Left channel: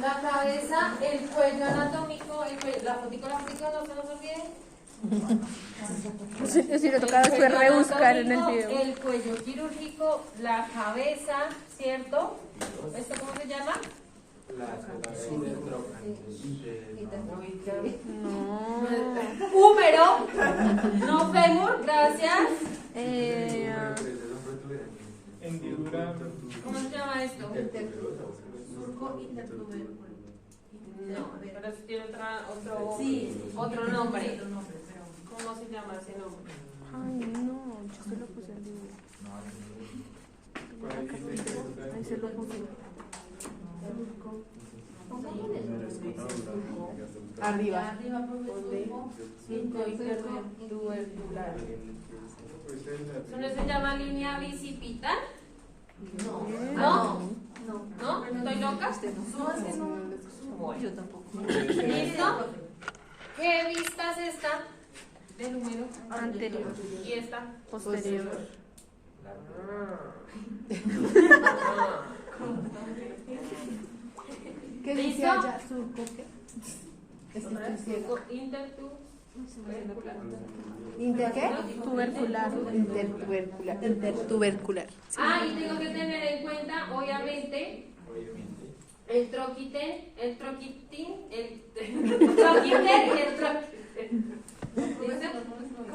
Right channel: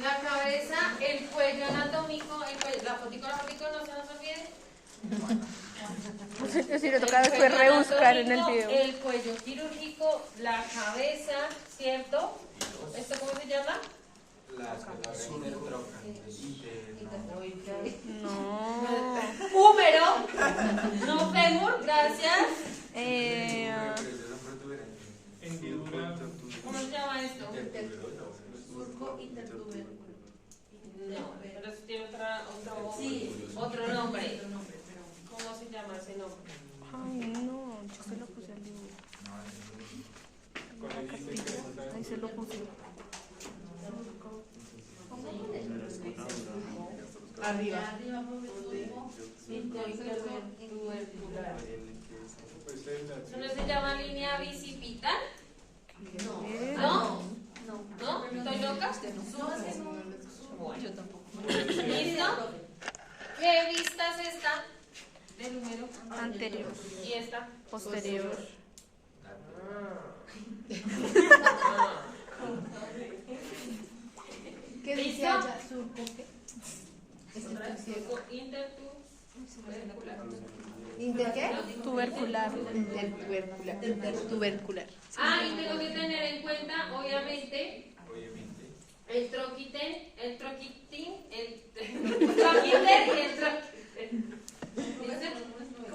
La cabeza, el cuello anatómico, la fotico, no se nos olvide. Si le toca después rebuscar en el video. El cuello quirúrgico, la cabeza, ¿cierto? ¿Esto cómo se llama? No. Húmero, no fémur, gracias. ¿Cómo se llama esto? Surco intertubercular. No, pero eso tiene otro nombre. ¿Cómo se llama ese nombre? Ay, no, yo se lo puse al dibujo. Tengo la cartita, ahí se lo puse. Arriba. Surco intertubercular. ¿Eso no se llama línea bicipital? ¿No? ¿No? ¿Estoy loca? Bueno. Yo tampoco. ¿Listo? ¿Qué vista es esta? Del número Anterior, y esta posterior. ¿Qué dice ¿Listo? allá? Surco, ¿qué? Es que estoy ciego. Intertubercular. ¿Inter qué? Tubercular. Intertubercular. Intertubercular. Ah, y tengo que tener en cuenta, obviamente, el troquiter y el troquiter.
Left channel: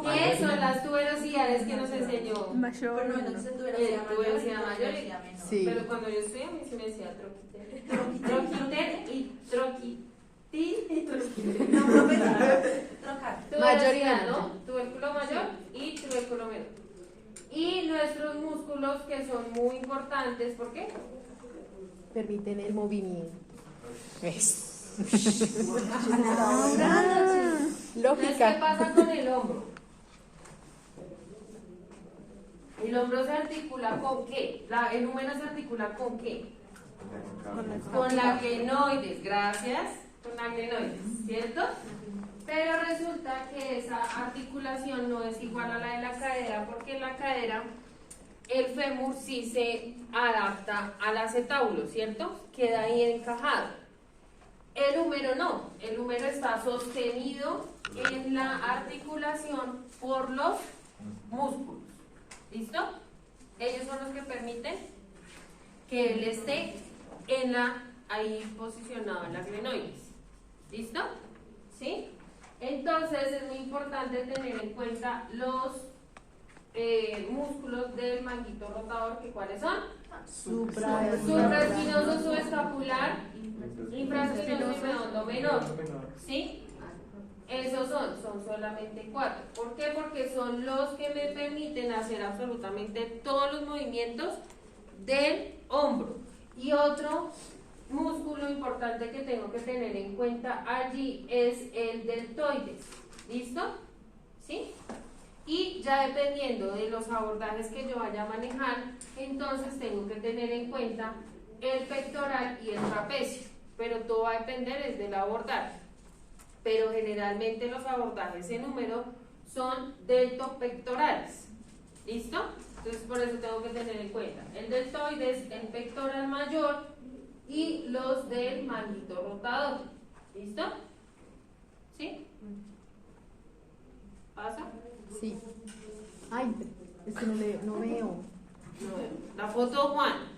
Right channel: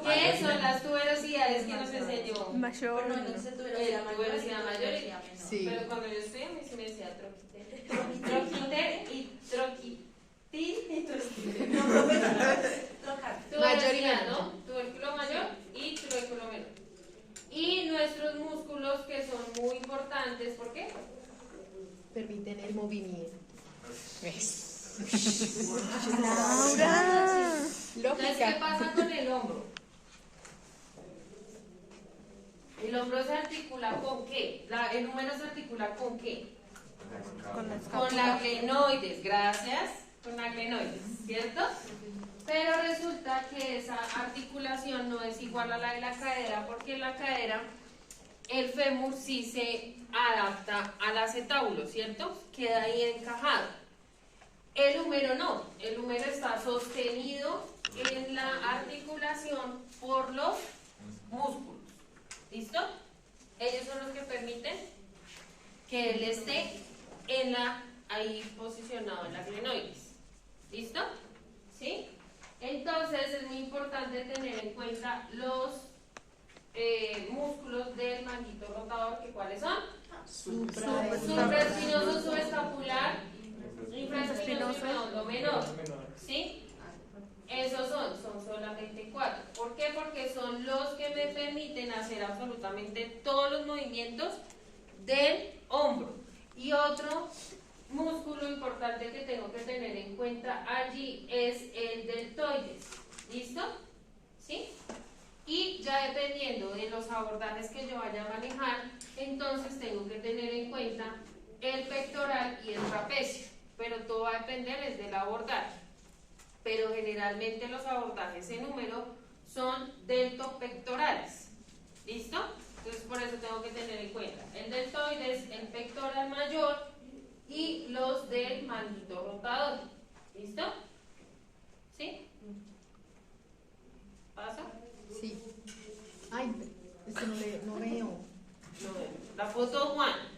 ¿Qué son las tuberosidades que nos enseñó? Mayor. Tuberosidad mayor. Sí. Pero cuando yo estudié, a mí sí me decía troquiter. Troquiter y troquitil y tuberosidad, ¿no? Tubérculo mayor y tubérculo menor. Y nuestros músculos que son muy importantes, ¿por qué? Permiten el movimiento. Laura. Entonces, ¿qué pasa con el hombro? El hombro se articula con qué? El número se articula con qué? Con la glenoides, gracias. Con la glenoides, ¿cierto? Pero resulta que esa articulación no es igual a la de la cadera, porque en la cadera el fémur sí se adapta al acetábulo, ¿cierto? Queda ahí encajado. El húmero no, el húmero está sostenido en la articulación por los músculos. ¿Listo? Ellos son los que permiten que él esté ahí posicionado en la glenoides. ¿Listo? ¿Sí? Entonces es muy importante tener en cuenta los músculos del manguito rotador, que ¿cuáles son? Supraespinoso, subescapular, infraespinoso y redondo menor. ¿Sí? Esos son solamente 4. ¿Por qué? Porque son los que me permiten hacer absolutamente todos los movimientos del hombro. Y otro músculo importante que tengo que tener en cuenta allí es el deltoides. ¿Listo? ¿Sí? Y ya dependiendo de los abordajes que yo vaya a manejar, entonces tengo que tener en cuenta el pectoral y el trapecio. Pero todo va a depender del abordaje. Pero generalmente los abordajes en número son deltopectorales. ¿Listo? Entonces por eso tengo que tener en cuenta el deltoides, el pectoral mayor y los del manguito rotador. ¿Listo? ¿Sí? ¿Pasa? Sí. Ay, es que no veo. No, la foto Juan.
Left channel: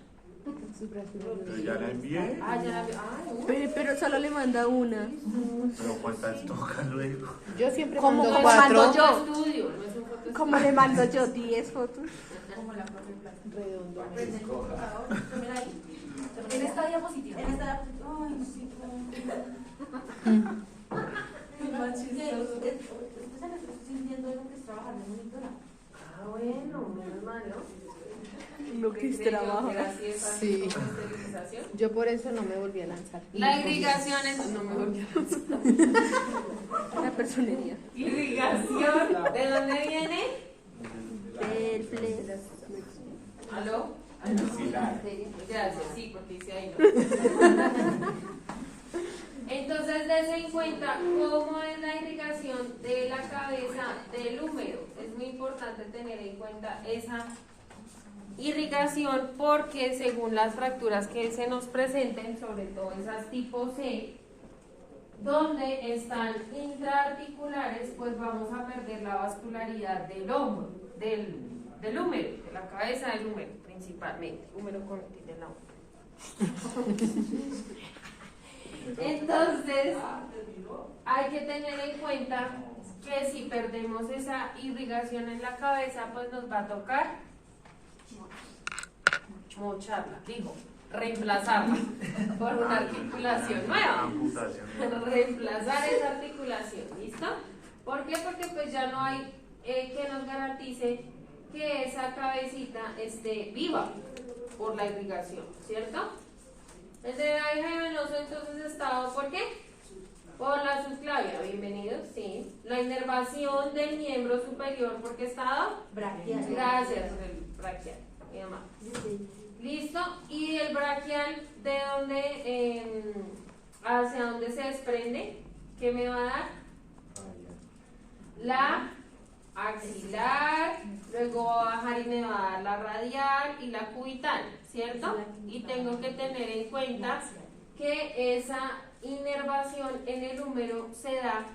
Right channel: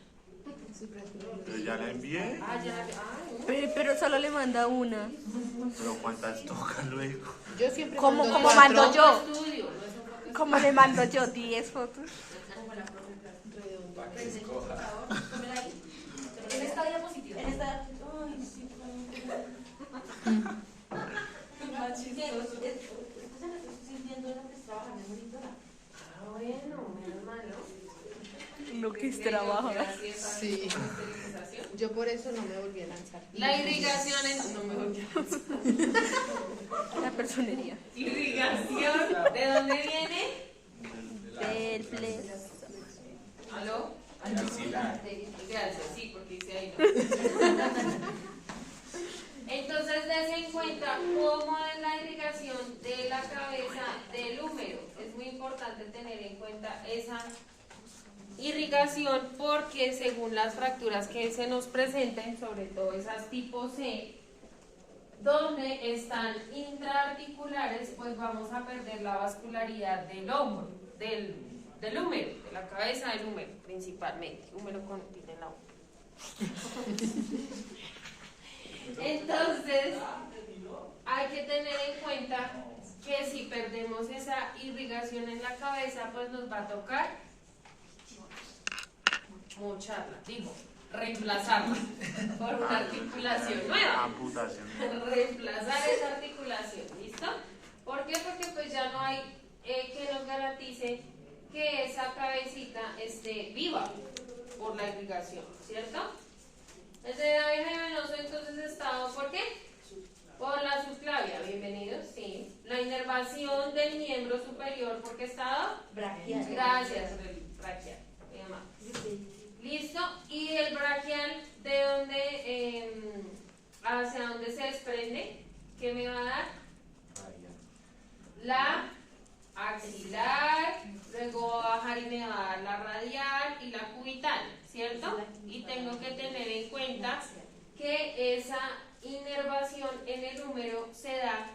Ya la envié, Ah, ya la Pero solo le manda una. pero ¿cuántas toca luego? Yo siempre ¿Cómo mando mando cuatro. yo? estudio, no es un foto ¿Cómo le mando yo 10 fotos? Redondo. En esta diapositiva. En esta diapositiva. Ay, sí, más chistoso. Estoy sintiendo lo que es trabajar en monitora. Ah, bueno, menos mal, ¿no? Lo que es trabajo. Sí. Yo por eso no me volví a lanzar. La irrigación es... No me volví a lanzar. La personería. Irrigación, ¿de dónde viene? Del play. ¿Aló? Gracias, sí, porque dice ahí, ¿no? Entonces, des en cuenta cómo es la irrigación de la cabeza del húmero. Es muy importante tener en cuenta esa irrigación porque según las fracturas que se nos presenten, sobre todo esas tipo C, donde están intraarticulares, pues vamos a perder la vascularidad del húmero, del húmero, de la cabeza del húmero, principalmente. Húmero con tiene la Entonces, hay que tener en cuenta que si perdemos esa irrigación en la cabeza, pues nos va a tocar mocharla, reemplazarla por una articulación nueva. Reemplazar esa articulación, ¿listo? ¿Por qué? Porque pues ya no hay que nos garantice que esa cabecita esté viva por la irrigación, ¿cierto? El drenaje venoso entonces estaba, ¿por qué? Por la subclavia, bienvenidos, sí. La inervación del miembro superior, ¿por qué estaba? Braquial. Gracias, el braquial, mi mamá. Listo, y el braquial, ¿de dónde, hacia dónde se desprende? ¿Qué me va a dar? La axilar, luego va a bajar y me va a dar la radial y la cubital, ¿cierto? Y tengo que tener en cuenta que esa inervación en el húmero se da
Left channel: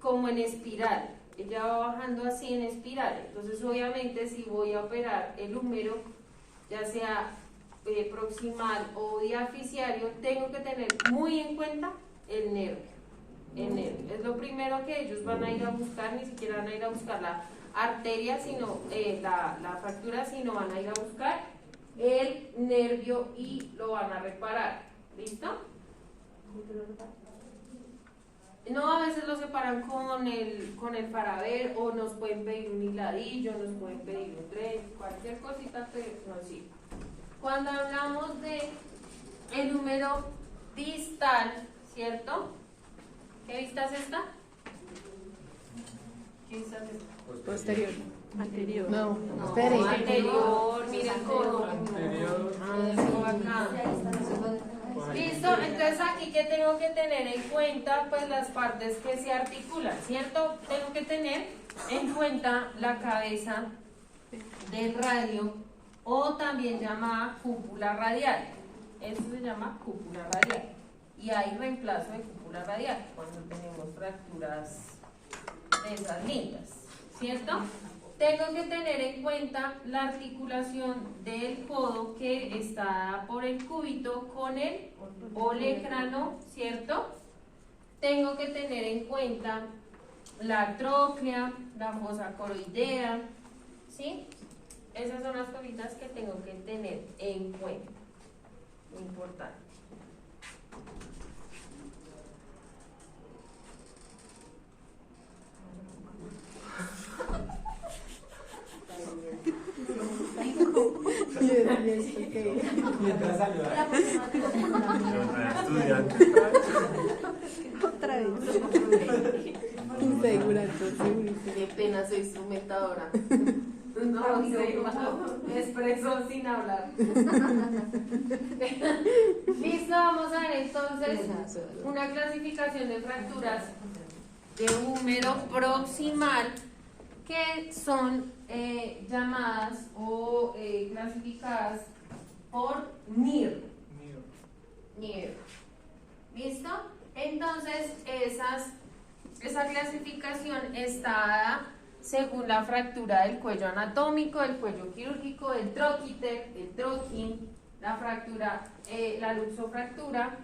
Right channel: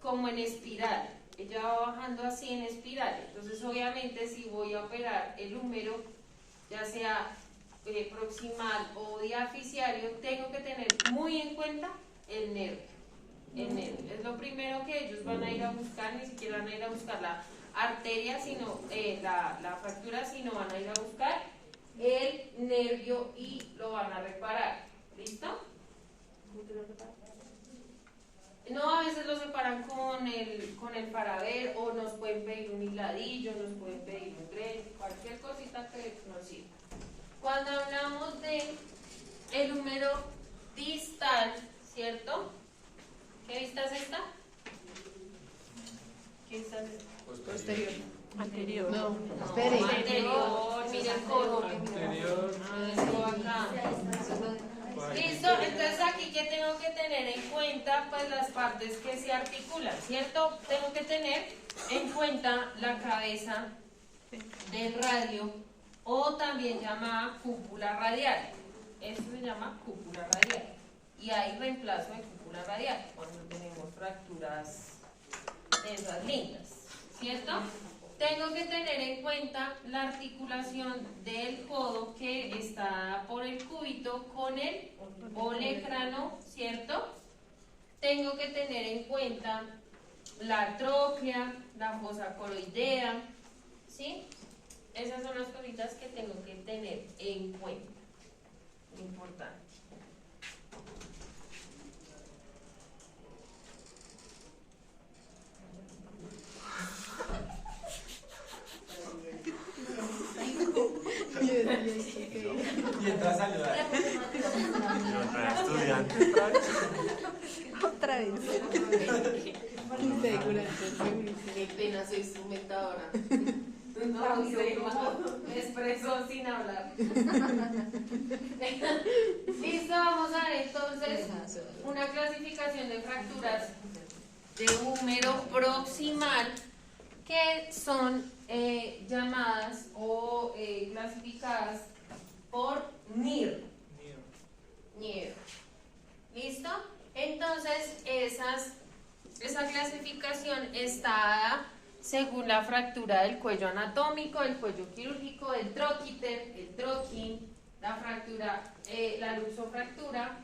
como en espiral. Ella va bajando así en espiral. Entonces, obviamente, si voy a operar el húmero, ya sea proximal o diaficiario, tengo que tener muy en cuenta el nervio. El nervio es lo primero que ellos van a ir a buscar, ni siquiera van a ir a buscar la arteria, sino la fractura, sino van a ir a buscar el nervio y lo van a reparar. ¿Listo? No, a veces lo separan con el paraver, o nos pueden pedir un hiladillo, nos pueden pedir un tren, cualquier cosita que nos sirva. Cuando hablamos de el húmero distal, ¿cierto? ¿Qué vista es esta? ¿Qué vista es esta? Posterior. Anterior. No, No, espere. anterior, mira el codo. Anterior. Eso acá. Listo, entonces aquí que tengo que tener en cuenta, pues las partes que se articulan, ¿cierto? Tengo que tener en cuenta la cabeza del radio, o también llamada cúpula radial. Eso se llama cúpula radial. Y hay reemplazo de cúpula radial cuando tenemos fracturas de esas lindas, ¿cierto? Tengo que tener en cuenta la articulación del codo que está por el cúbito con el olecrano, ¿cierto? Tengo que tener en cuenta la tróclea, la fosa coroidea, ¿sí? Esas son las cositas que tengo que tener en cuenta. Muy importante. Mientras saluda. Estudiante. Otra vez. Insegura, segurísima. Qué pena, soy instrumentadora. No, me expreso sin hablar. Listo, vamos a ver entonces una clasificación de fracturas de húmero proximal que son llamadas o clasificadas por NIR. NIR. ¿Listo? Entonces, esa clasificación está dada según la fractura del cuello anatómico, del cuello quirúrgico, del troquíter, el troquín, la fractura, la luxofractura,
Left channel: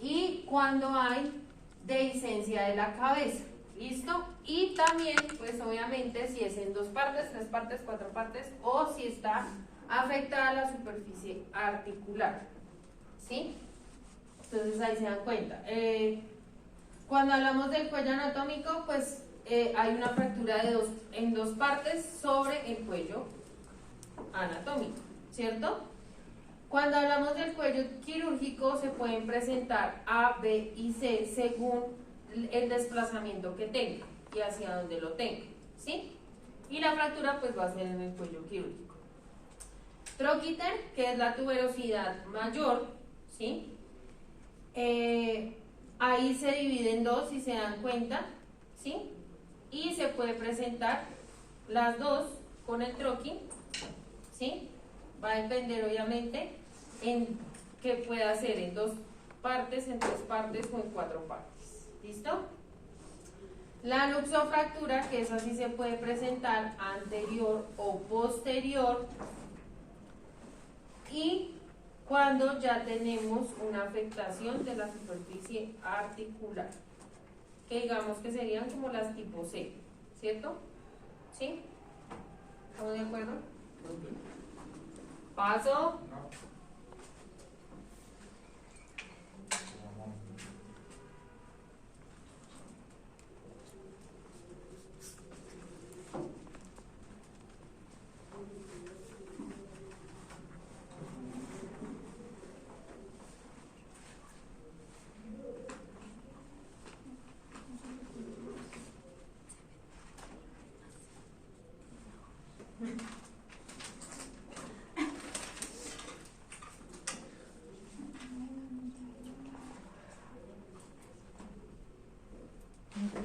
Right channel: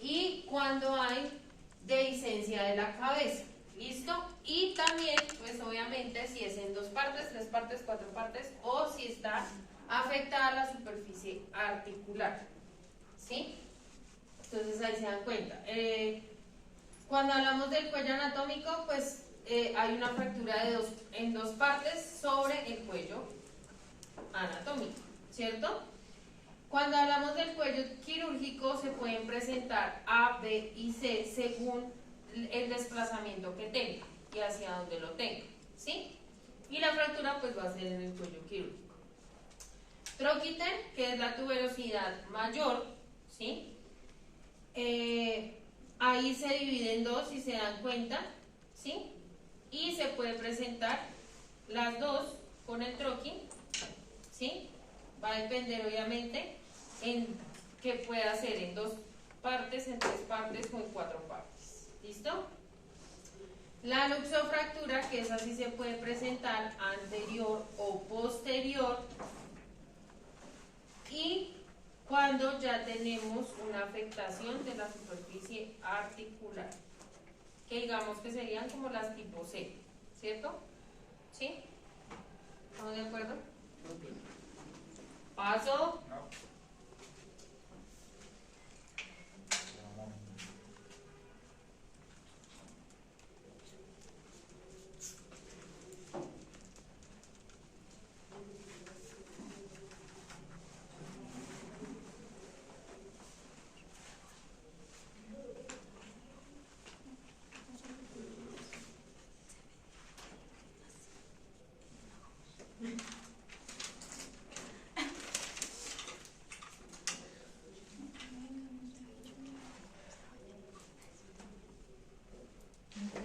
y cuando hay dehiscencia de la cabeza. ¿Listo? Y también, pues obviamente, si es en 2 partes, 3 partes, 4 partes, o si está afectada la superficie articular. ¿Sí? Entonces ahí se dan cuenta. Cuando hablamos del cuello anatómico, pues hay una fractura en 2 partes sobre el cuello anatómico, ¿cierto? Cuando hablamos del cuello quirúrgico, se pueden presentar A, B y C según el desplazamiento que tenga y hacia dónde lo tenga, ¿sí? Y la fractura pues va a ser en el cuello quirúrgico. Troquíter, que es la tuberosidad mayor, ¿sí? Ahí se divide en 2, si se dan cuenta, ¿sí? Y se puede presentar las 2 con el troquín, ¿sí? Va a depender obviamente en que pueda ser en 2 partes, en 3 partes o en 4 partes. ¿Listo? La luxofractura, que esa sí se puede presentar anterior o posterior, y cuando ya tenemos una afectación de la superficie articular, que digamos que serían como las tipo C, ¿cierto? ¿Sí? ¿Estamos de acuerdo? Paso.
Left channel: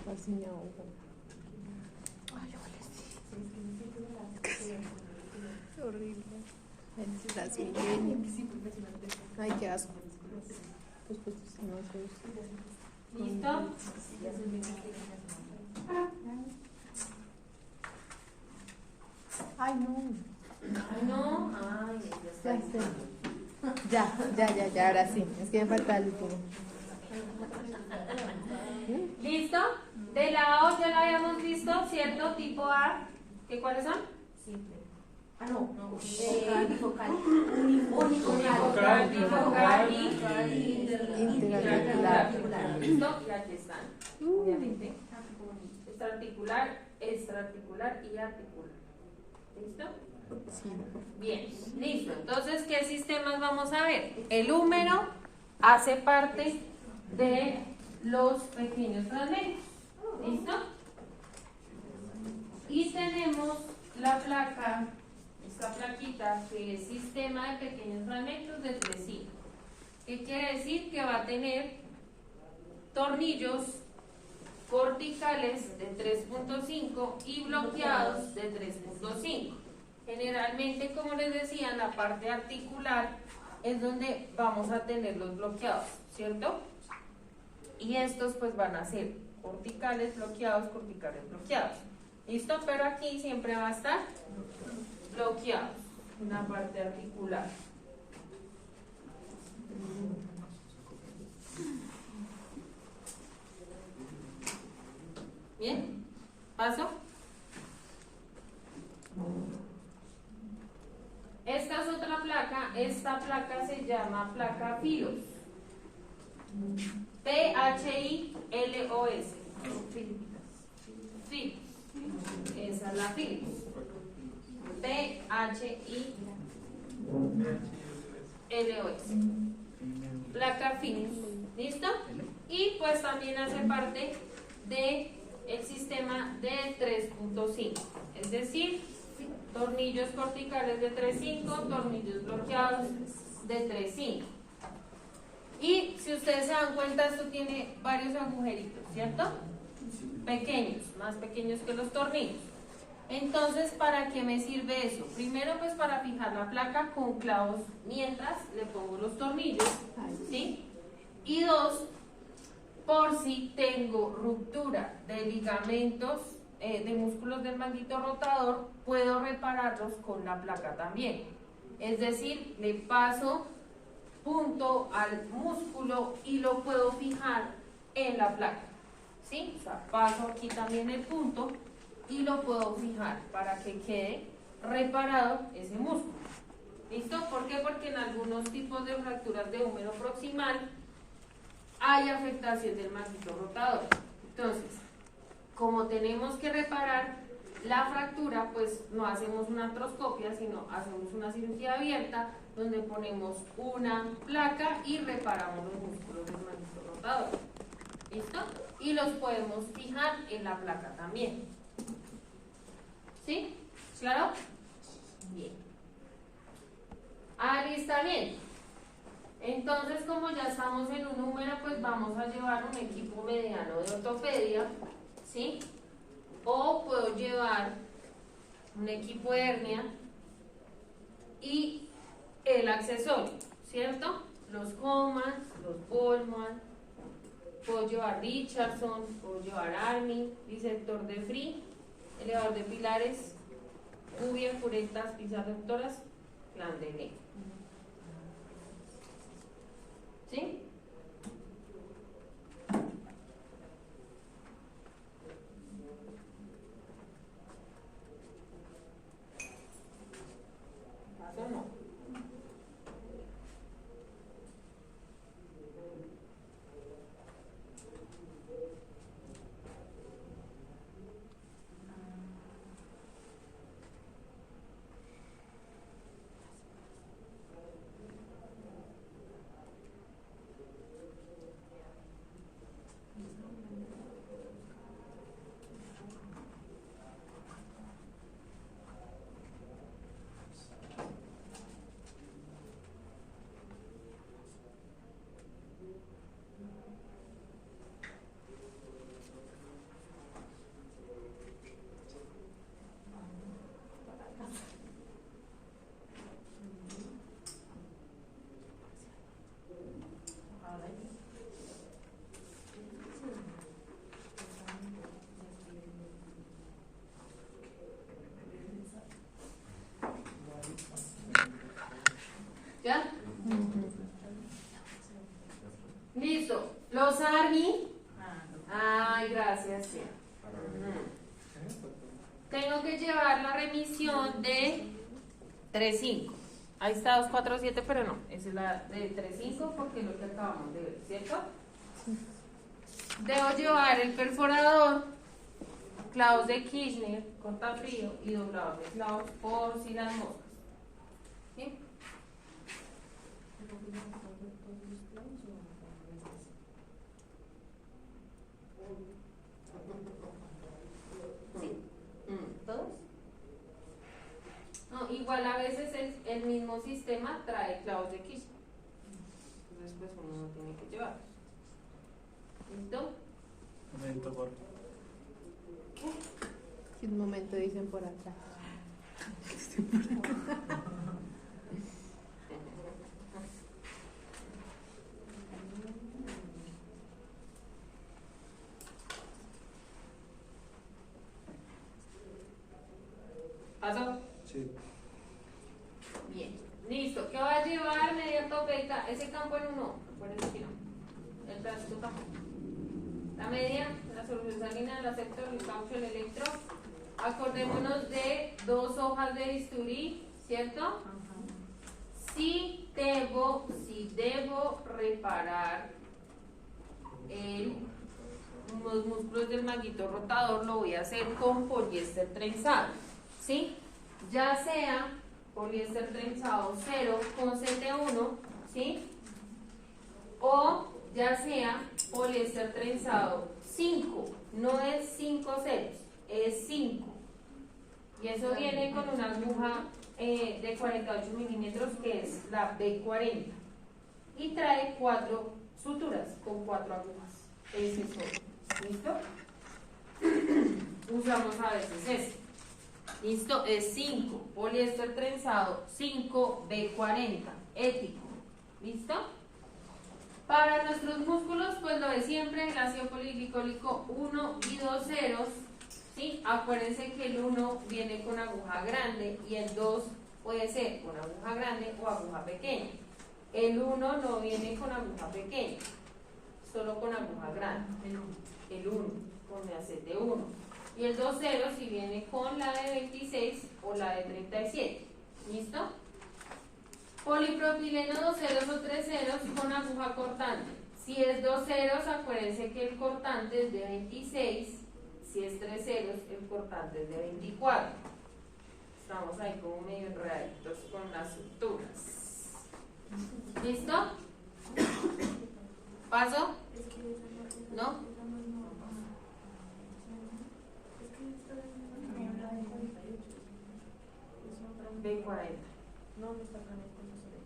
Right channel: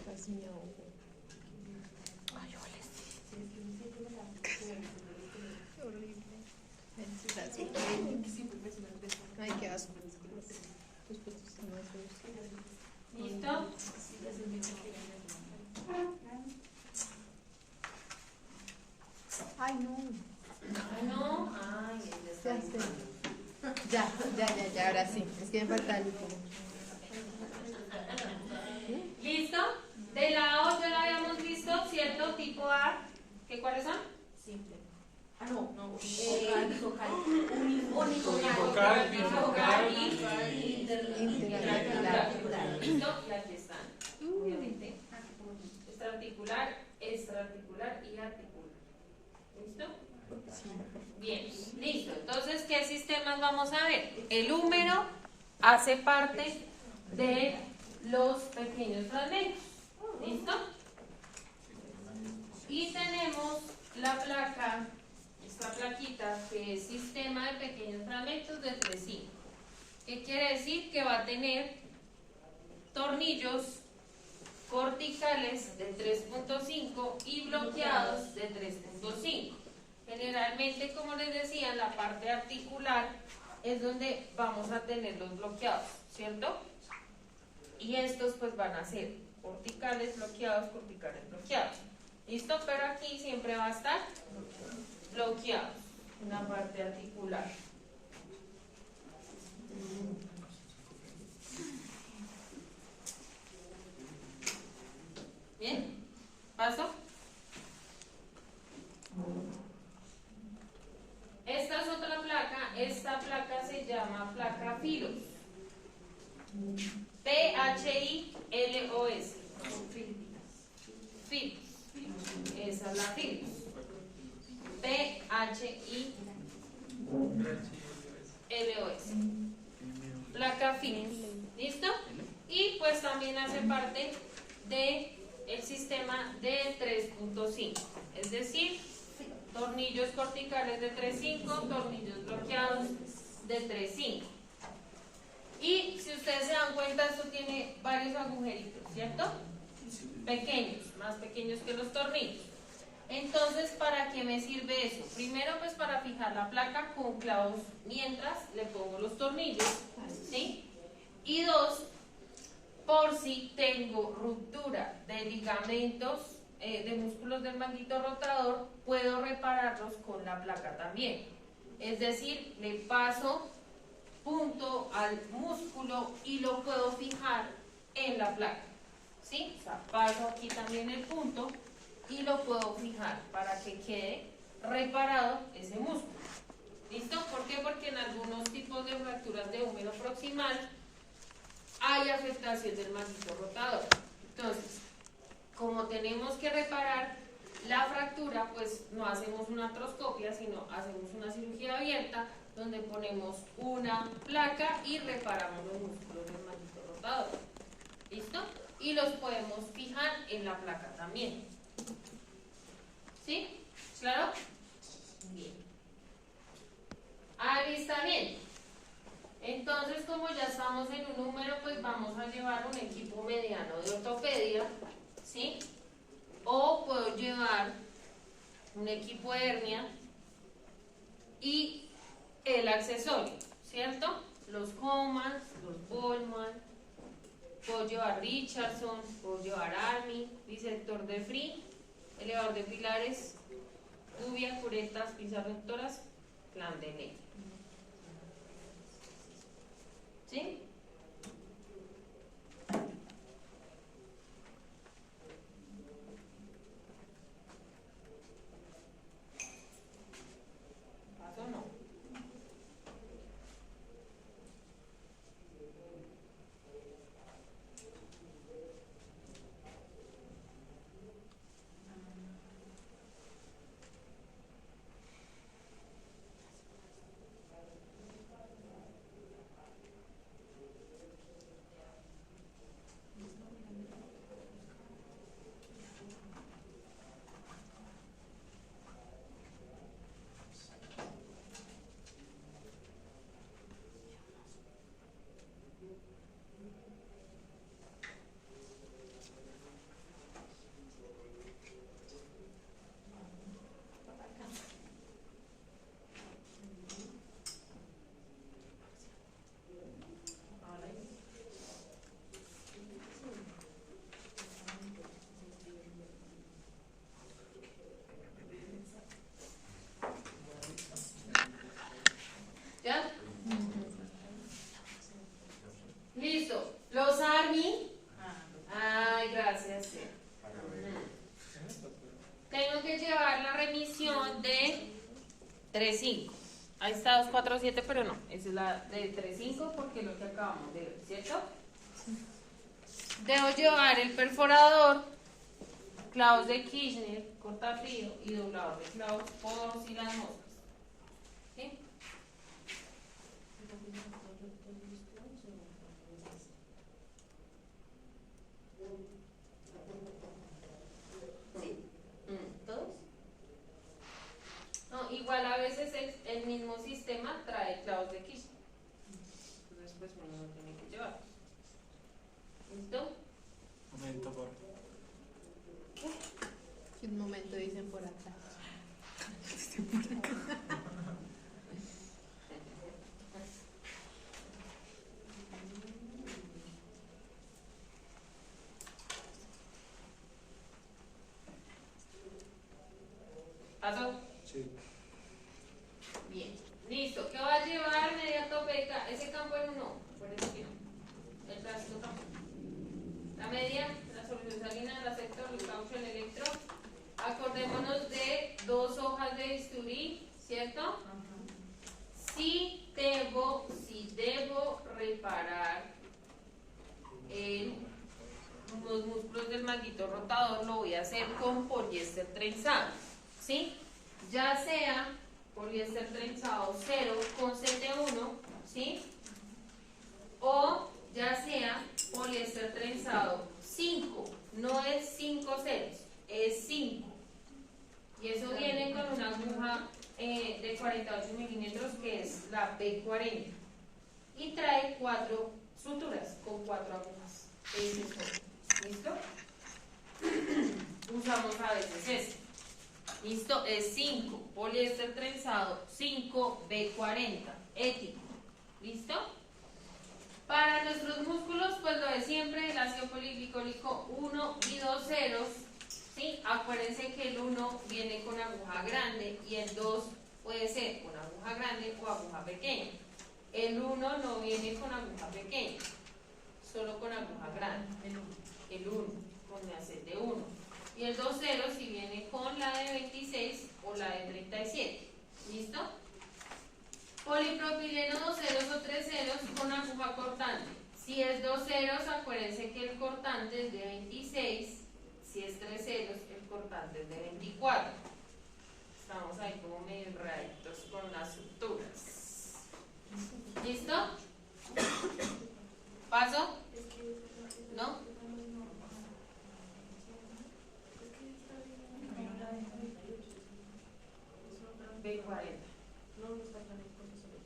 Casi me ahogo. Ay, ole, sí. Horrible. Es así. Ay, qué asco. Pues, no, ¿Listo? ay, no. Ay, no. Ay, ya está. Ya, ahora sí. Es que me falta algo. ¿Listo? De la O ya la habíamos visto, ¿cierto? Tipo A. ¿Qué cuáles son? Simple. Ah, no. Unifocal, bifocal y intraarticular. ¿Listo? Y aquí están, obviamente. Extraarticular y articular. ¿Listo? Sí. Bien, listo. Entonces, ¿qué sistemas vamos a ver? El húmero hace parte de los pequeños fragmentos. ¿Listo? Y tenemos la placa, esta plaquita, que es sistema de pequeños fragmentos de 3,5. ¿Qué quiere decir? Que va a tener tornillos corticales de 3.5 y bloqueados de 3.5. Generalmente, como les decía, en la parte articular es donde vamos a tener los bloqueados, ¿cierto? Y estos pues van a ser corticales, bloqueados. ¿Listo? Pero aquí siempre va a estar bloqueados en la parte articular. Bien, paso. Esta es otra placa. Esta placa se llama placa Philos. Philos. Philos. Esa es la Philos. Philos. Placa Philos. ¿Listo? Y pues también hace parte de el sistema de 3.5, es decir, tornillos corticales de 3.5, tornillos bloqueados de 3.5. Y si ustedes se dan cuenta, esto tiene varios agujeritos, ¿cierto? Pequeños, más pequeños que los tornillos. Entonces, ¿para qué me sirve eso? Primero, pues para fijar la placa con clavos mientras le pongo los tornillos, ¿sí? Y 2, por si tengo ruptura de ligamentos, de músculos del manguito rotador, puedo repararlos con la placa también. Es decir, le paso punto al músculo y lo puedo fijar en la placa, ¿sí? O sea, paso aquí también el punto y lo puedo fijar para que quede reparado ese músculo. ¿Listo? ¿Por qué? Porque en algunos tipos de fracturas de húmero proximal hay afectación del manguito rotador. Entonces, como tenemos que reparar la fractura, pues no hacemos una artroscopia, sino hacemos una cirugía abierta donde ponemos una placa y reparamos los músculos del manguito rotador. ¿Listo? Y los podemos fijar en la placa también. ¿Sí? ¿Claro? Bien. Ahí está bien. Entonces, como ya estamos en un número, pues vamos a llevar un equipo mediano de ortopedia, ¿sí? O puedo llevar un equipo de hernia y el accesorio, ¿cierto? Los Homas, los Bollman, puedo llevar Richardson, puedo llevar Army, bisector de Free, elevador de pilares, cubia, curetas, pinzas rectoras, plan de negro. ¿Sí? ¿Paso o no? ¿Ya? Listo. Los Army. Ay, gracias. Sí. Tengo que llevar la remisión de 3.5. Ahí está 247, pero no. Esa es la de 3.5 porque es lo que acabamos de ver, ¿cierto? Debo llevar el perforador, clavos de Kirchner, cortafrío y doblador de clavos por si las moscas. ¿Sí? ¿Todos? No, igual a veces el mismo sistema trae clavos de Kirchner. Entonces pues uno no tiene que llevar. ¿Listo? Momento, por Un momento dicen por acá. ¿Pasó? sí. Bien. Listo. ¿Qué va a llevar media topeta? Ese campo en uno. Acuérdense que no. El tránsito tampoco. La media, la solución sanguínea, el sector, el caucho, el electro. Acordémonos de 2 hojas de bisturí, ¿cierto? Si debo reparar los músculos del manguito rotador, lo voy a hacer con poliéster trenzado, ¿sí? Ya sea poliéster trenzado 0 con CT1, ¿sí? O ya sea poliéster trenzado 5, no es 5 ceros, es 5. Y eso viene con una aguja de 48 milímetros que es la B40. Y trae 4 suturas con 4 agujas. Ese es todo. ¿Listo? Usamos a veces este. ¿Listo? Es 5. Poliéster trenzado 5 B40. Ético. ¿Listo? Para nuestros músculos, pues lo de siempre, el ácido poliglicólico 1 y 2 ceros. ¿Sí? Acuérdense que el 1 viene con aguja grande y el 2 puede ser con aguja grande o aguja pequeña. El 1 no viene con aguja pequeña, solo con aguja grande. El 1 con la CT1. Y el 2 ceros si viene con la de 26 o la de 37. ¿Listo? Polipropileno 2 ceros o 3 ceros con aguja cortante. Si es 2 ceros, acuérdense que el cortante es de 26. Si es 3 ceros, el cortante es de 24. Estamos ahí como medio enredaditos con las suturas. ¿Listo? ¿Paso? ¿No? B40. No, no está acá en el profesor.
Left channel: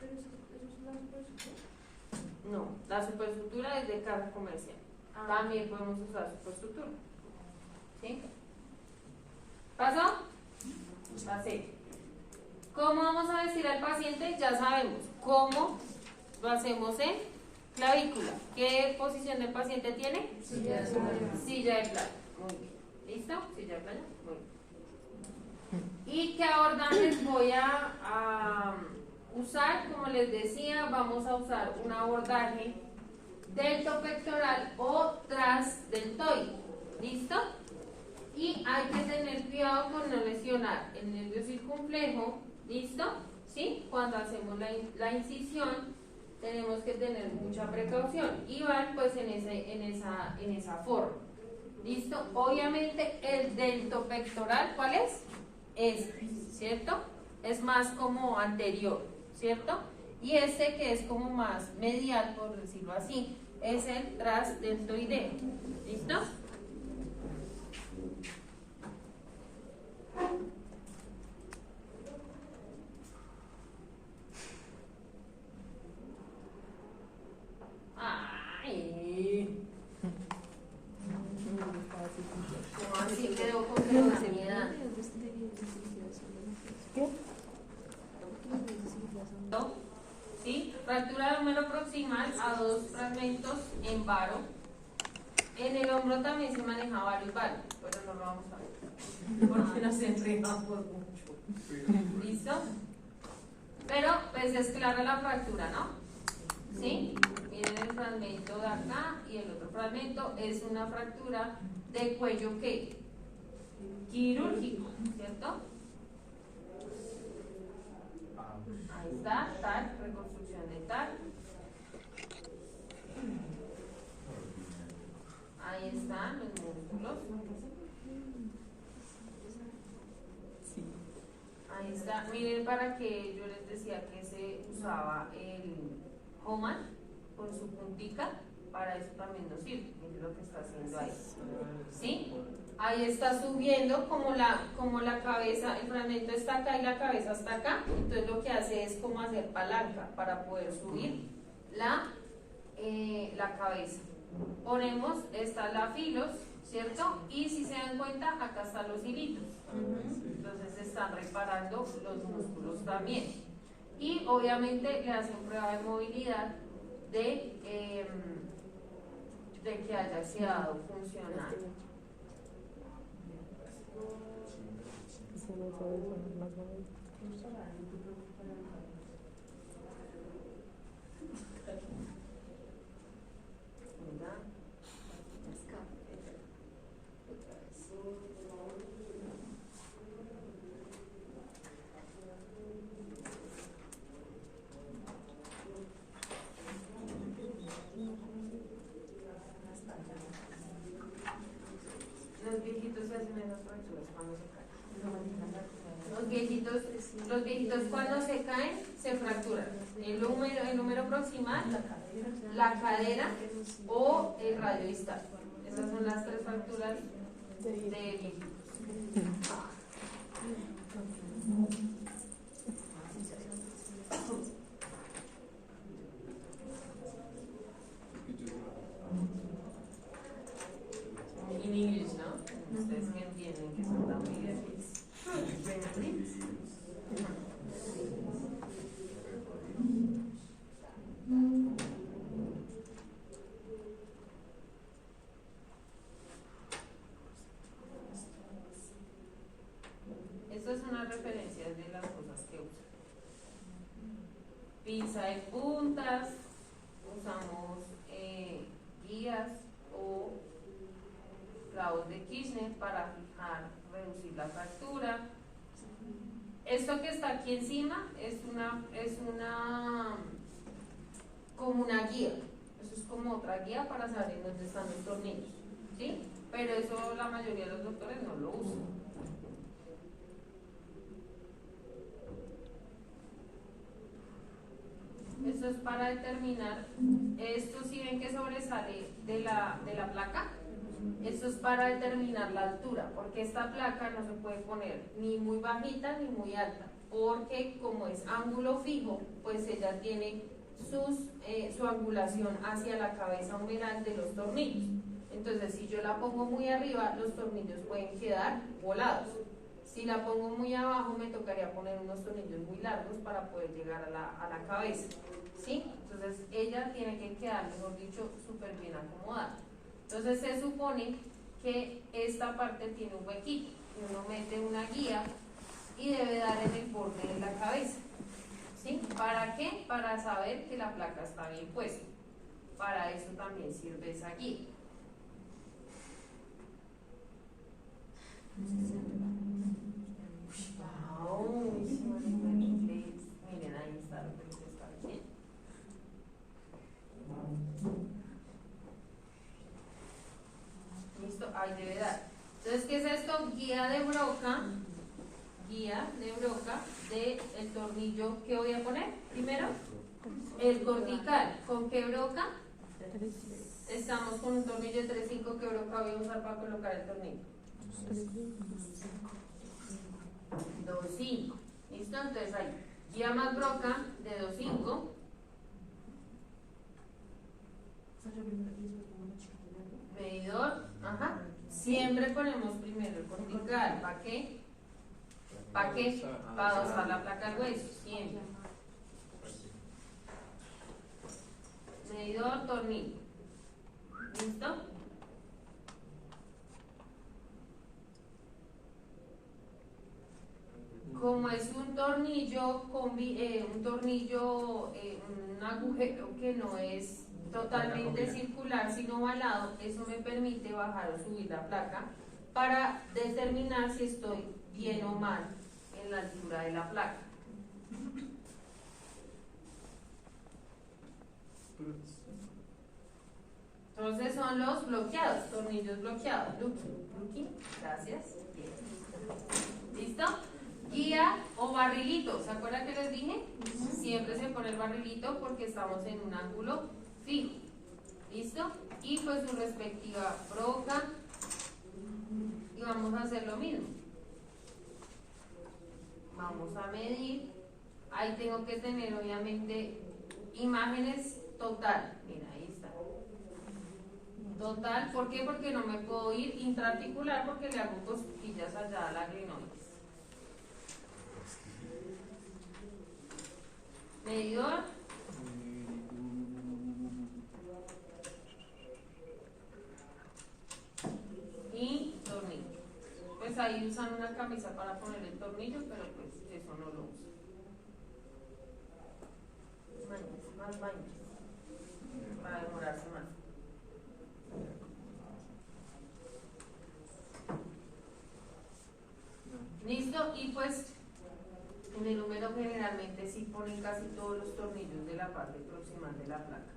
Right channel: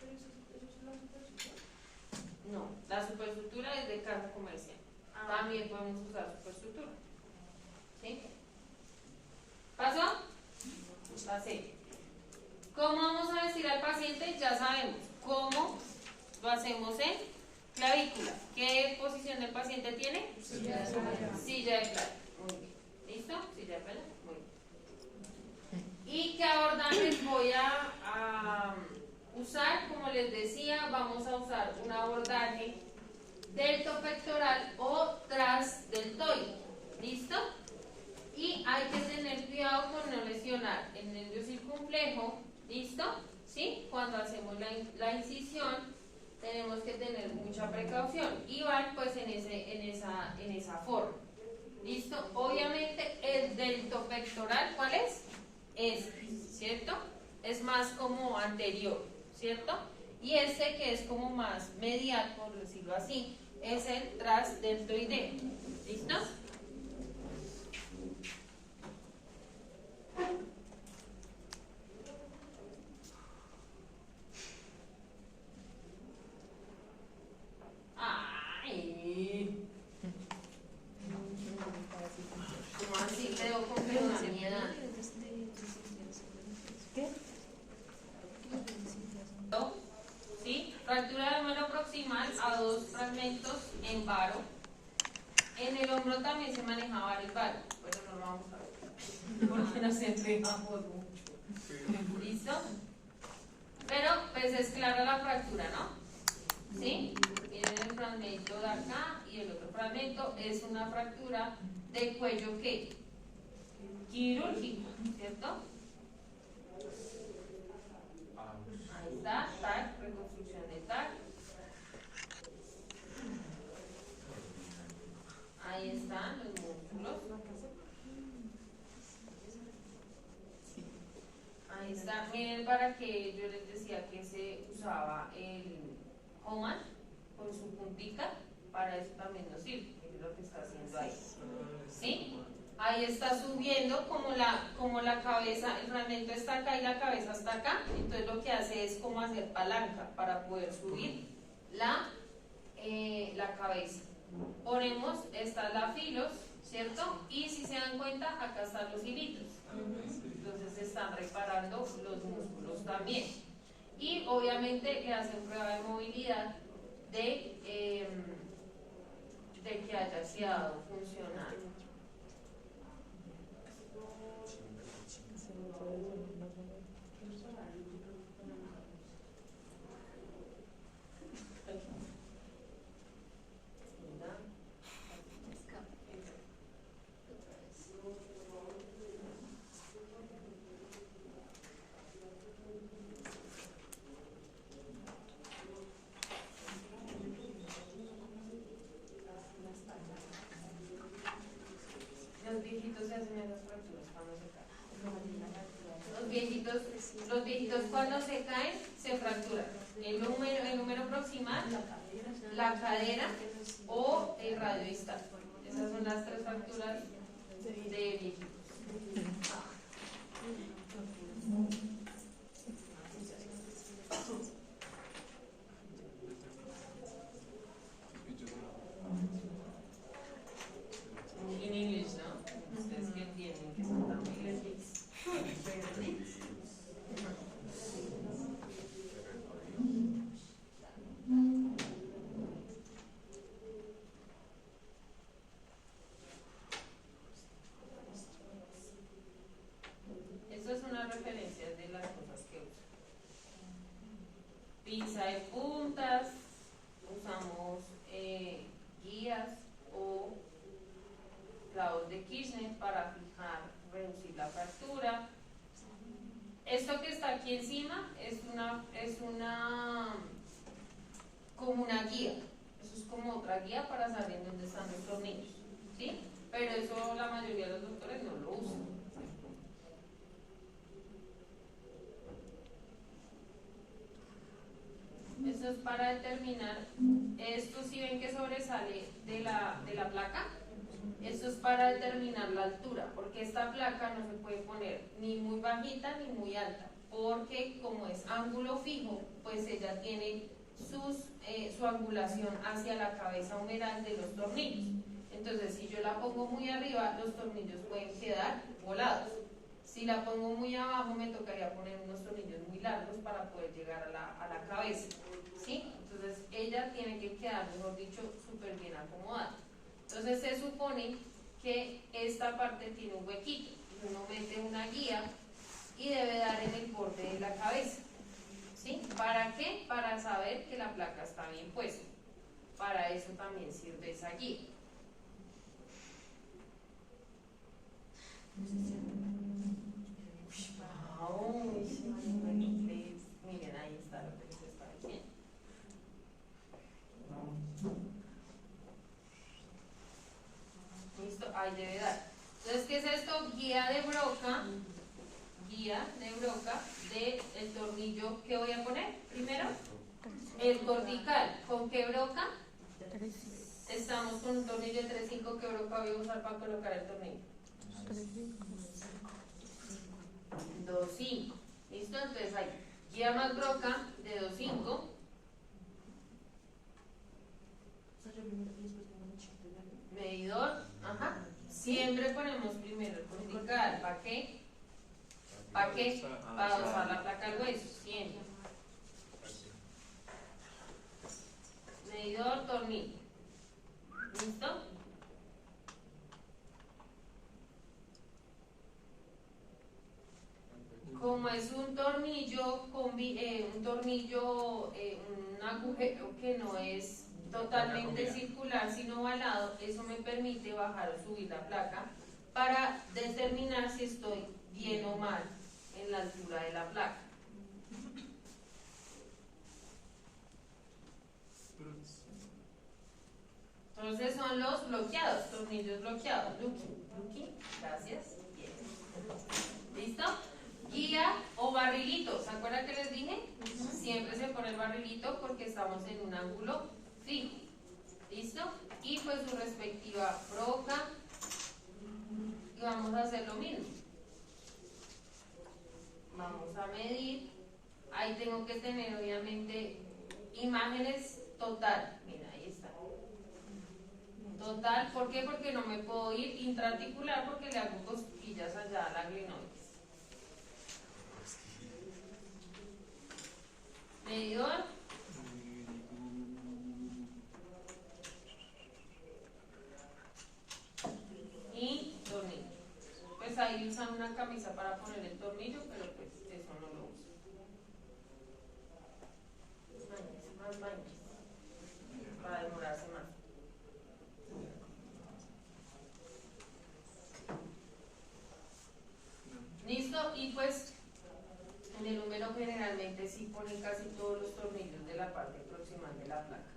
Pero eso es la superestructura. No, la superestructura es de casa comercial. También podemos usar superestructura. ¿Sí? ¿Pasó? Pasé. ¿Cómo vamos a vestir al paciente? Ya sabemos. ¿Cómo lo hacemos en clavícula? ¿Qué posición del paciente tiene? Silla de playa. Silla de playa. Muy bien. ¿Listo? Silla de playa. Muy bien. ¿Y qué abordajes voy a usar? Como les decía, vamos a usar un abordaje deltopectoral o transdeltoide. ¿Listo? Y hay que tener cuidado con no lesionar el nervio circunflejo. ¿Listo? ¿Sí? Cuando hacemos la incisión tenemos que tener mucha precaución y van pues en esa forma. ¿Listo? Obviamente el deltopectoral, ¿cuál es? Este, ¿cierto? Es más como anterior, ¿cierto? Y este que es como más medial, por decirlo así, es el transdeltoideo. ¿Listo? Ay, ¿cómo así quedó con frenamiedad? ¿Qué? ¿Sí? Fractura de húmero proximal a 2 fragmentos en varo. En el hombro también se maneja varios varos, pero no lo vamos a ver porque nos entregamos mucho. ¿Listo? Pero pues es clara la fractura, ¿no? ¿Sí? Miren el fragmento de acá y el otro fragmento es una fractura de cuello ¿qué? Quirúrgico, ¿cierto? Ahí está, TAC, reconstrucción de TAC. Ahí están los músculos. Ahí está. Miren, para que yo les decía que se usaba el Homan con su puntica, para eso también nos sirve. Miren lo que está haciendo ahí. ¿Sí? Ahí está subiendo como la cabeza, el fragmento está acá y la cabeza está acá. Entonces lo que hace es como hacer palanca para poder subir la cabeza. Ponemos, está la filos, ¿cierto? Y si se dan cuenta, acá están los hilitos. Entonces se están reparando los músculos también. Y obviamente le hacen prueba de movilidad de que haya quedado funcional. Los viejitos se hacen esas fracturas cuando se caen. Los viejitos cuando se caen se fracturan el húmero proximal, la cadera o el radio distal. Esas son las 3 fracturas de viejitos. En inglés, ¿no? Ustedes que entienden que son tan bilingües. Estas son las referencias de las cosas que uso. Pinza de puntas, usamos guías o clavos de Kirchner para fijar, reducir la fractura. Esto que está aquí encima es como una guía. Eso es como otra guía para saber dónde están los tornillos, ¿sí? Pero eso la mayoría de los doctores no lo usan. Esto es para determinar, esto si ven que sobresale de la placa, esto es para determinar la altura, porque esta placa no se puede poner ni muy bajita ni muy alta, porque como es ángulo fijo, pues ella tiene su angulación hacia la cabeza humeral de los tornillos. Entonces si yo la pongo muy arriba, los tornillos pueden quedar volados. Si la pongo muy abajo me tocaría poner unos tornillos muy largos para poder llegar a la cabeza, ¿sí? Entonces ella tiene que quedar, mejor dicho, súper bien acomodada. Entonces se supone que esta parte tiene un huequito, y uno mete una guía y debe dar en el borde de la cabeza, ¿sí? ¿Para qué? Para saber que la placa está bien puesta. Para eso también sirve esa guía. Wow, miren, ahí está lo que les está diciendo. Listo, ahí debe dar. Entonces, ¿qué es esto? Guía de broca del tornillo que voy a poner primero, el cortical. ¿Con qué broca? Estamos con un tornillo de 3.5. ¿Qué broca voy a usar para colocar el tornillo? 2.5. ¿Listo? Entonces ahí, guía más broca de 2.5. Medidor, ajá. Siempre ponemos primero el cortical. ¿Para qué? ¿Para qué? Para usar la placa al hueso, siempre. Medidor, tornillo. ¿Listo? Como es un tornillo, un agujero que no es totalmente circular sino ovalado, eso me permite bajar o subir la placa para determinar si estoy bien o mal en la altura de la placa. Entonces son los bloqueados, tornillos bloqueados. Lucky, gracias. Bien. ¿Listo? Guía o barrilito, ¿se acuerdan que les dije? Siempre se pone el barrilito porque estamos en un ángulo fijo. ¿Listo? Y pues su respectiva broca. Y vamos a hacer lo mismo. Vamos a medir. Ahí tengo que tener obviamente imágenes total. Mira, ahí está. Total, ¿por qué? Porque no me puedo ir intraarticular porque le hago cosquillas allá a la glenoides. Medidor. Y tornillo. Pues ahí usan una camisa para poner el tornillo, pero pues eso no lo uso. Más baños. Para demorarse más. Listo, y pues en el número generalmente sí ponen casi todos los tornillos de la parte proximal de la placa.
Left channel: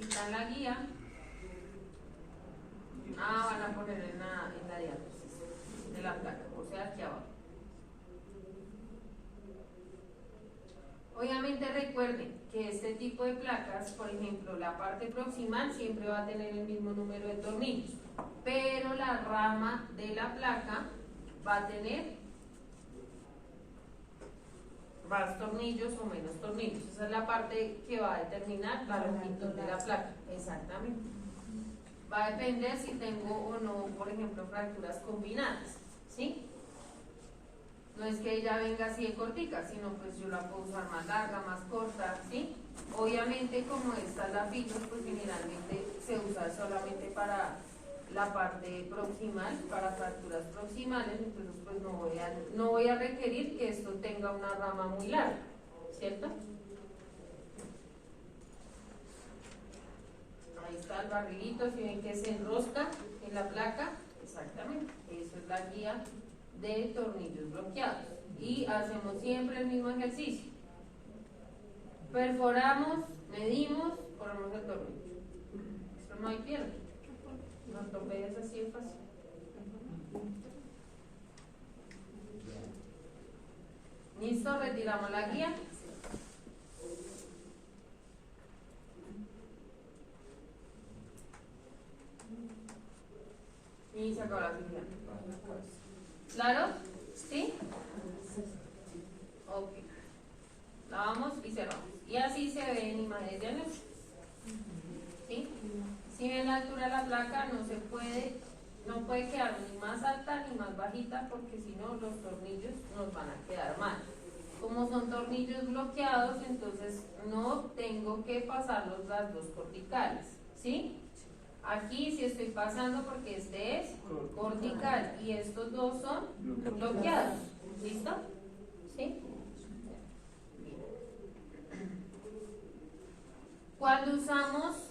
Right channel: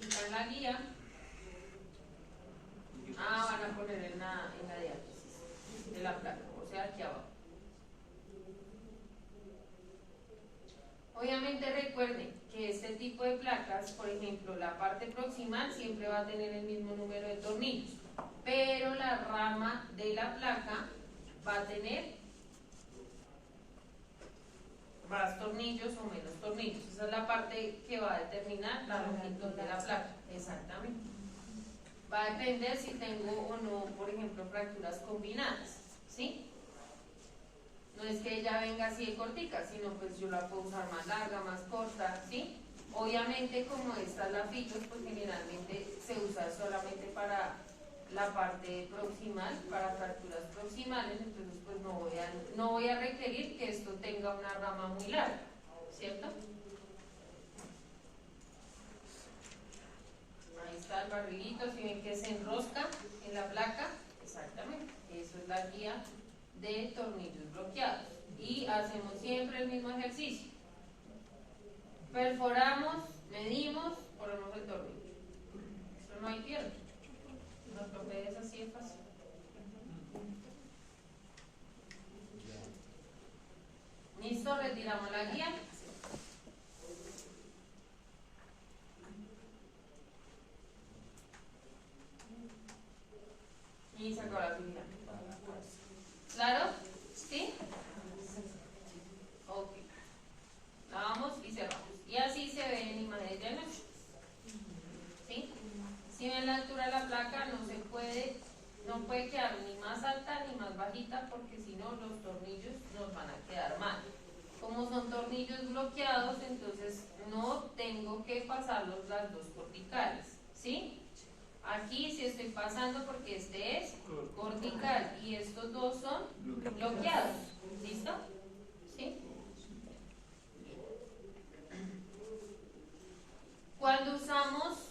Quitan la guía. Van a poner en la diátesis de la placa, o sea aquí abajo. Obviamente recuerden que este tipo de placas, por ejemplo, la parte proximal siempre va a tener el mismo número de tornillos, pero la rama de la placa va a tener más tornillos o menos tornillos. Esa es la parte que va a determinar la longitud de la placa. Exactamente. Va a depender si tengo o no, por ejemplo, fracturas combinadas, ¿sí? No es que ella venga así de cortica, sino pues yo la puedo usar más larga, más corta, ¿sí? Obviamente como esta es la filos, pues generalmente se usa solamente para la parte proximal, para fracturas proximales, entonces pues no voy a requerir que esto tenga una rama muy larga, ¿cierto? Ahí está el barrilito, si ven que se enrosca en la placa, exactamente, eso es la guía de tornillos bloqueados. Y hacemos siempre el mismo ejercicio. Perforamos, medimos, ponemos el tornillo. Eso no hay pierde. No atropelles, así es fácil. Listo, retiramos la guía. Y se acabó la actividad. ¿Claro? ¿Sí? Ok. Lavamos y cerramos. Y así se ve en imágenes diagnósticas. ¿Sí? Si ven la altura de la placa, no se puede tornillos bloqueados, entonces no tengo que pasarlos las dos corticales, ¿sí? Aquí sí estoy pasando porque este es cortical y estos dos son bloqueados. ¿Listo? ¿Sí? Cuando usamos,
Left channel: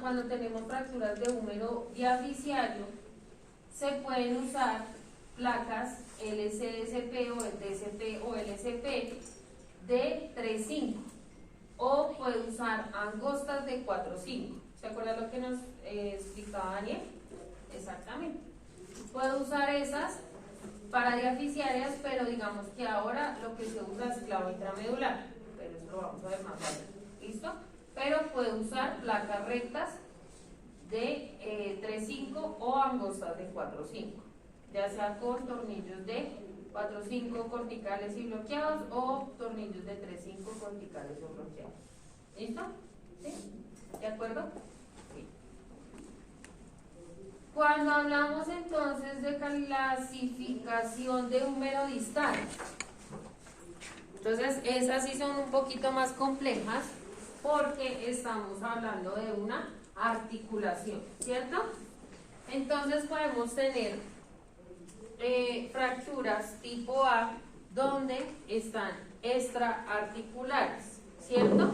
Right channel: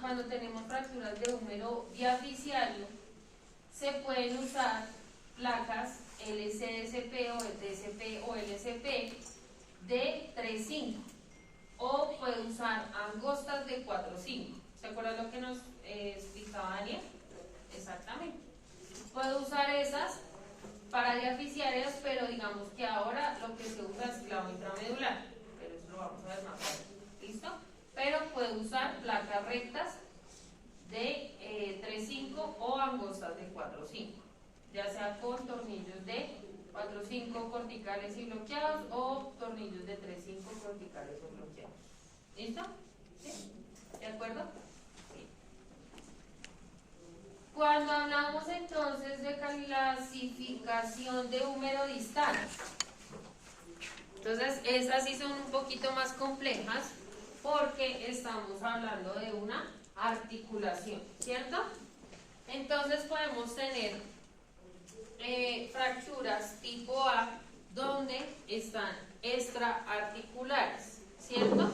cuando tenemos fracturas de húmero diaficiario, se pueden usar placas LCDSP o DSP o LSP de 3.5 o puede usar angostas de 4.5. ¿Se acuerdan lo que nos explicaba Daniel? Exactamente. Puedo usar esas para diaficiarias, pero digamos que ahora lo que se usa es clavo intramedular, pero eso lo vamos a ver más tarde. ¿Listo? Pero puedo usar placas rectas de 3.5 o angostas de 4.5, ya sea con tornillos de 4.5 corticales y bloqueados o tornillos de 3.5 corticales o bloqueados. ¿Listo? ¿Sí? ¿De acuerdo? Sí. Cuando hablamos entonces de clasificación de húmero distal, entonces esas sí son un poquito más complejas porque estamos hablando de una articulación, ¿cierto? Entonces podemos tener fracturas tipo A donde están extraarticulares, ¿cierto?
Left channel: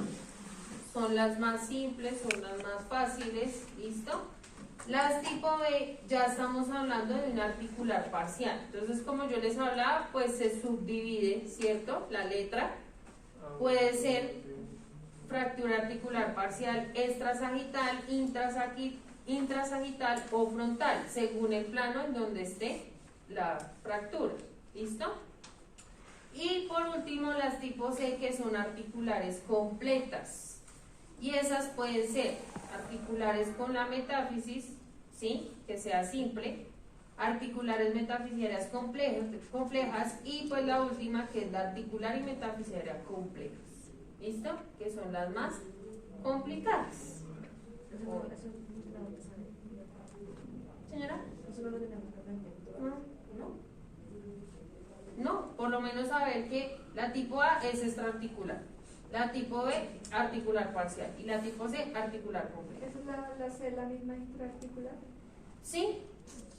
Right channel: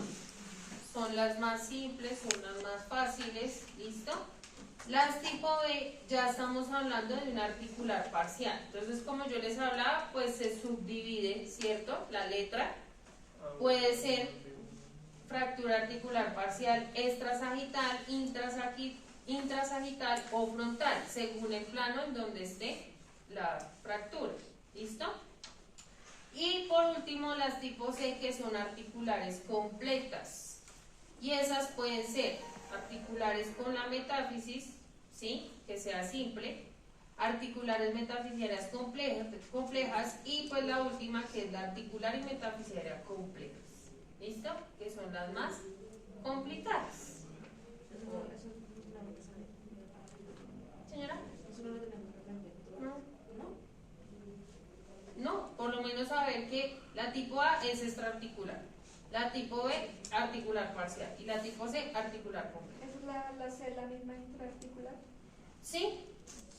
Son las más simples, son las más fáciles, ¿listo? Las tipo B ya estamos hablando de una articular parcial. Entonces, como yo les hablaba, pues se subdivide, ¿cierto? La letra puede ser fractura articular parcial extrasagital, intrasagital o frontal, según el plano en donde esté la fractura. ¿Listo? Y por último, las tipo C, que son articulares completas. Y esas pueden ser articulares con la metáfisis, ¿sí? Que sea simple, articulares metafisiarias complejas y pues la última que es la articular y metafisiaria complejas. ¿Listo? Que son las más complicadas. Señora. Eso no lo tenemos que aprender. No, por lo menos saber que la tipo A es extraarticular, la tipo B articular parcial y la tipo C articular completa. ¿Esa es la C, la misma intraarticular? Sí,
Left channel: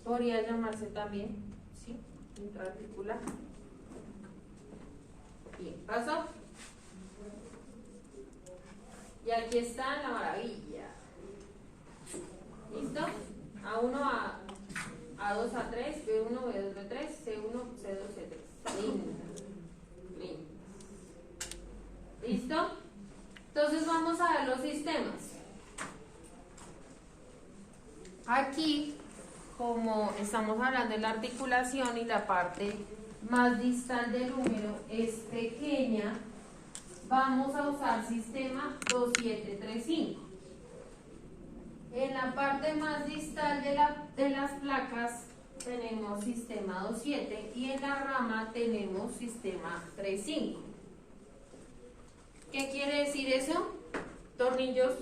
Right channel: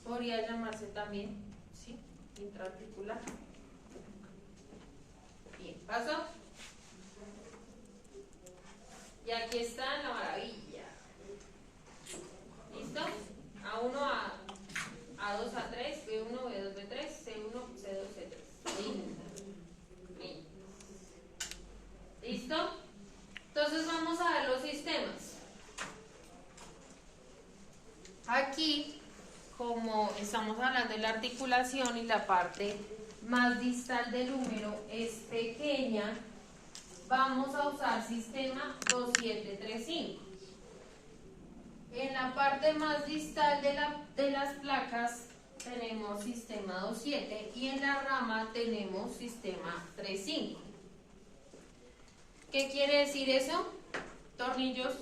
podría llamarse también, sí, intraarticular. Bien, ¿pasó? Y aquí está la maravilla. ¿Listo? A1, A2, A3, B1, B2, B3, C1, C2, C3. Lindo. Lindo. ¿Listo? Entonces vamos a ver los sistemas. Aquí, como estamos hablando de la articulación y la parte más distal del húmero es pequeña, vamos a usar sistema 2735. En la parte más distal de las placas tenemos sistema 27 y en la rama tenemos sistema 35. ¿Qué quiere decir eso? Tornillos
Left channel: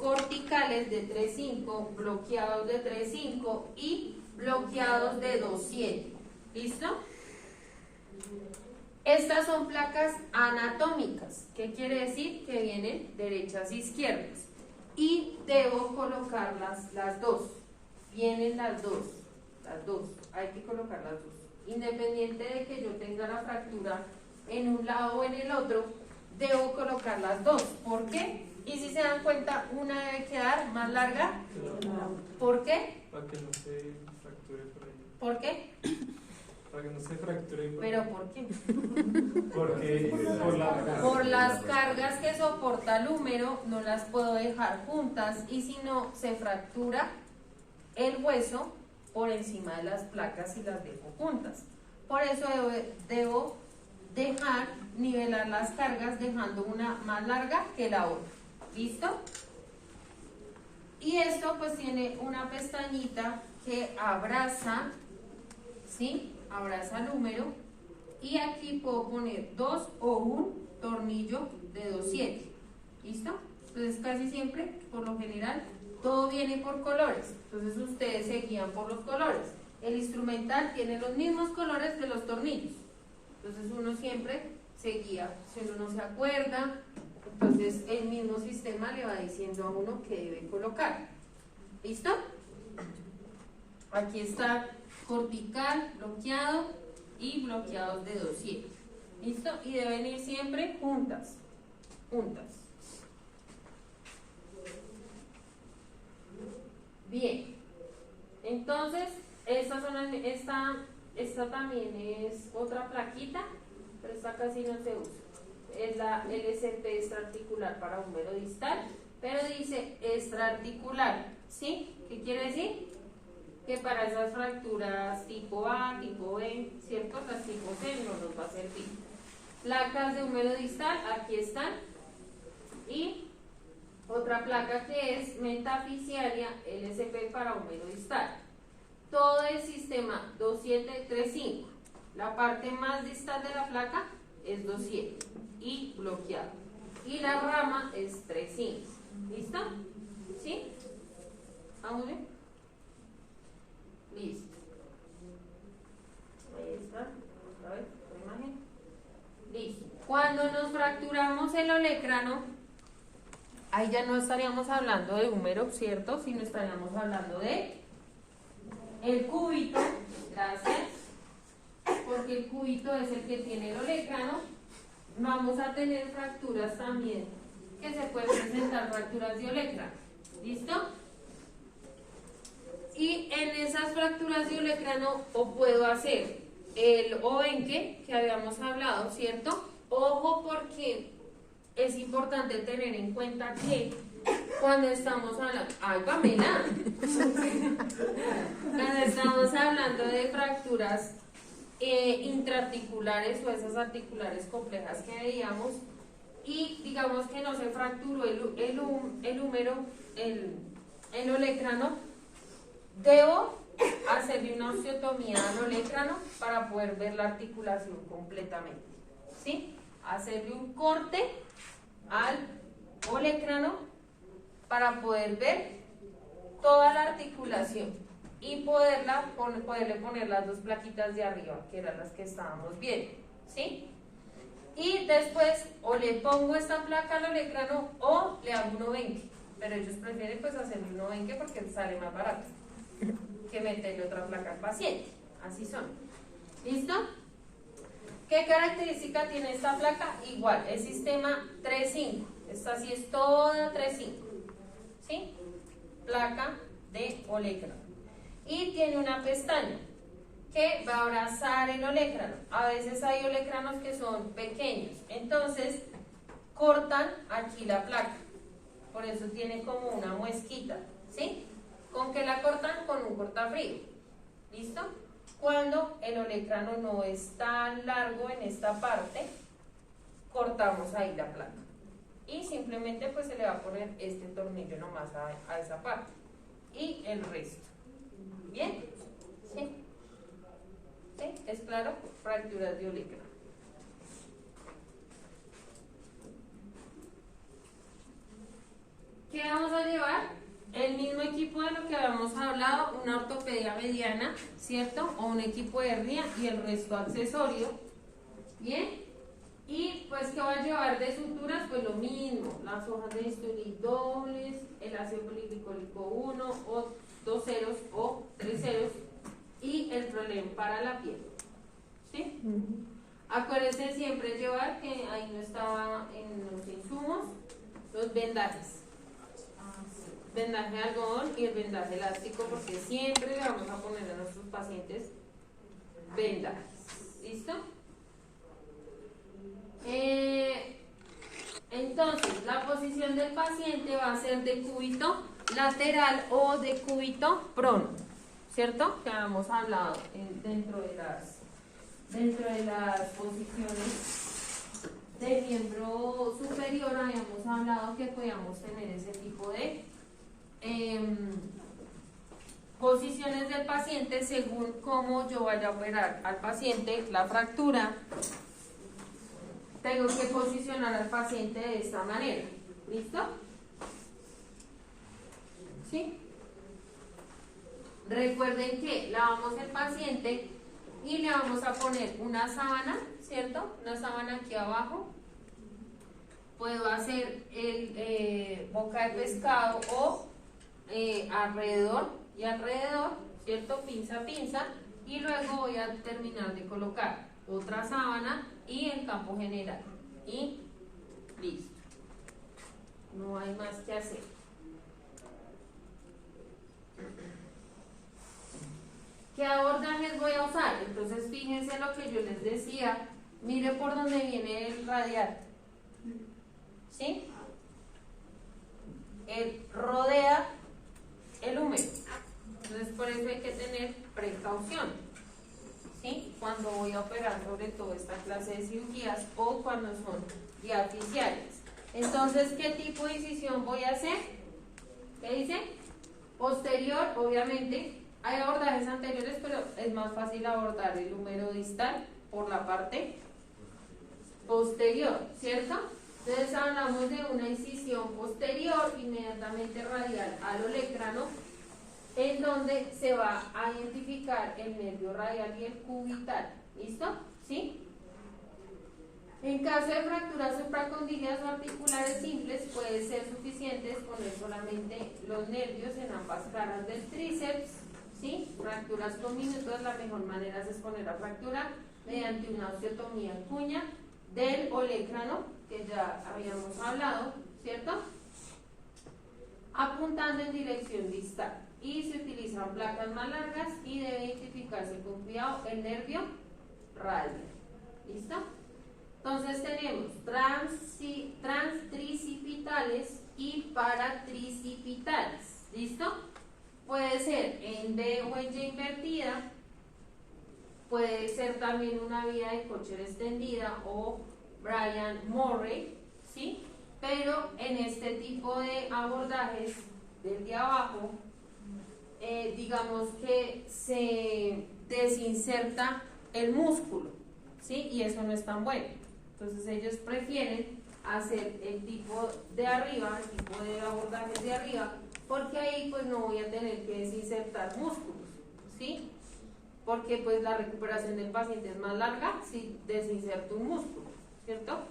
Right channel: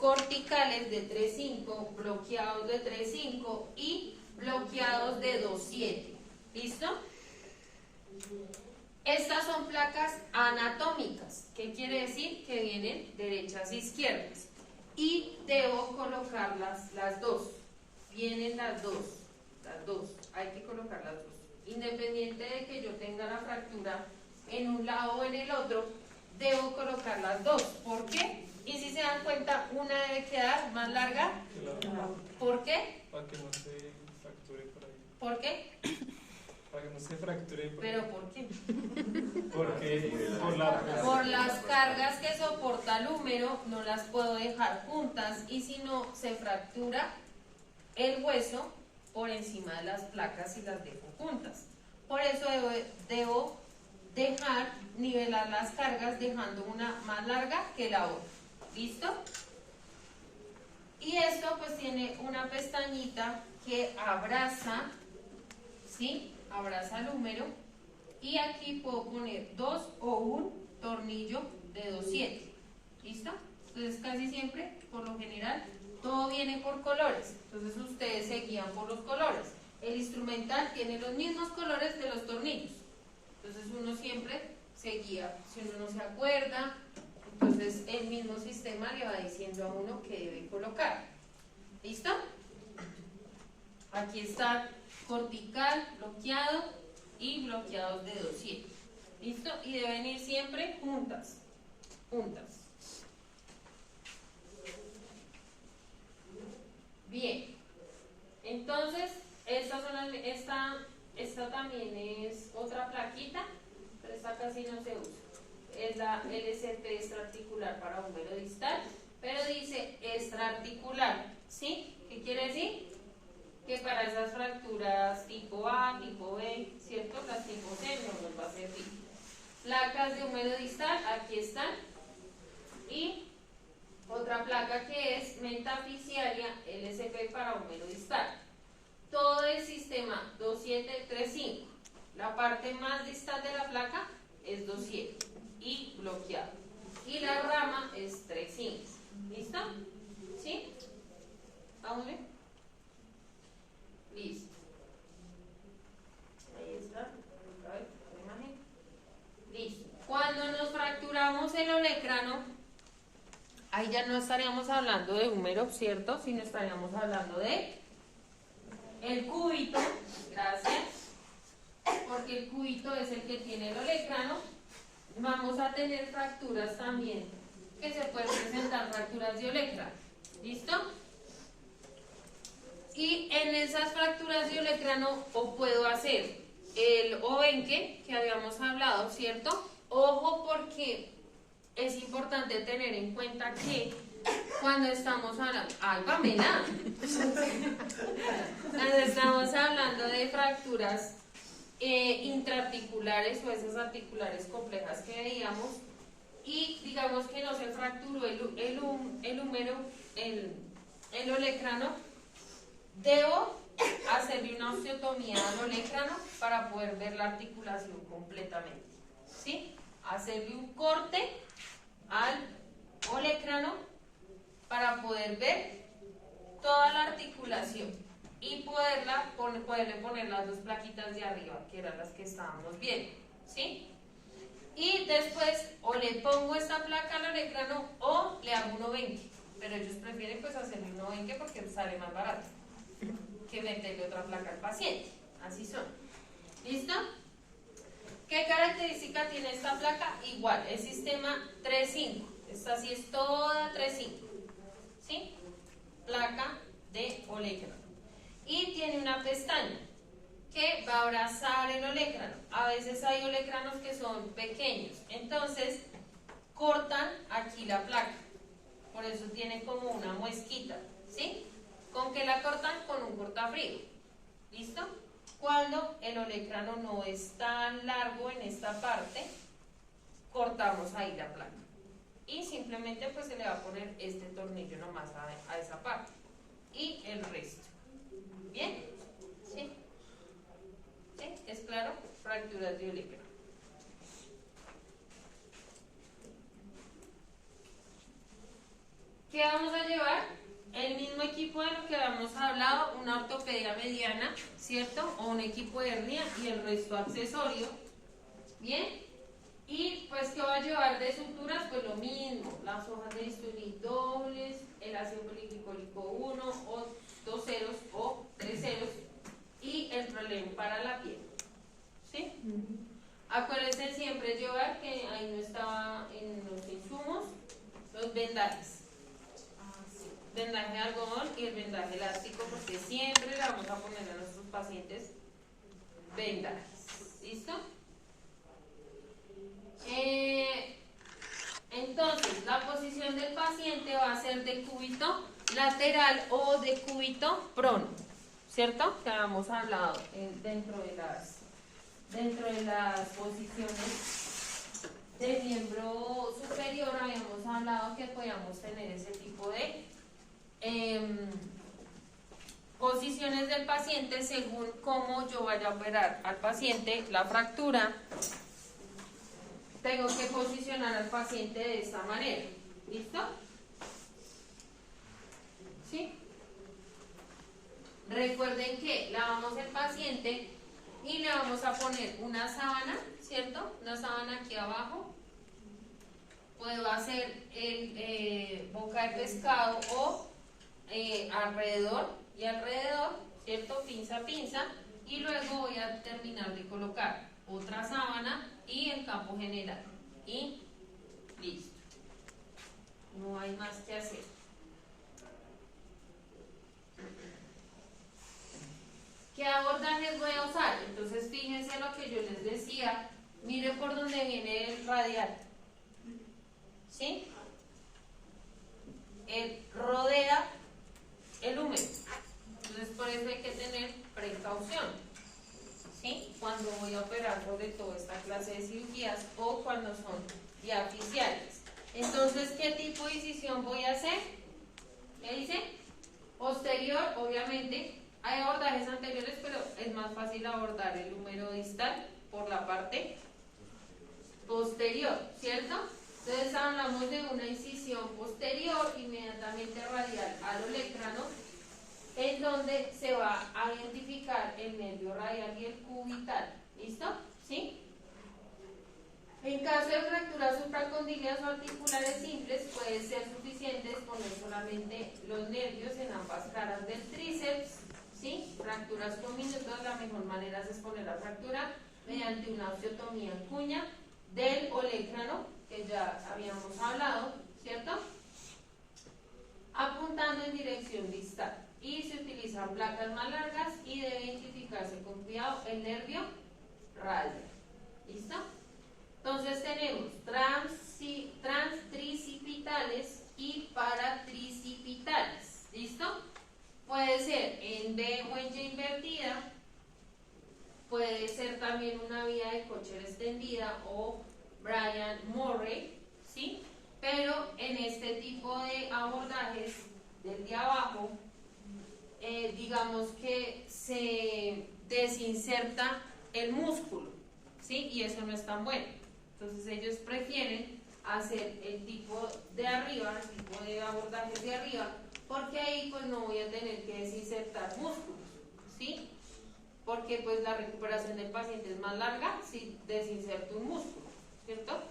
corticales de 3.5, bloqueados de 3.5 y bloqueados de 2.7. ¿Listo? Estas son placas anatómicas. ¿Qué quiere decir? Que vienen derechas e izquierdas. Y debo colocarlas las dos. Vienen las dos. Hay que colocar las dos. Independiente de que yo tenga la fractura en un lado o en el otro, debo colocar las dos. ¿Por qué? Y si se dan cuenta, una debe quedar más larga. ¿Por qué? Para que no se fracture por ahí. ¿Por qué? Para que no se fracture por ahí. ¿Pero por qué? Porque Por las cargas que soporta el húmero, no las puedo dejar juntas y si no, se fractura el hueso por encima de las placas y las dejo juntas. Por eso debo dejar nivelar las cargas dejando una más larga que la otra. ¿Listo? Y esto pues tiene una pestañita que abraza, ¿sí? Abraza el húmero y aquí puedo poner dos o un tornillo de 2.7. ¿Listo? Entonces casi siempre, por lo general, todo viene por colores. Entonces ustedes se guían por los colores. El instrumental tiene los mismos colores de los tornillos. Entonces uno siempre se guía, si uno no se acuerda, entonces el mismo sistema le va diciendo a uno qué debe colocar. ¿Listo? Aquí está cortical, bloqueado y bloqueados de dossier. ¿Listo? Y deben ir siempre juntas. Juntas. Bien. Entonces, esta también es otra plaquita, pero esta casi no se usa. Es la LCP extraarticular para húmero distal, pero dice extraarticular. ¿Sí? ¿Qué quiere decir? Que para esas fracturas tipo A, tipo B, ¿cierto? Las tipo C no nos va a servir. Placas de húmero distal, aquí están. Y otra placa que es metafisiaria LCP para húmero distal. Todo el sistema 2735. La parte más distal de la placa es 27 y bloqueado. Y la rama es 35. ¿Listo? ¿Sí? ¿Vamos bien? Listo. Ahí está. Otra vez, la imagen. Listo. Cuando nos fracturamos el olecrano, ahí ya no estaríamos hablando de húmero, ¿cierto? Sino estaríamos hablando de el cúbito. Gracias. Porque el cúbito es el que tiene el olecrano. Vamos a tener fracturas también, que se pueden presentar fracturas de olecrano. ¿Listo? Y en esas fracturas de olecrano o puedo hacer el obenque que habíamos hablado, ¿cierto? Ojo, porque es importante tener en cuenta que cuando estamos hablando, ¡ay, Pamela! Cuando estamos hablando de fracturas intraarticulares o esas articulares complejas que veíamos, y digamos que no se fracturó el húmero, el olecrano, debo hacerle una osteotomía al olecrano para poder ver la articulación completamente. ¿Sí? Hacerle un corte al olecrano para poder ver toda la articulación y poderle poner las dos plaquitas de arriba, que eran las que estábamos viendo. ¿Sí? Y después o le pongo esta placa al olecrano o le hago un obenque, pero ellos prefieren pues hacerle un obenque porque sale más barato que meterle otra placa al paciente. Así son. ¿Listo? ¿Qué característica tiene esta placa? Igual, el sistema 3.5. Esta sí es toda 3.5. ¿Sí? Placa de olecrano. Y tiene una pestaña que va a abrazar el olecrano. A veces hay olecranos que son pequeños, entonces cortan aquí la placa. Por eso tiene como una muesquita. ¿Sí? ¿Con qué la cortan? Con un cortafrío. ¿Listo? Cuando el olecrano no es tan largo en esta parte, cortamos ahí la placa. Y simplemente pues se le va a poner este tornillo nomás a esa parte. Y el resto. ¿Bien? ¿Sí? ¿Sí? ¿Es claro? Fracturas de olecrano. ¿Qué vamos a llevar? El mismo equipo de lo que habíamos hablado, una ortopedia mediana, ¿cierto? O un equipo de hernia y el resto accesorio. ¿Bien? Y pues, ¿qué va a llevar de suturas? Pues lo mismo, las hojas de bisturí dobles, el ácido polipicólico 1, o 2 ceros o 3 ceros, y el problema para la piel. ¿Sí? Acuérdense siempre llevar, que ahí no estaba en los insumos, los vendajes. Vendaje de algodón y el vendaje elástico, porque siempre le vamos a poner a nuestros pacientes vendajes. ¿Listo? Entonces, la posición del paciente va a ser de cúbito lateral o de cúbito prono, ¿cierto? Que habíamos hablado dentro de las posiciones del miembro superior. Habíamos hablado que podíamos tener ese tipo de posiciones del paciente según cómo yo vaya a operar al paciente la fractura. Tengo que posicionar al paciente de esta manera. ¿Listo? ¿Sí? Recuerden que lavamos el paciente y le vamos a poner una sábana, ¿cierto? Una sábana aquí abajo. Puedo hacer el boca de pescado o alrededor y alrededor, ¿cierto? Pinza a pinza, y luego voy a terminar de colocar otra sábana y el campo general y listo, no hay más que hacer. ¿Qué abordajes voy a usar? Entonces fíjense lo que yo les decía, mire por donde viene el radial, ¿sí? Él rodea el húmero, entonces por eso hay que tener precaución, ¿sí? Cuando voy a operar sobre todo esta clase de cirugías o cuando son diaficiales. Entonces, ¿qué tipo de incisión voy a hacer? ¿Qué dice? Posterior, obviamente. Hay abordajes anteriores, pero es más fácil abordar el húmero distal por la parte posterior, ¿cierto? Entonces hablamos de una incisión posterior, inmediatamente radial al olecrano, en donde se va a identificar el nervio radial y el cubital. ¿Listo? ¿Sí? En caso de fracturas supracondilias o articulares simples, puede ser suficiente exponer solamente los nervios en ambas caras del tríceps. ¿Sí? Fracturas con minutos, la mejor manera es exponer la fractura mediante una osteotomía en cuña del olecrano, que ya habíamos hablado, ¿cierto? Apuntando en dirección distal. Y se utilizan placas más largas y debe identificarse con cuidado el nervio radial. ¿Listo? Entonces tenemos transtricipitales y paratricipitales. ¿Listo? Puede ser en D o en Y invertida, puede ser también una vía de Kocher extendida o Brian Murray, ¿sí? Pero en este tipo de abordajes del de abajo, digamos que se desinserta el músculo, ¿sí? Y eso no es tan bueno. Entonces ellos prefieren hacer el tipo de arriba, el tipo de abordajes de arriba, porque ahí pues no voy a tener que desinsertar músculos, ¿sí? Porque pues la recuperación del paciente es más larga si desinserto un músculo, ¿cierto?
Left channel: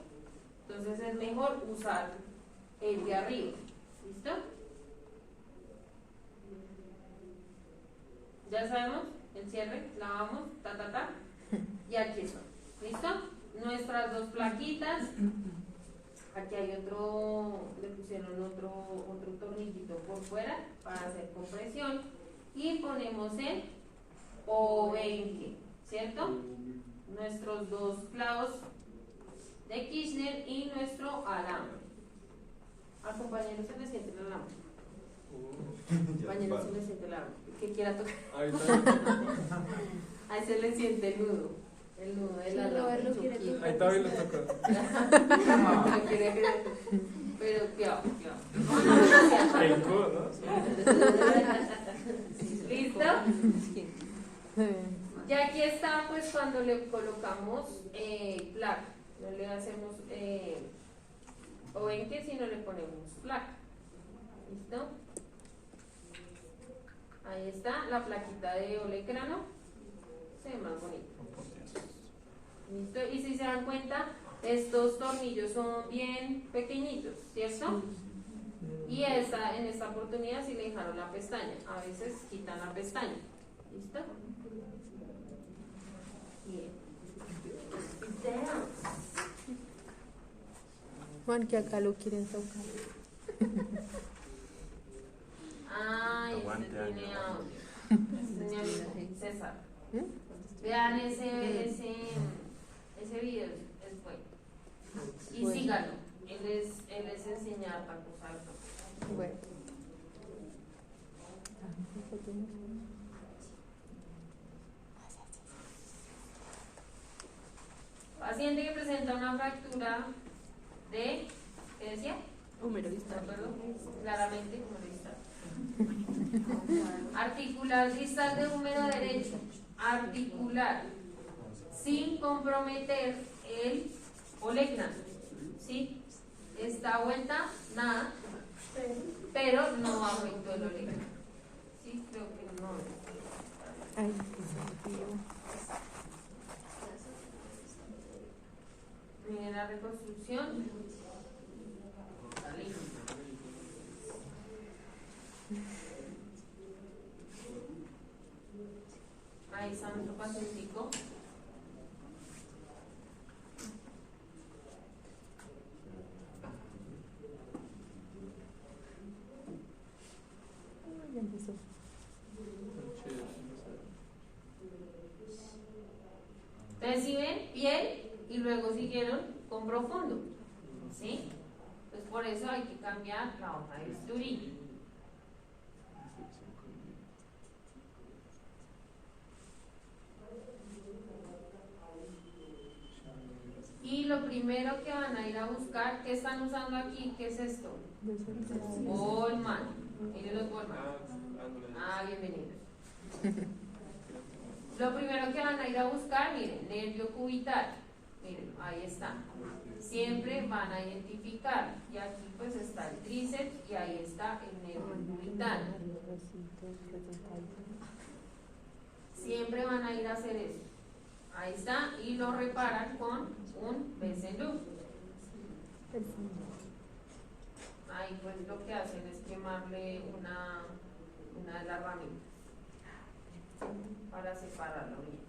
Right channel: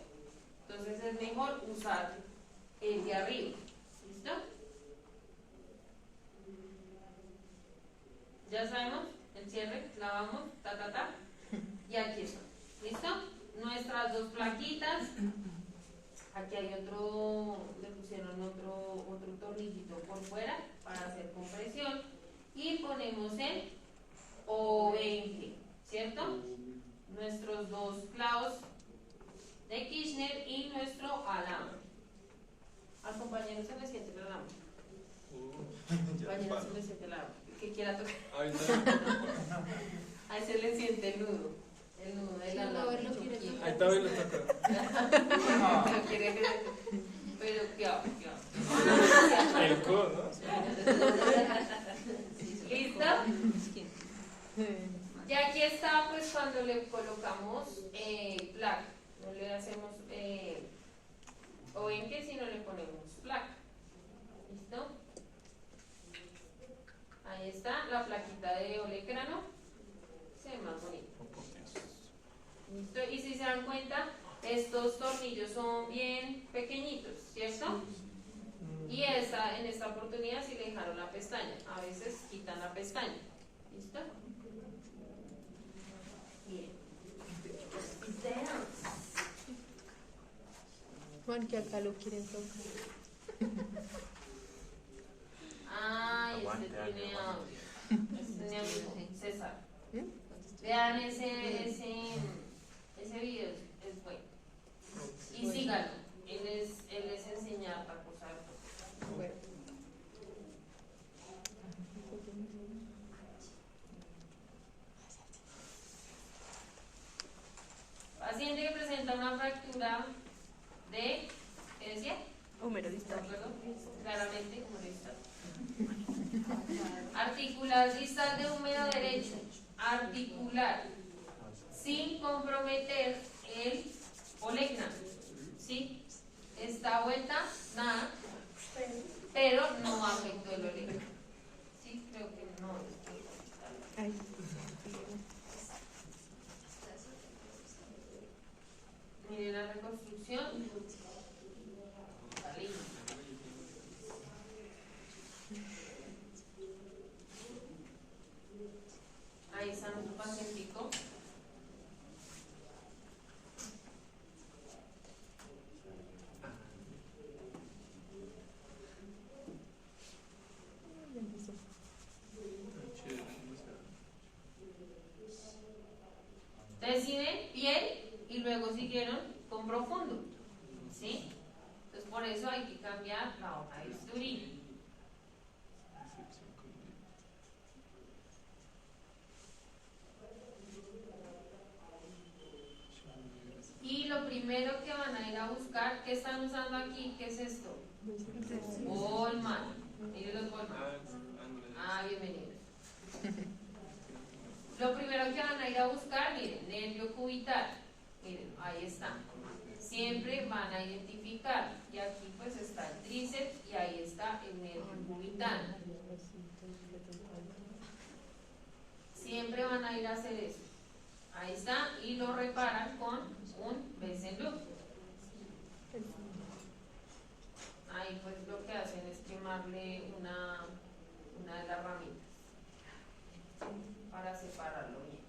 Entonces es mejor usar el de arriba, ¿listo? Ya sabemos, el cierre, lavamos, y aquí está, ¿listo? Nuestras dos plaquitas. Aquí hay otro, le pusieron otro tornillito por fuera para hacer compresión y ponemos el O20, ¿cierto? Nuestros dos clavos de Kirchner y nuestro alambre. Al compañero se le siente el alambre. Compañero se le siente el alambre. El que quiera tocar. Ahí se le siente el nudo. El nudo del alambre. Ahí también lo toca. No quiere creer. Pero cuidado. El codo, ¿no? ¿Listo? Ya aquí está, pues cuando le colocamos placa. No le hacemos obenque, sino le ponemos placa. ¿Listo? Ahí está la plaquita de olecrano. Se ve más bonito. ¿Listo? Y si se dan cuenta, estos tornillos son bien pequeñitos, ¿cierto? Y en esta oportunidad sí le dejaron la pestaña. A veces quitan la pestaña. ¿Listo? Bien. Juan, que acá lo quieren tocar. Ay, Aguante, este tiene aguante. audio. Este es mi amigo César. Vean ese video, es bueno. Y síganlo. Él es enseñar a cosas. Bueno. Paciente que presenta una fractura de, ¿qué decía? Húmero distal. Perdón, claramente húmero distal. Articular distal de húmero derecho. Articular. Sin comprometer el olecrano. ¿Sí? Esta vuelta, nada. Pero no afectó el olecrano. Sí, creo que no. Ay, la reconstrucción. Salí. Ahí está nuestro pacientico. Ya empezó. Entonces, si ven, piel y luego siguieron con profundo. ¿Sí? Entonces, por eso hay que cambiar la hoja de bisturí. Y lo primero que van a ir a buscar, ¿qué están usando aquí? ¿Qué es esto? Bolman. Miren los Bolman. Ah, bienvenidos. Lo primero que van a ir a buscar, miren, nervio cubital. Miren, ahí está. Siempre van a identificar. Y aquí pues está el tríceps y ahí está el nervio cubital. Siempre van a ir a hacer eso. Ahí está. Y lo reparan con un Bessel. Ahí pues lo que hacen es quemarle una de las ramitas para separarlo bien.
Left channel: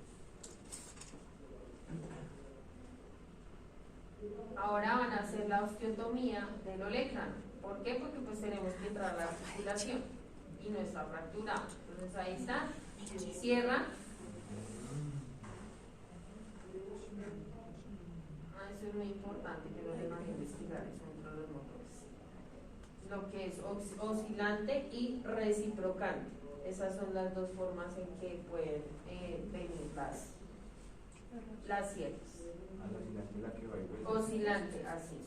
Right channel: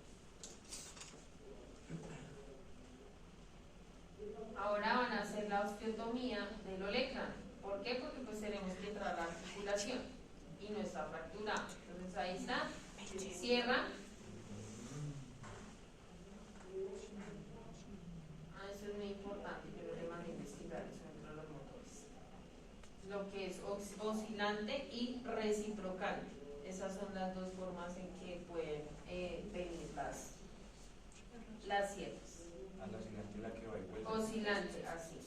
Ahora van a hacer la osteotomía del olecrano. ¿Por qué? Porque pues tenemos que entrar a la articulación y no está fracturado. Entonces ahí está, cierra. Eso es muy importante, yo lo mandé a investigar eso entre los motores. Lo que es oscilante y reciprocante. Esas son las dos formas en que pueden venir las sierras. Oscilante, así.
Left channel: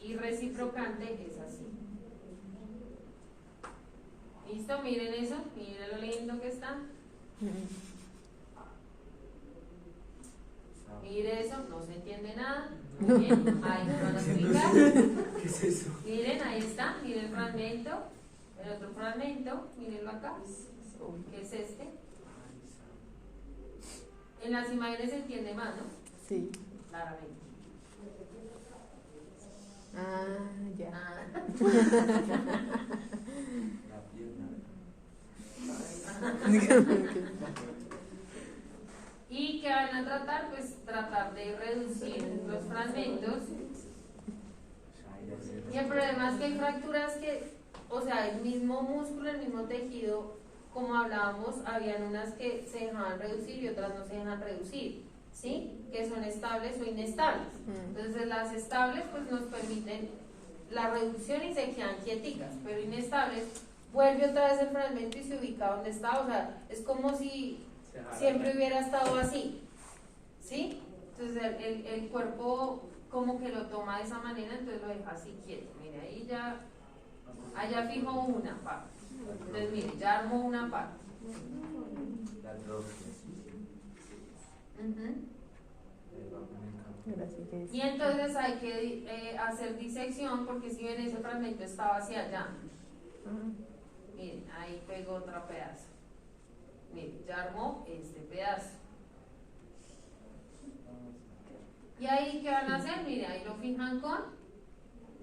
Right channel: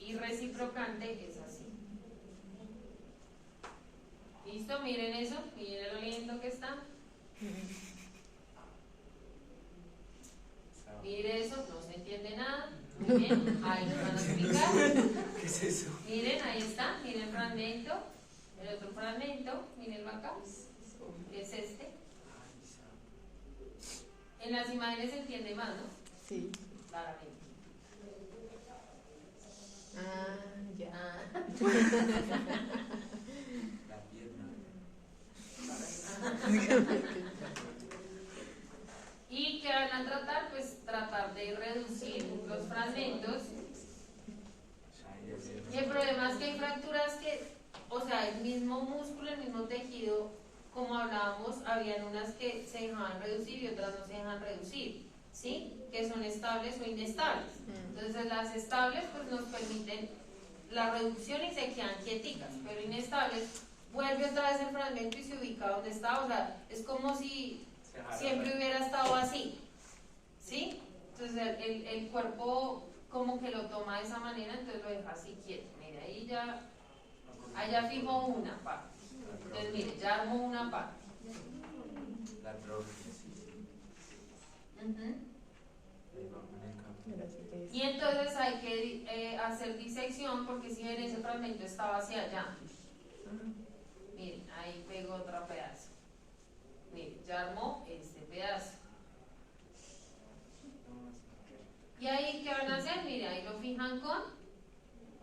Y reciprocante es así. ¿Listo? Miren eso. Miren lo lindo que está. Miren eso. No se entiende nada. Muy bien. Ahí nos van a explicar. ¿Qué es eso? Miren, ahí está. Miren el fragmento. El otro fragmento. Mírenlo acá. ¿Qué es este? En las imágenes se entiende más, ¿no? Sí. Claramente. Ah, ya. Ah. La pierna. ¿Y qué van a tratar? Pues tratar de reducir los fragmentos. Y el problema es que hay fracturas que, o sea, el mismo músculo, el mismo tejido, como hablábamos, habían unas que se dejaban reducir y otras no se dejan reducir, ¿sí? Que son estables o inestables. Entonces las estables pues nos permiten la reducción y se quedan quieticas, pero inestables vuelve otra vez el fragmento y se ubica donde está, o sea, es como si siempre hubiera estado así, ¿sí? Entonces el cuerpo como que lo toma de esa manera, entonces lo deja así quieto. Mire, ahí ya fijó una parte. Entonces mire, ya armó una parte. La atrofia, Y entonces hay que hacer disección porque si ven ese fragmento estaba hacia allá. Miren, ahí pegó otro pedazo. Miren, ya armó este pedazo. Y ahí, ¿qué van a hacer? Miren, ahí lo fijan con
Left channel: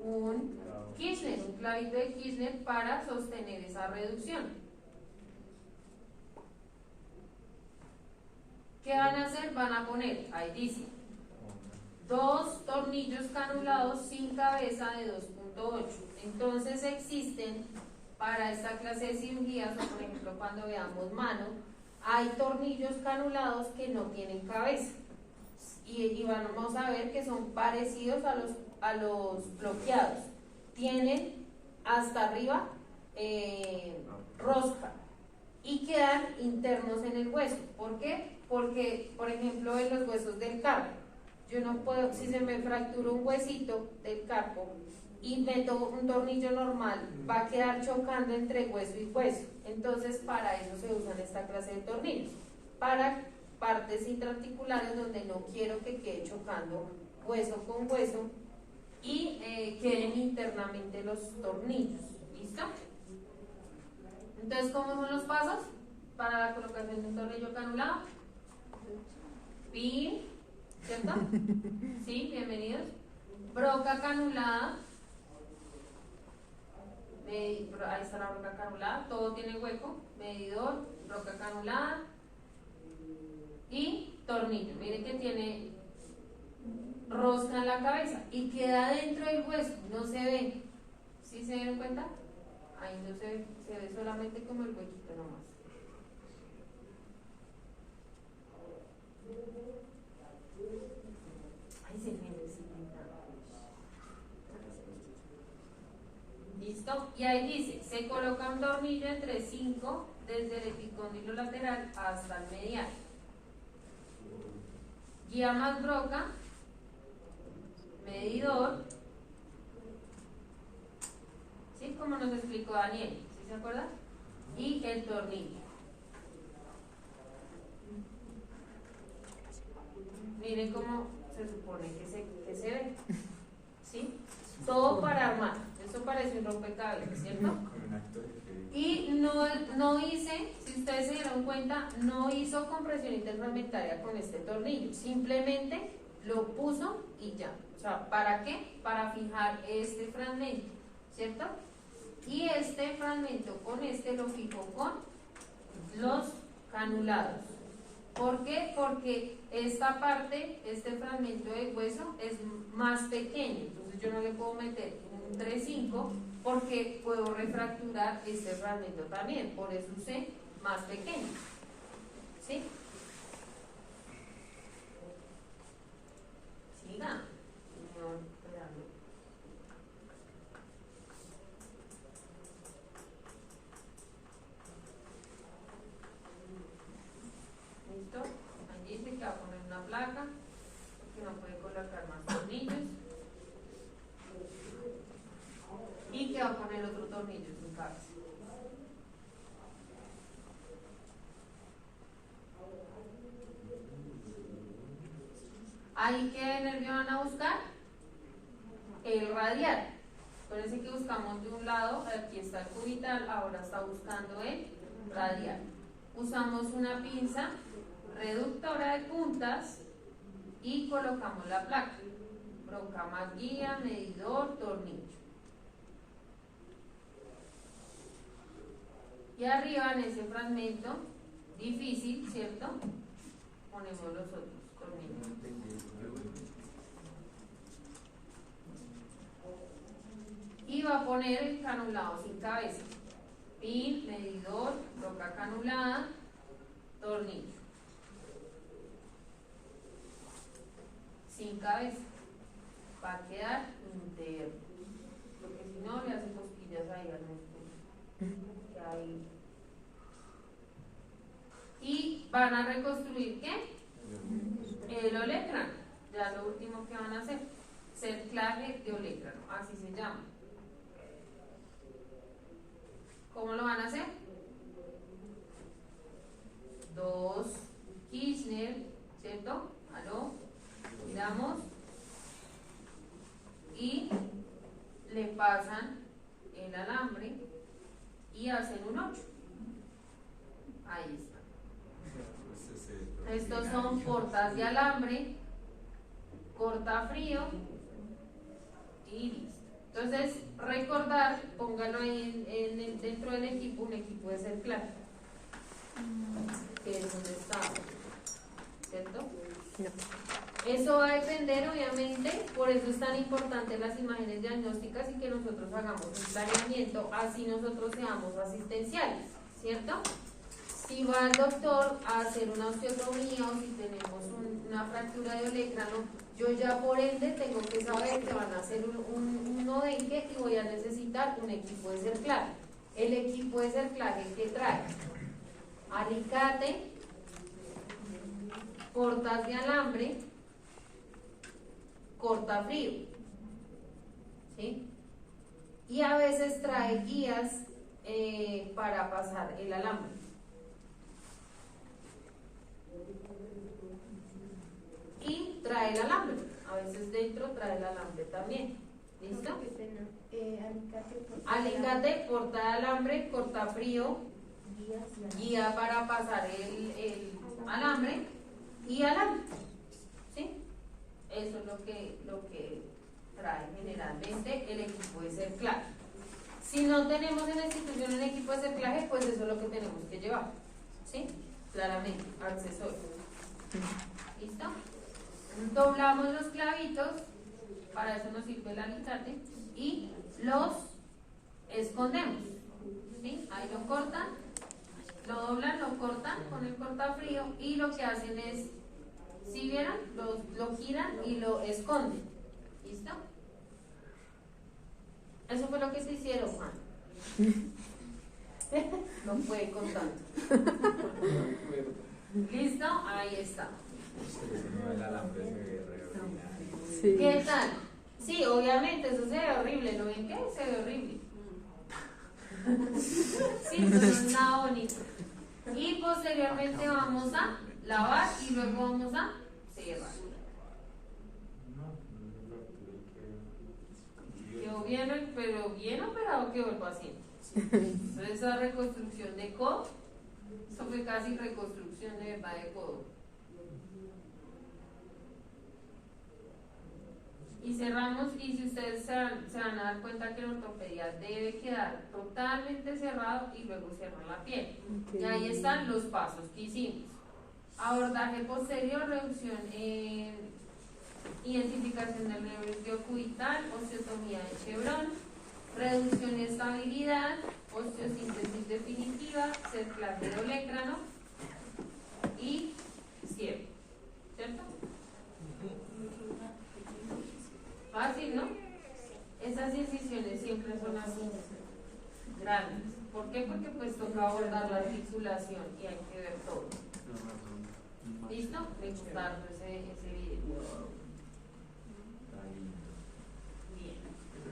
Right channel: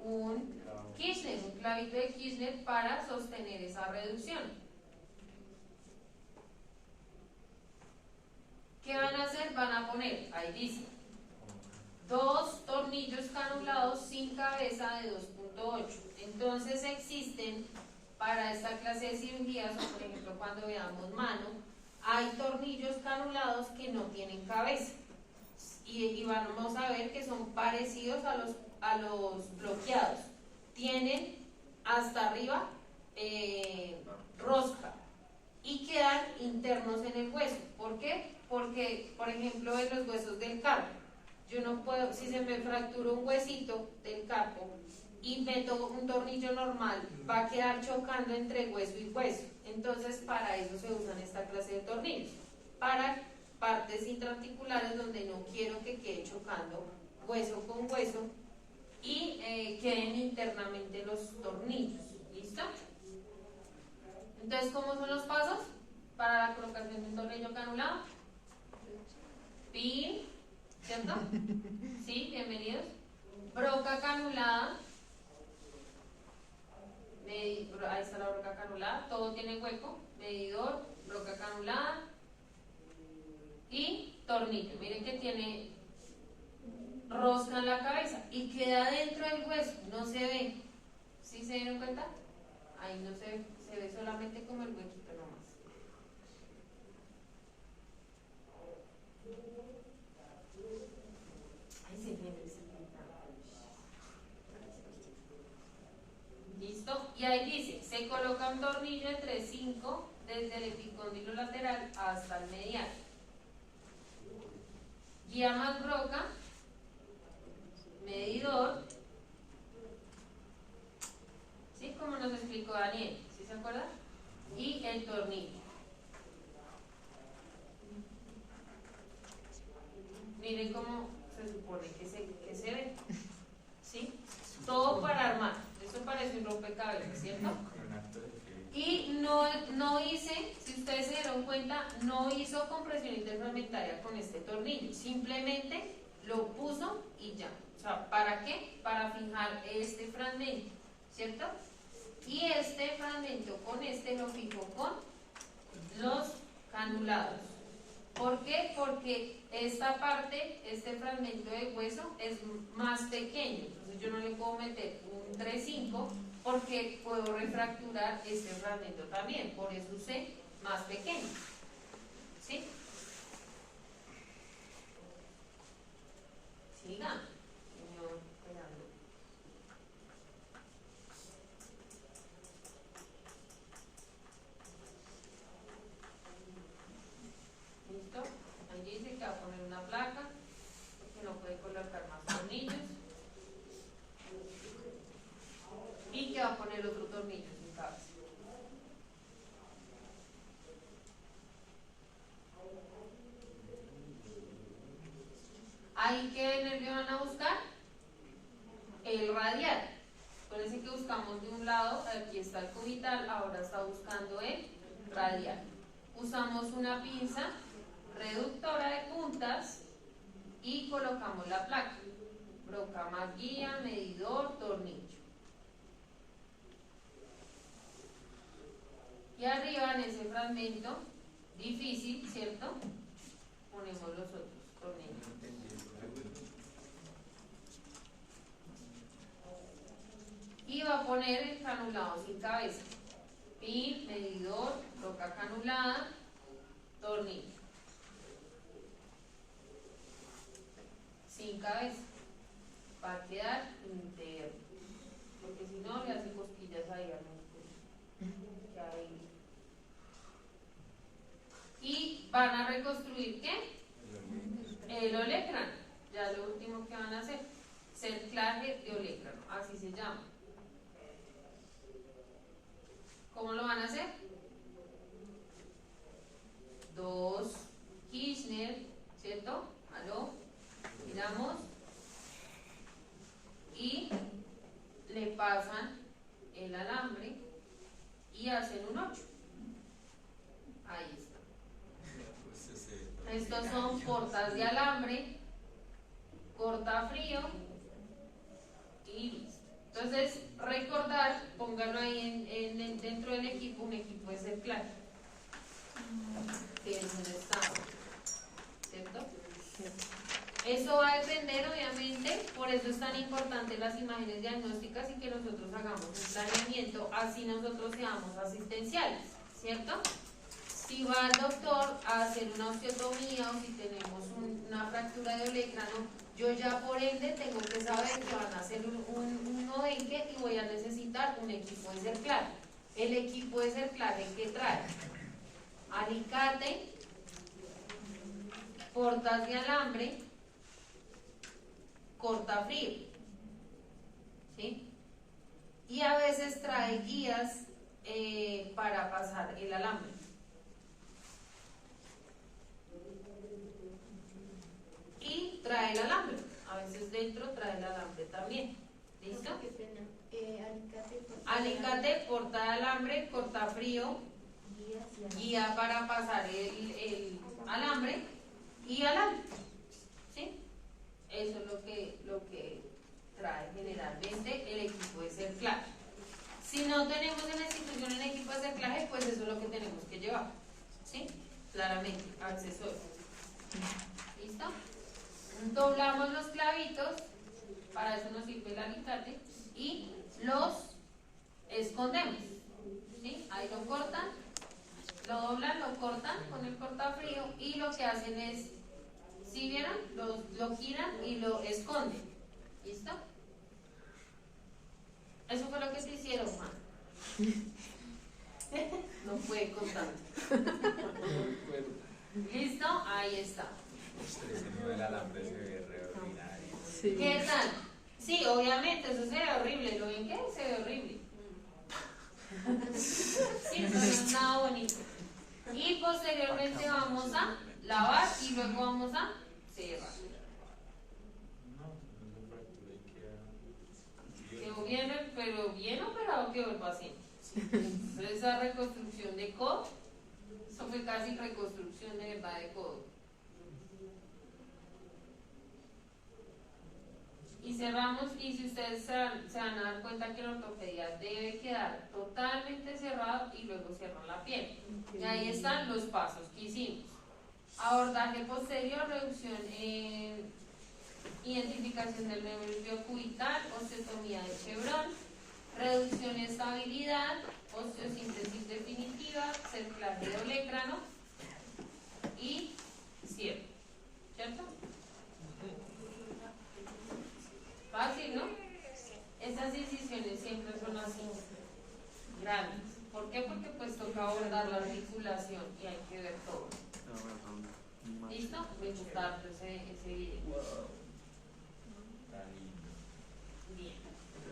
un Kirchner, un clavito de Kirchner para sostener esa reducción. ¿Qué van a hacer? Van a poner, ahí dice, 2 tornillos canulados sin cabeza de 2.8. Entonces existen para esta clase de cirugías, o por ejemplo cuando veamos mano, hay tornillos canulados que no tienen cabeza. Y vamos a ver que son parecidos a los bloqueados. Tienen hasta arriba rosca y quedan internos en el hueso. ¿Por qué? Porque, por ejemplo, en los huesos del carpo, yo no puedo, si se me fractura un huesito del carpo y meto un tornillo normal, va a quedar chocando entre hueso y hueso. Entonces, para eso se usan esta clase de tornillos. Para partes intraarticulares donde no quiero que quede chocando hueso con hueso y queden internamente los tornillos. ¿Listo? Entonces, ¿cómo son los pasos para la colocación de un tornillo canulado? Pin, ¿cierto? Sí, bienvenidos. broca canulada, ahí está la broca canulada, todo tiene hueco, medidor, broca canulada y tornillo. Miren que tiene rosca en la cabeza y queda dentro del hueso, no se ve. ¿Sí se dieron cuenta? Ahí no se ve, se ve solamente como el huequito nomás. Ay, se me ¿listo? Y ahí dice, se coloca un tornillo entre 5 desde el epicóndilo lateral hasta el medial. Guía más broca, medidor, ¿sí? Como nos explicó Daniel, ¿sí se acuerda? Y el tornillo. Miren cómo se supone que se ve, ¿sí? Todo para armar. Esto parece un rompecabezas, ¿cierto? Y no hice, si ustedes se dieron cuenta, no hizo compresión interfragmentaria con este tornillo, simplemente lo puso y ya. O sea, ¿para qué? Para fijar este fragmento, ¿cierto? Y este fragmento con este lo fijo con los canulados. ¿Por qué? Porque esta parte, este fragmento de hueso es más pequeño, entonces yo no le puedo meter un 3-5 porque puedo refracturar este fragmento también, por eso usé más pequeño. ¿Sí? Siga, señor Gerardo. ¿Listo? Ahí dice que va a poner una placa, porque no puede colocar más tornillos. Y que va a poner otro tornillo sin cabeza. Ahí, ¿qué nervio van a buscar? El radial. Parece que buscamos de un lado, aquí está el cubital, ahora está buscando el radial. Usamos una pinza reductora de puntas y colocamos la placa. Broca más guía, medidor, tornillo. Y arriba en ese fragmento difícil, ¿cierto? Ponemos los otros tornillos. Y va a poner el canulado sin cabeza. Pin, medidor, broca canulada, tornillo. Sin cabeza. Va a quedar interno. Porque si no le hace cosquillas ahí al músculo. Ahí. Y van a reconstruir ¿qué? El olecrano. Ya lo último que van a hacer, cerclaje de olecrano, así se llama. ¿Cómo lo van a hacer? 2 Kirchner, ¿cierto? ¿Aló? Miramos y le pasan el alambre y hacen un 8. Ahí está. Estos son portas de alambre, cortafrío y listo. Entonces, recordar, pónganlo ahí dentro del equipo, un equipo de cerclaje, que es donde está, ¿cierto? Eso va a depender, obviamente, por eso es tan importante las imágenes diagnósticas y que nosotros hagamos un planeamiento, así nosotros seamos asistenciales, ¿cierto? Si va el doctor a hacer una osteotomía o si tenemos una fractura de olecrano, yo ya por ende tengo que saber que van a hacer un novenque y voy a necesitar un equipo de cerclaje. El equipo de cerclaje que trae alicate, portas de alambre, cortafrío, ¿sí? Y a veces trae guías para pasar el alambre. Y trae el alambre, a veces dentro trae el alambre también. ¿Listo? Alicate, porta de alambre, cortafrío, guía para pasar el alambre y alambre. ¿Sí? Eso es lo que trae generalmente el equipo de cerclaje. Si no tenemos en la institución el equipo de cerclaje, pues eso es lo que tenemos que llevar, ¿sí? Claramente, accesorios. ¿Listo? Doblamos los clavitos, para eso nos sirve el alicate, y los escondemos, ¿sí? Ahí lo cortan, lo doblan, lo cortan con el cortafrío y lo que hacen es, ¿sí vieron? Lo giran y lo esconden. ¿Listo? Eso fue lo que se hicieron, Juan. No puede con tanto. ¿Listo? Ahí está. Ese nuevo del alambre se ve re ordinario. Sí. ¿Qué tal? Sí, obviamente, eso se ve horrible. ¿Lo ven qué? Se ve horrible. Sí, eso no es nada bonito. Y posteriormente vamos a lavar y luego vamos a cerrar. Quedó bien, pero bien operado quedó el paciente. Entonces, esa reconstrucción de codo, eso fue casi reconstrucción de verdad de codo. Y cerramos, y si ustedes se van a dar cuenta que la ortopedia debe quedar totalmente cerrado y luego cierran la piel. Y ahí están los pasos que hicimos. Abordaje posterior, reducción, identificación del nervio cubital, osteotomía de chevrón, reducción y estabilidad, osteosíntesis definitiva, cerclaje de olecrano y cierre. ¿Cierto? Fácil, ¿no? Estas incisiones siempre son así, grandes. ¿Por qué? Porque pues toca abordar la articulación y hay que ver todo. ¿Listo? Me gusta ese video. Bien.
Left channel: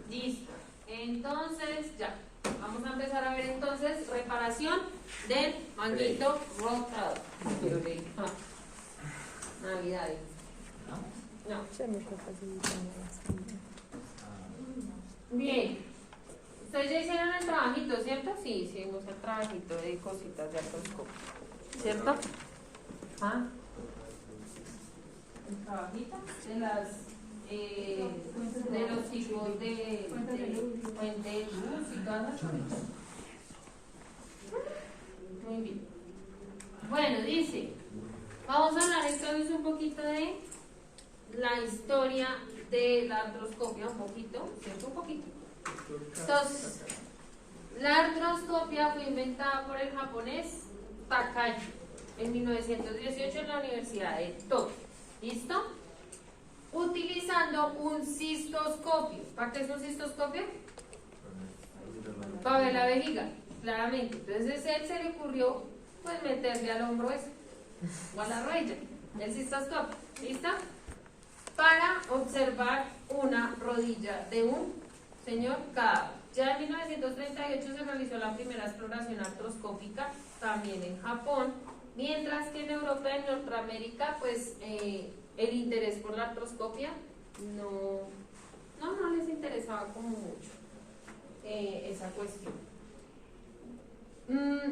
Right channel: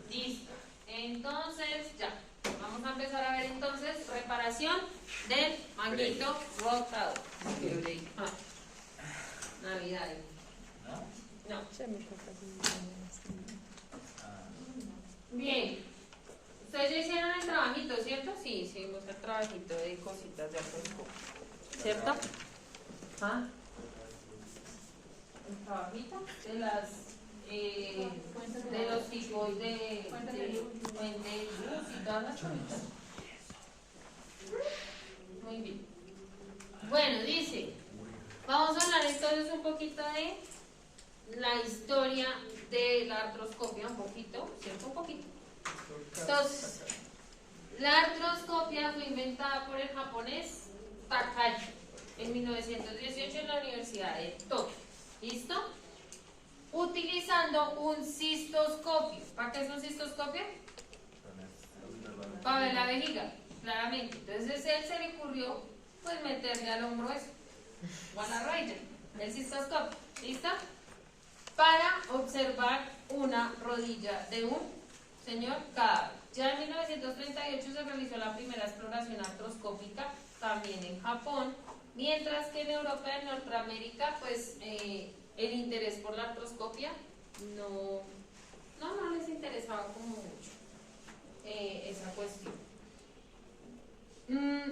Listo. Entonces, ya. Vamos a empezar a ver entonces reparación del manguito rotador. Navidad. No. Bien. Ustedes ya hicieron el trabajito, ¿cierto? Sí, hicimos el trabajito de cositas de artroscopio. ¿Cierto? ¿Ah? El trabajito de las de los tipos de fuente de luz y todas las cosas. Muy bien. Bueno, dice, vamos a hablar entonces un poquito de la historia de la artroscopia, un poquito, ¿cierto? Un poquito. Entonces, la artroscopia fue inventada por el japonés Takashi en 1918 en la Universidad de Tokio. ¿Listo? Utilizando un cistoscopio. ¿Para qué es un cistoscopio? Para ver la vejiga, claramente. Entonces a él se le ocurrió pues meterle al hombro eso, o a la rodilla, el cistoscopio. ¿Listo? Para observar una rodilla de un señor cadáver. Ya en 1938 se realizó la primera exploración artroscópica, también en Japón, mientras que en Europa y en Norteamérica, pues el interés por la artroscopia no les interesaba como mucho esa cuestión.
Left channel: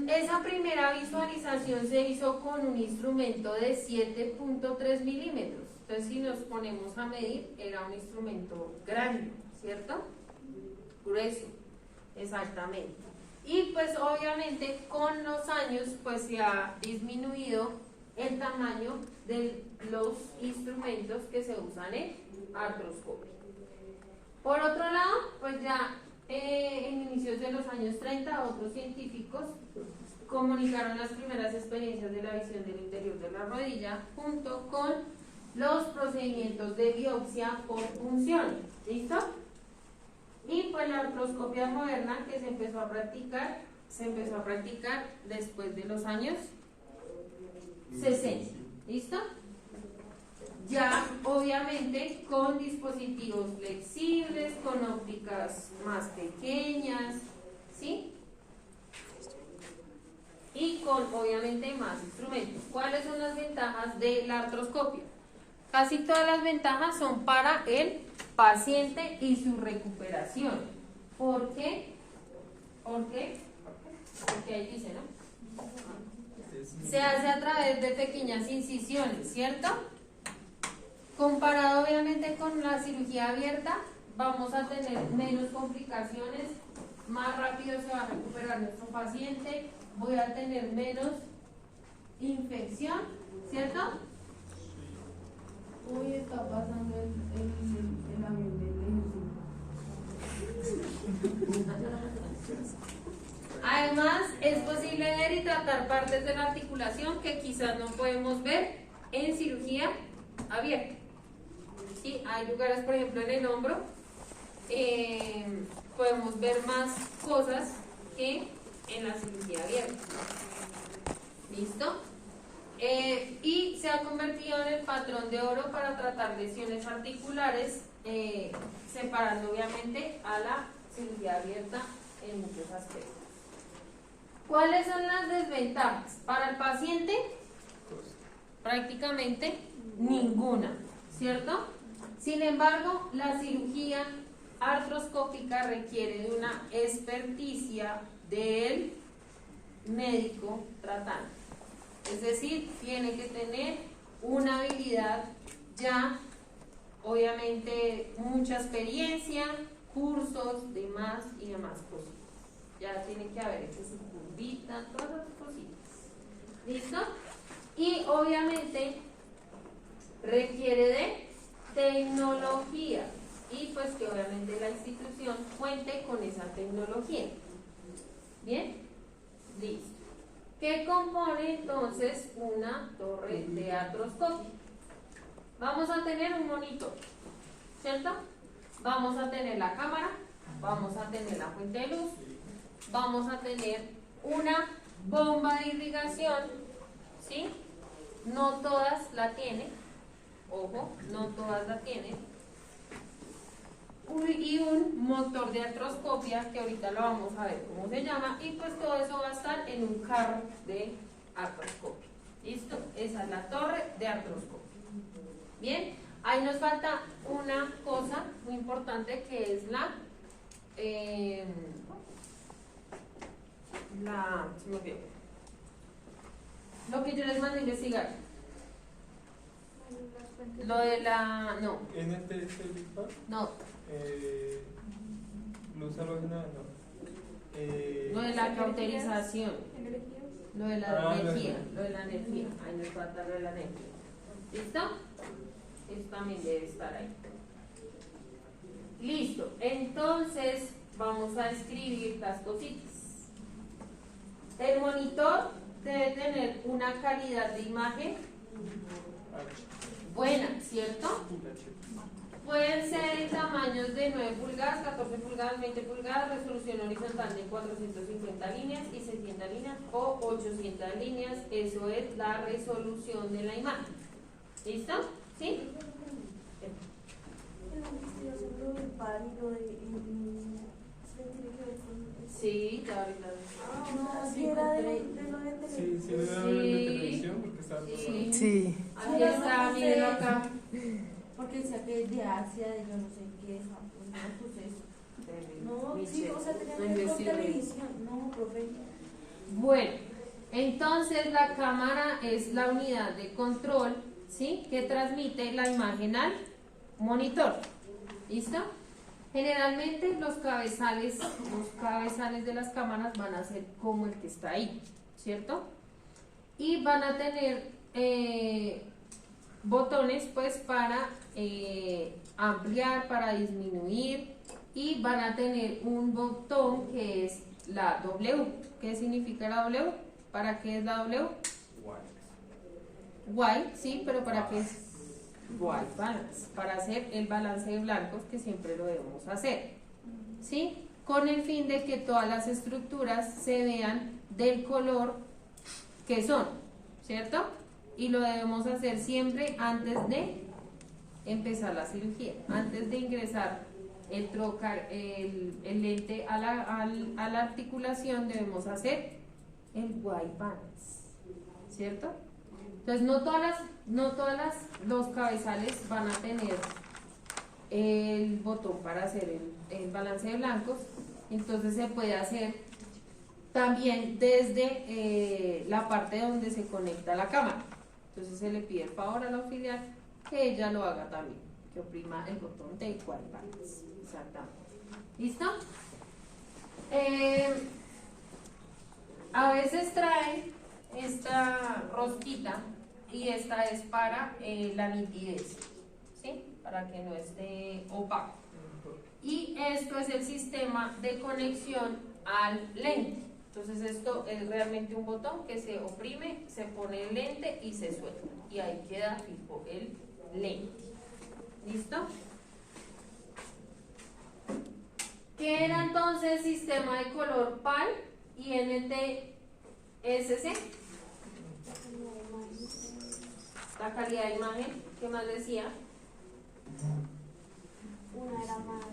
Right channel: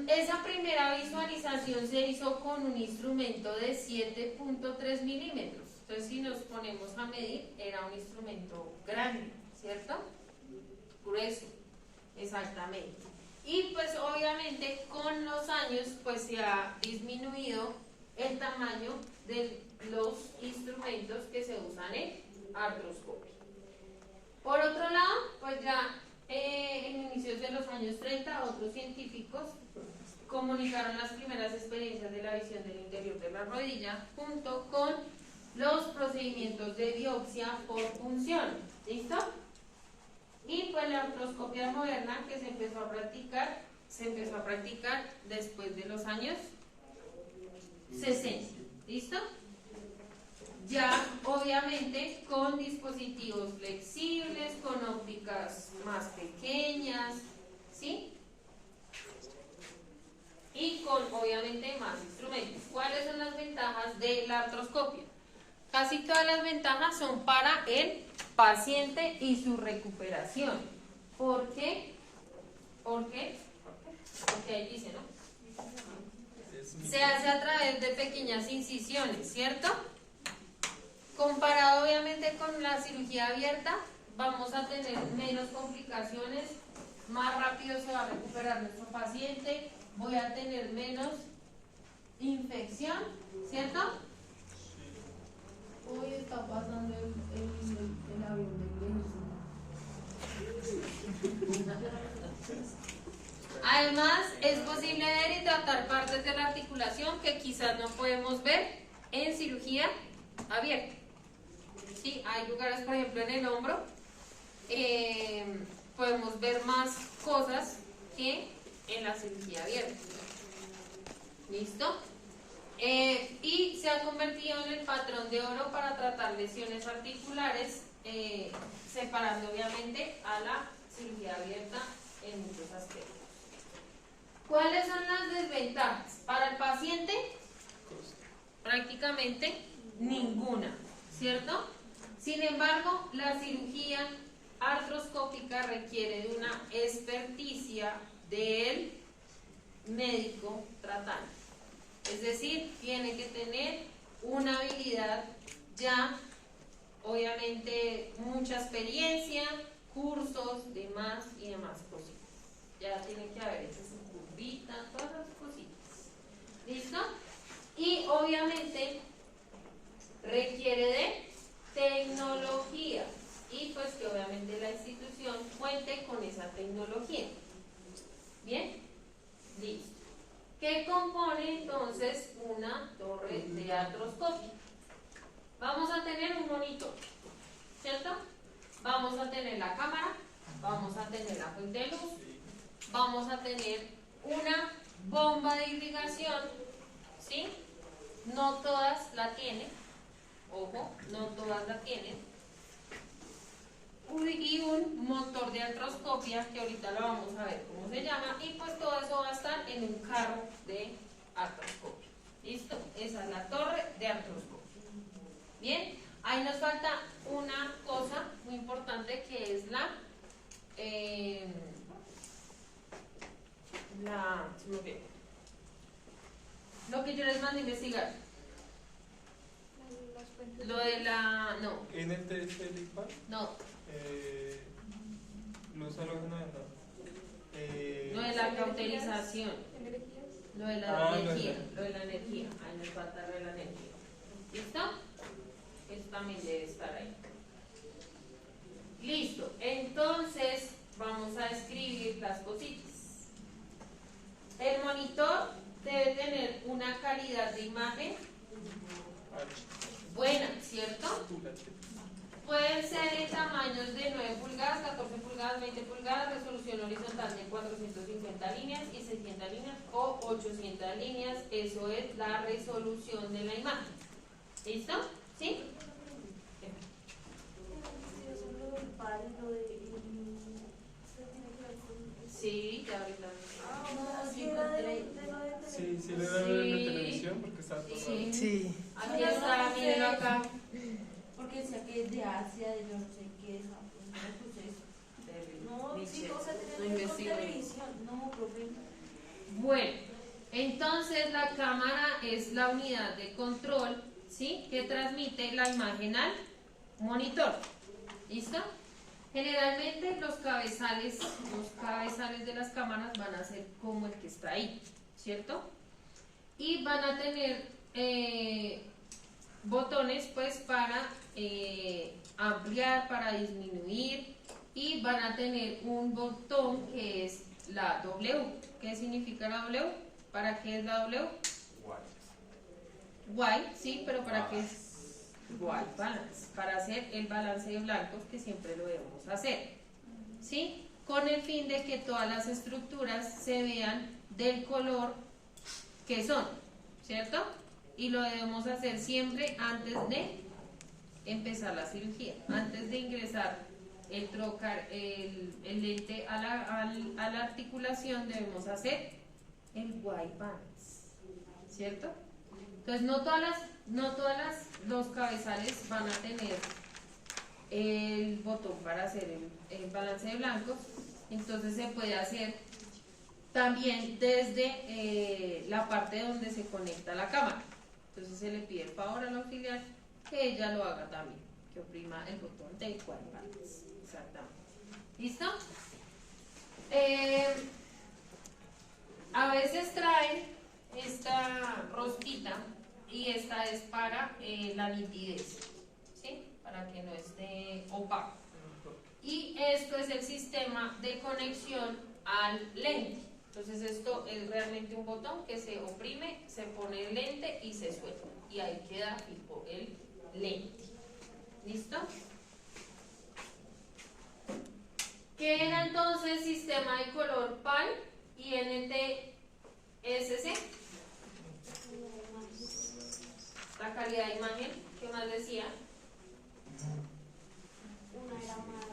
Esa primera visualización se hizo con un instrumento de 7.3 milímetros. Entonces, si nos ponemos a medir, era un instrumento grande, ¿cierto? Grueso, exactamente. Y pues obviamente con los años pues se ha disminuido el tamaño de los instrumentos que se usan en artroscopia. Por otro lado, pues ya en inicios de los años 30, otros científicos comunicaron las primeras experiencias de la visión del interior de la rodilla junto con los procedimientos de biopsia por punción. ¿Listo? Y pues la artroscopia moderna que se empezó a practicar después de los años 60. ¿Listo? Ya obviamente con dispositivos flexibles, con ópticas más pequeñas, ¿sí? Y con obviamente más instrumentos. ¿Cuáles son las ventajas de la artroscopia? Casi todas las ventajas son para el paciente y su recuperación. ¿Por qué? Porque ahí dice, ¿no? Se hace a través de pequeñas incisiones, ¿cierto? Comparado obviamente con la cirugía abierta, vamos a tener menos complicaciones, más rápido se va a recuperar nuestro paciente, voy a tener menos infección, ¿cierto? Uy, está pasando el avión del ejército. Además, es posible ver y tratar partes de la articulación que quizás no podemos ver en cirugía abierta. ¿Sí? Hay lugares, por ejemplo, en el hombro, podemos ver más cosas que en la cirugía abierta. ¿Listo? Y se ha convertido en el patrón de oro para tratar lesiones articulares, separando obviamente a la cirugía abierta en muchos aspectos. ¿Cuáles son las desventajas? Para el paciente, prácticamente ninguna, ¿cierto? Sin embargo, la cirugía artroscópica requiere de una experticia del médico tratante. Es decir, tiene que tener una habilidad ya, obviamente, mucha experiencia, cursos, demás y demás cositas. Ya tiene que haber hecho su curvita, todas las cositas. ¿Listo? Y obviamente requiere de tecnología y pues que obviamente la institución cuente con esa tecnología. ¿Bien? Listo. ¿Qué compone entonces una torre de artroscopia? Vamos a tener un monitor, ¿cierto? Vamos a tener la cámara, vamos a tener la fuente de luz, vamos a tener una bomba de irrigación, ¿sí? No todas la tienen, ojo, no todas la tienen. Y un motor de artroscopia, que ahorita lo vamos a ver cómo se llama, y pues todo eso va a estar en un carro de artroscopia. ¿Listo? Esa es la torre de artroscopia. Bien, ahí nos falta una cosa muy importante que es lo que yo les mando a investigar. Lo de la... no. No. Luz halógena, Lo de la cauterización. Lo de la energía. Lo de la energía. Ahí nos falta lo de la energía. ¿Listo? Eso también debe estar ahí. Listo. Entonces, vamos a escribir las cositas. El monitor debe tener una calidad de imagen buena, ¿cierto? Pueden ser en tamaños de 9 pulgadas, 14 pulgadas, 20 pulgadas, resolución horizontal de 450 líneas y 600 líneas o 800 líneas. Eso es la resolución de la imagen. ¿Listo? ¿Sí? Sí, ya ahorita. Sí, era de lo de televisión. Sí, era de televisión porque estaba pasando. Sí. Aquí está, mírenlo acá. Porque decía que es de Asia, de yo no sé qué es. No, sí, o sea, tenía que ver con televisión. No, profe. Bueno, entonces la cámara es la unidad de control, ¿sí? Que transmite la imagen al monitor. ¿Listo? Generalmente los cabezales de las cámaras van a ser como el que está ahí, ¿cierto? Y van a tener botones pues para ampliar, para disminuir, y van a tener un botón que es la W. ¿Qué significa la W? ¿Para qué es la W? White, sí, pero ¿para qué es? White balance, para hacer el balance de blancos, que siempre lo debemos hacer, ¿sí? Con el fin de que todas las estructuras se vean del color que son, ¿cierto? Y lo debemos hacer siempre antes de empezar la cirugía, antes de ingresar el trocar, el lente a la articulación, debemos hacer el white balance, ¿cierto? Entonces no todas los cabezales van a tener el botón para hacer el balance de blancos. Entonces se puede hacer también desde la parte donde se conecta la cámara. Entonces se le pide el favor al auxiliar que ella lo haga también, que oprima el botón de igual partes. Exactamente. ¿Listo? A veces trae esta rosquita y esta es para la nitidez, ¿sí? Para que no esté opaco. Y esto es el sistema de conexión al lente. Entonces esto es realmente un botón que se oprime, se pone el lente y se suelta. Y ahí queda tipo el lente. ¿Listo? ¿Qué era entonces sistema de color PAL y NTSC? La calidad de imagen, ¿qué más decía? Una era más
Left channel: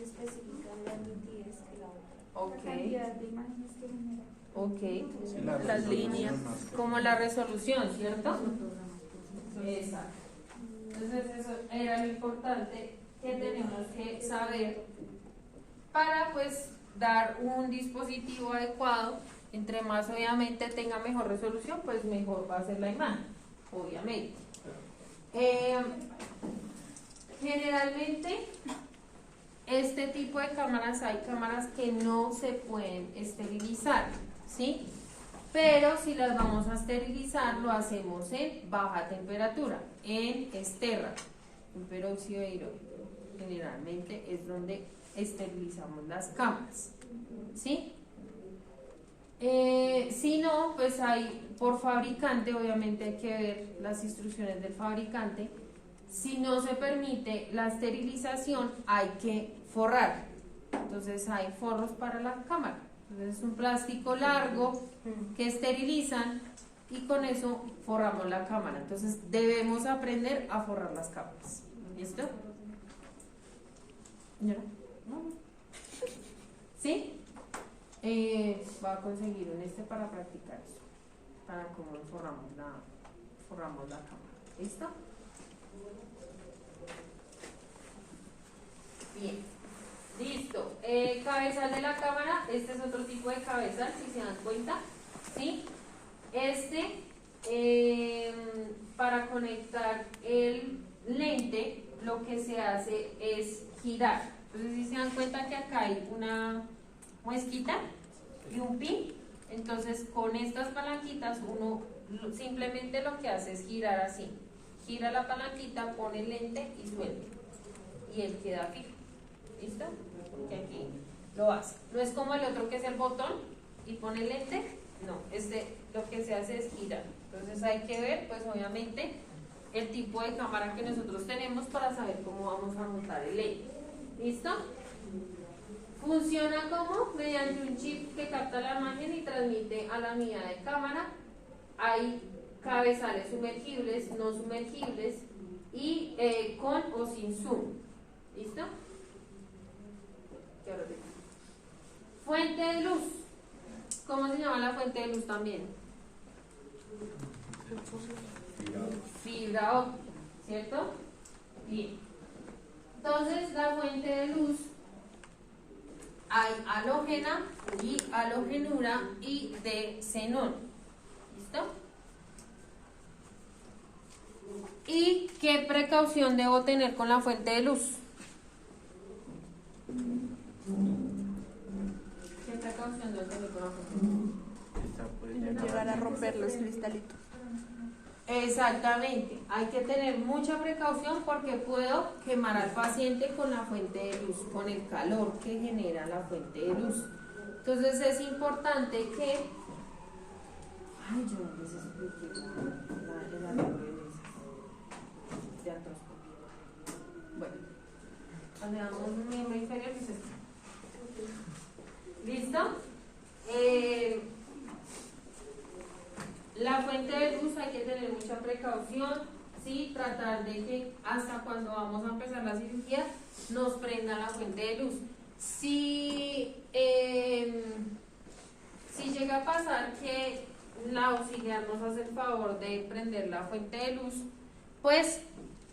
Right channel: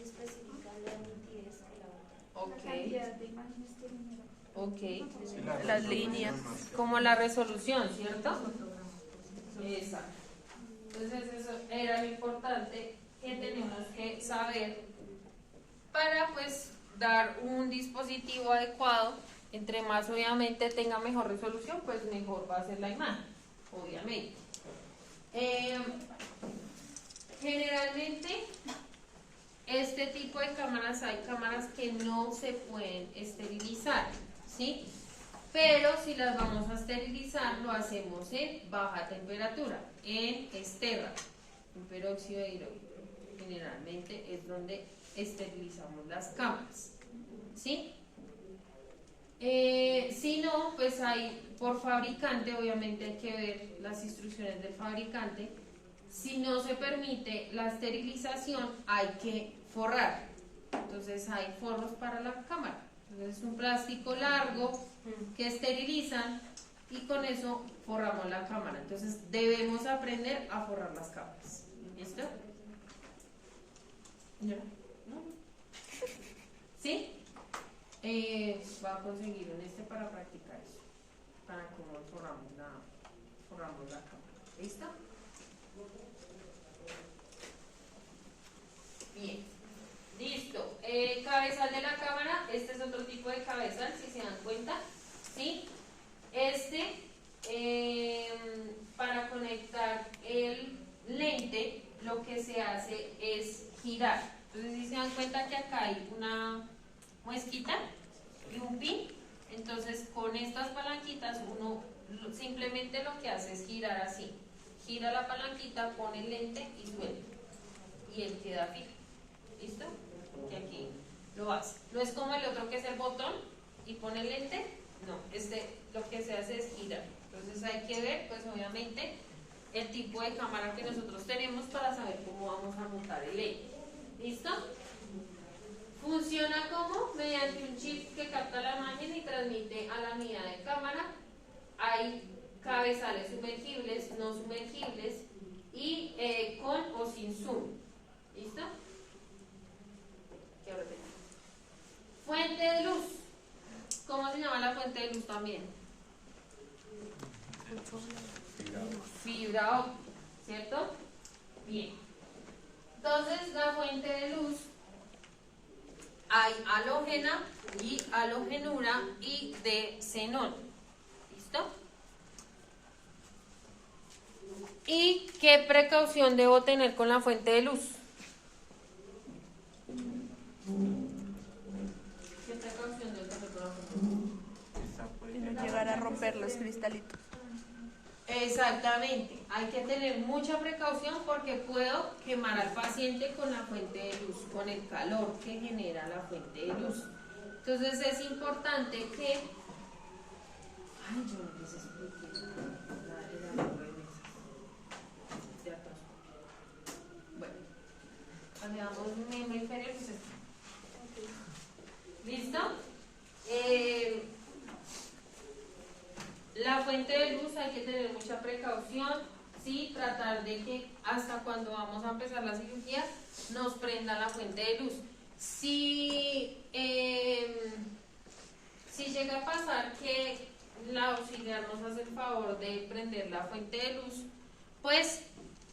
específica en la nitidez que la otra. Ok. La cantidad de imágenes que genera. Ok. Sí, la Las líneas. Como la resolución, ¿cierto? Exacto. Entonces eso era lo importante que tenemos que saber para pues dar un dispositivo adecuado. Entre más obviamente tenga mejor resolución, pues mejor va a ser la imagen, obviamente. Generalmente este tipo de cámaras, hay cámaras que no se pueden esterilizar, ¿sí? Pero si las vamos a esterilizar, lo hacemos en baja temperatura, en esterra, en peróxido de hidrógeno. Generalmente es donde esterilizamos las cámaras, ¿sí? Si no, pues hay por fabricante, obviamente hay que ver las instrucciones del fabricante. Si no se permite la esterilización, hay que forrar. Entonces hay forros para la cámara. Entonces es un plástico largo que esterilizan y con eso forramos la cámara. Entonces debemos aprender a forrar las cámaras. ¿Listo? ¿No? ¿Sí? Va a conseguir un para practicar eso, para cómo forramos la cámara. ¿Listo? Bien, listo. Cabezal de la cámara, este es otro tipo de cabezal, si se dan cuenta, ¿sí? Para conectar el lente, lo que se hace es girar. Entonces, si se dan cuenta que acá hay una muesquita y un pin, entonces con estas palanquitas uno simplemente lo que hace es girar así. Gira la palanquita, pone el lente y suelta. Y él queda fijo. ¿Listo? Porque aquí lo hace. No es como el otro que es el botón y pone el lente. No, lo que se hace es girar. Entonces hay que ver, pues obviamente, el tipo de cámara que nosotros tenemos para saber cómo vamos a montar el lente. ¿Listo? Funciona como mediante un chip que capta la imagen y transmite a la unidad de cámara. Hay cabezales sumergibles, no sumergibles y con o sin zoom. ¿Listo? Quiero repetir. Fuente de luz. ¿Cómo se llama la fuente de luz también? Fibra óptica, ¿cierto? Bien. Entonces, la fuente de luz, hay halógena y halogenura y de xenón. ¿Listo? ¿Y qué precaución debo tener con la fuente de luz? ¿Qué precaución debo tener con la fuente de luz? Y no llegar a romper los cristalitos. Exactamente, hay que tener mucha precaución porque puedo quemar al paciente con la fuente de luz, con el calor que genera la fuente de luz. Entonces es importante que... Ay, yo no les expliqué el arreglo de mesas de artroscopia. Bueno, agregamos un miembro inferior que es este. ¿Listo? La fuente de luz hay que tener mucha precaución, ¿sí? Tratar de que hasta cuando vamos a empezar la cirugía nos prenda la fuente de luz. Si llega a pasar que la auxiliar nos hace el favor de prender la fuente de luz, pues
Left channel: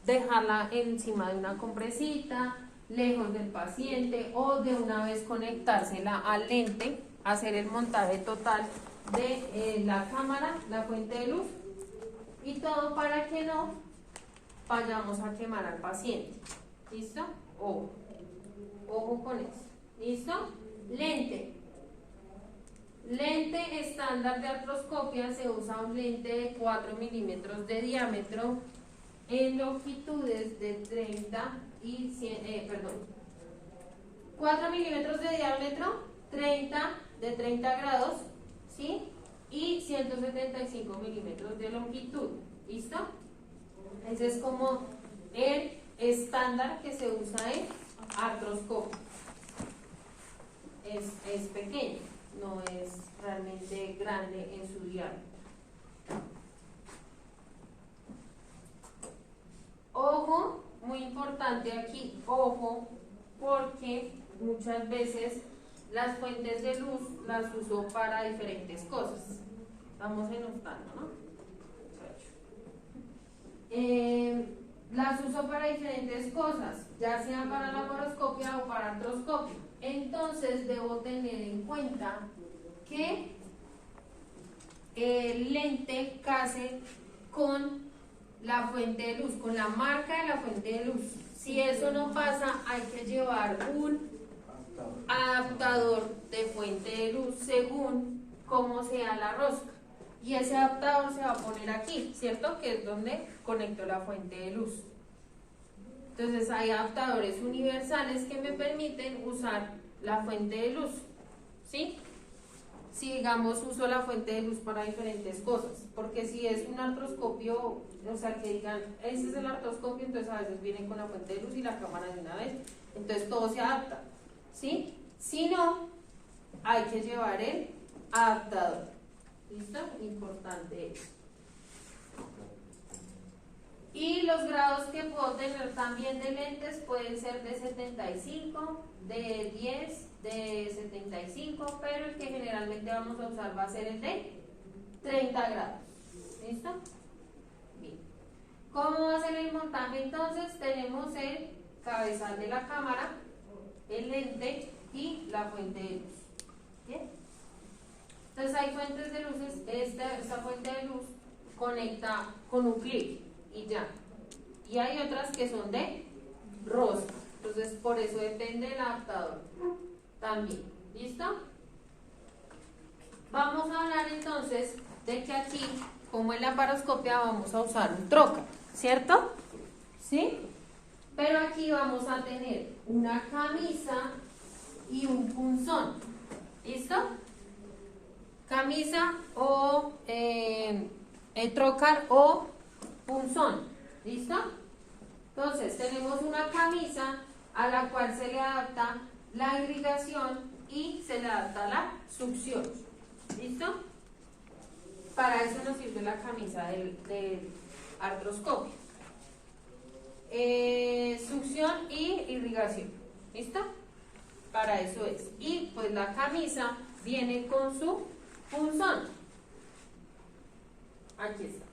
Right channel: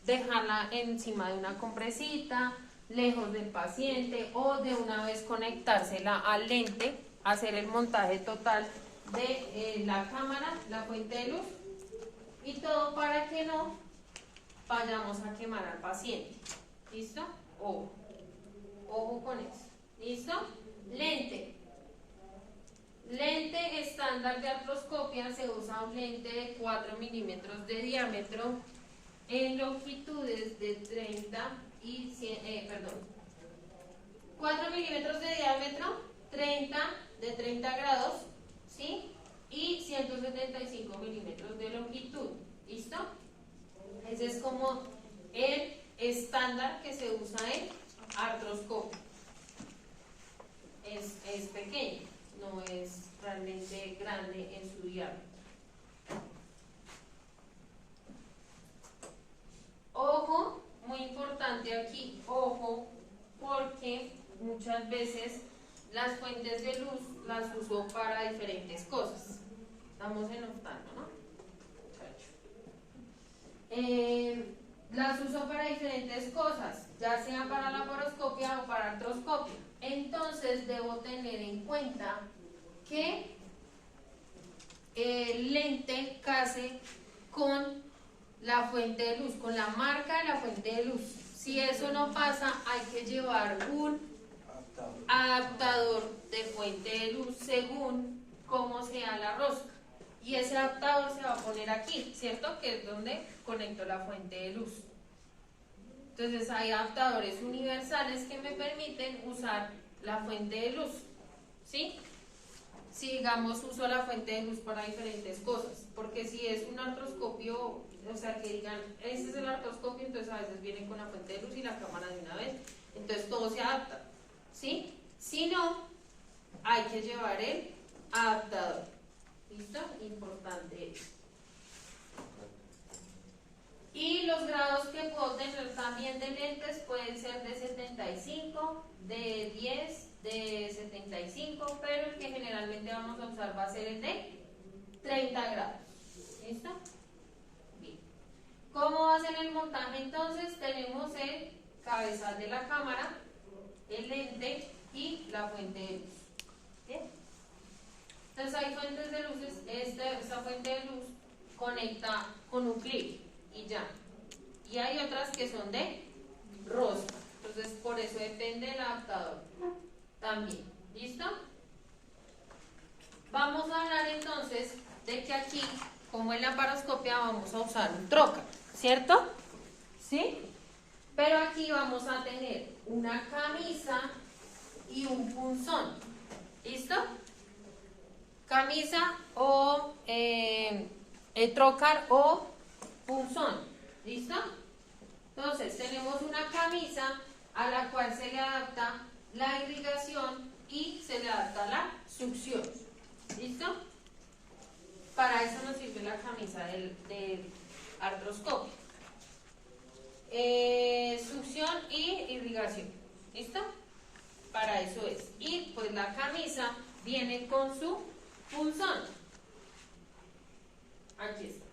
dejarla encima de una compresita, lejos del paciente o de una vez conectársela al lente, hacer el montaje total de la cámara, la fuente de luz y todo para que no vayamos a quemar al paciente. ¿Listo? Ojo. Ojo con eso. ¿Listo? Lente. Lente estándar de artroscopia, se usa un lente de 4 milímetros de diámetro en longitudes de 30 y 4 milímetros de diámetro, de 30 grados, ¿sí? Y 175 milímetros de longitud. ¿Listo? Ese es como el estándar que se usa en artroscopia. Es pequeño, no es realmente grande en su diámetro. Ojo, muy importante aquí, ojo, porque muchas veces las fuentes de luz las uso para diferentes cosas. Estamos en octavo, ¿no? Las uso para diferentes cosas, ya sea para laparoscopia o para artroscopia. Entonces debo tener en cuenta que el lente case con la fuente de luz, con la marca de la fuente de luz. Si eso no pasa, hay que llevar un adaptador de fuente de luz según cómo sea la rosca. Y ese adaptador se va a poner aquí, ¿cierto? Que es donde conecto la fuente de luz. Entonces hay adaptadores universales que me permiten usar la fuente de luz, ¿sí? Si digamos uso la fuente de luz para diferentes cosas, porque si es un artroscopio, o sea que digan, este es el artroscopio, entonces a veces vienen con la fuente de luz y la cámara de una vez, entonces todo se adapta, ¿sí? Si no, hay que llevar el adaptador. ¿Listo? Importante eso. Y los grados que puedo tener también de lentes pueden ser de 75, de 10, de 75, pero el que generalmente vamos a usar va a ser el de 30 grados. ¿Listo? Bien. ¿Cómo va a ser el montaje entonces? Tenemos el cabezal de la cámara, el lente y la fuente de luz. ¿Bien? Entonces hay fuentes de luces, esta fuente de luz conecta con un clip y ya. Y hay otras que son de rosca, entonces por eso depende del adaptador también. ¿Listo? Vamos a hablar entonces de que aquí, como en la laparoscopia, vamos a usar un trocar, ¿cierto? ¿Sí? Pero aquí vamos a tener una camisa y un punzón. ¿Listo? Camisa o trocar o punzón. ¿Listo? Entonces tenemos una camisa a la cual se le adapta la irrigación y se le adapta la succión. ¿Listo? Para eso nos sirve la camisa del artroscopio. Succión y irrigación. ¿Listo? Para eso es. Y pues la camisa viene con su punzón. Aquí está.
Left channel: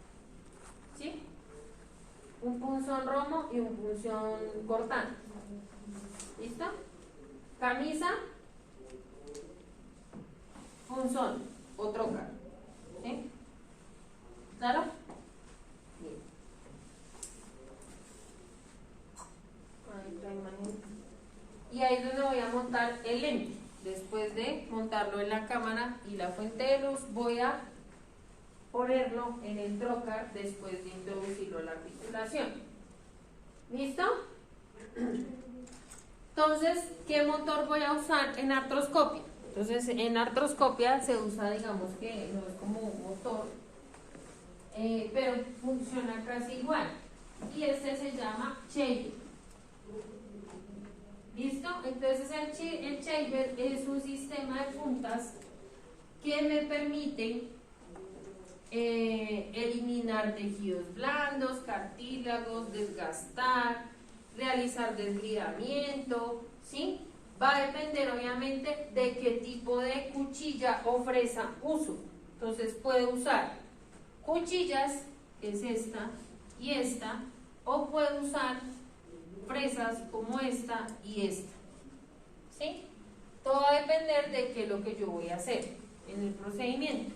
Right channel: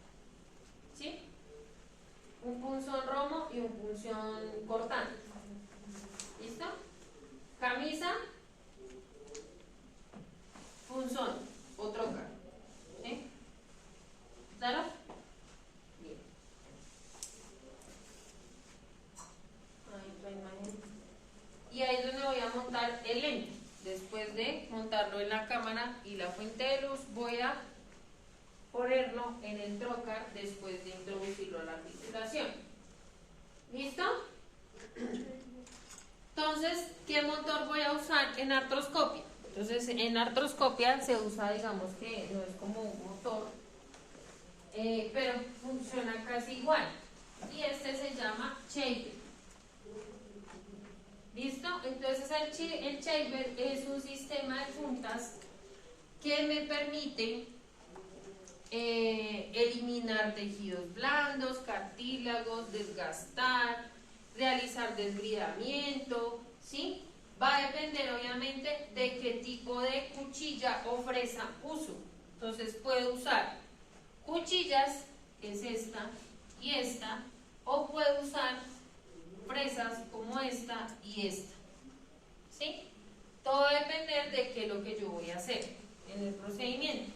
¿Sí? Un punzón romo y un punzón cortante. ¿Listo? Camisa, punzón o trocar. ¿Sí? ¿Claro? Bien. Ahí otra imagen. Y ahí es donde voy a montar el lente. Después de montarlo en la cámara y la fuente de luz, voy a ponerlo en el trocar después de introducirlo en la articulación. ¿Listo? Entonces, ¿qué motor voy a usar en artroscopia? Entonces, en artroscopia se usa, digamos que no es como un motor, pero funciona casi igual. Y este se llama chamber. ¿Listo? Entonces el chamber es un sistema de puntas que me permite eliminar tejidos blandos, cartílagos, desgastar, realizar desbridamiento, ¿sí? Va a depender obviamente de qué tipo de cuchilla o fresa uso. Entonces puedo usar cuchillas, que es esta y esta, o puedo usar fresas como esta y esta, ¿sí? Todo va a depender de qué es lo que yo voy a hacer en el procedimiento.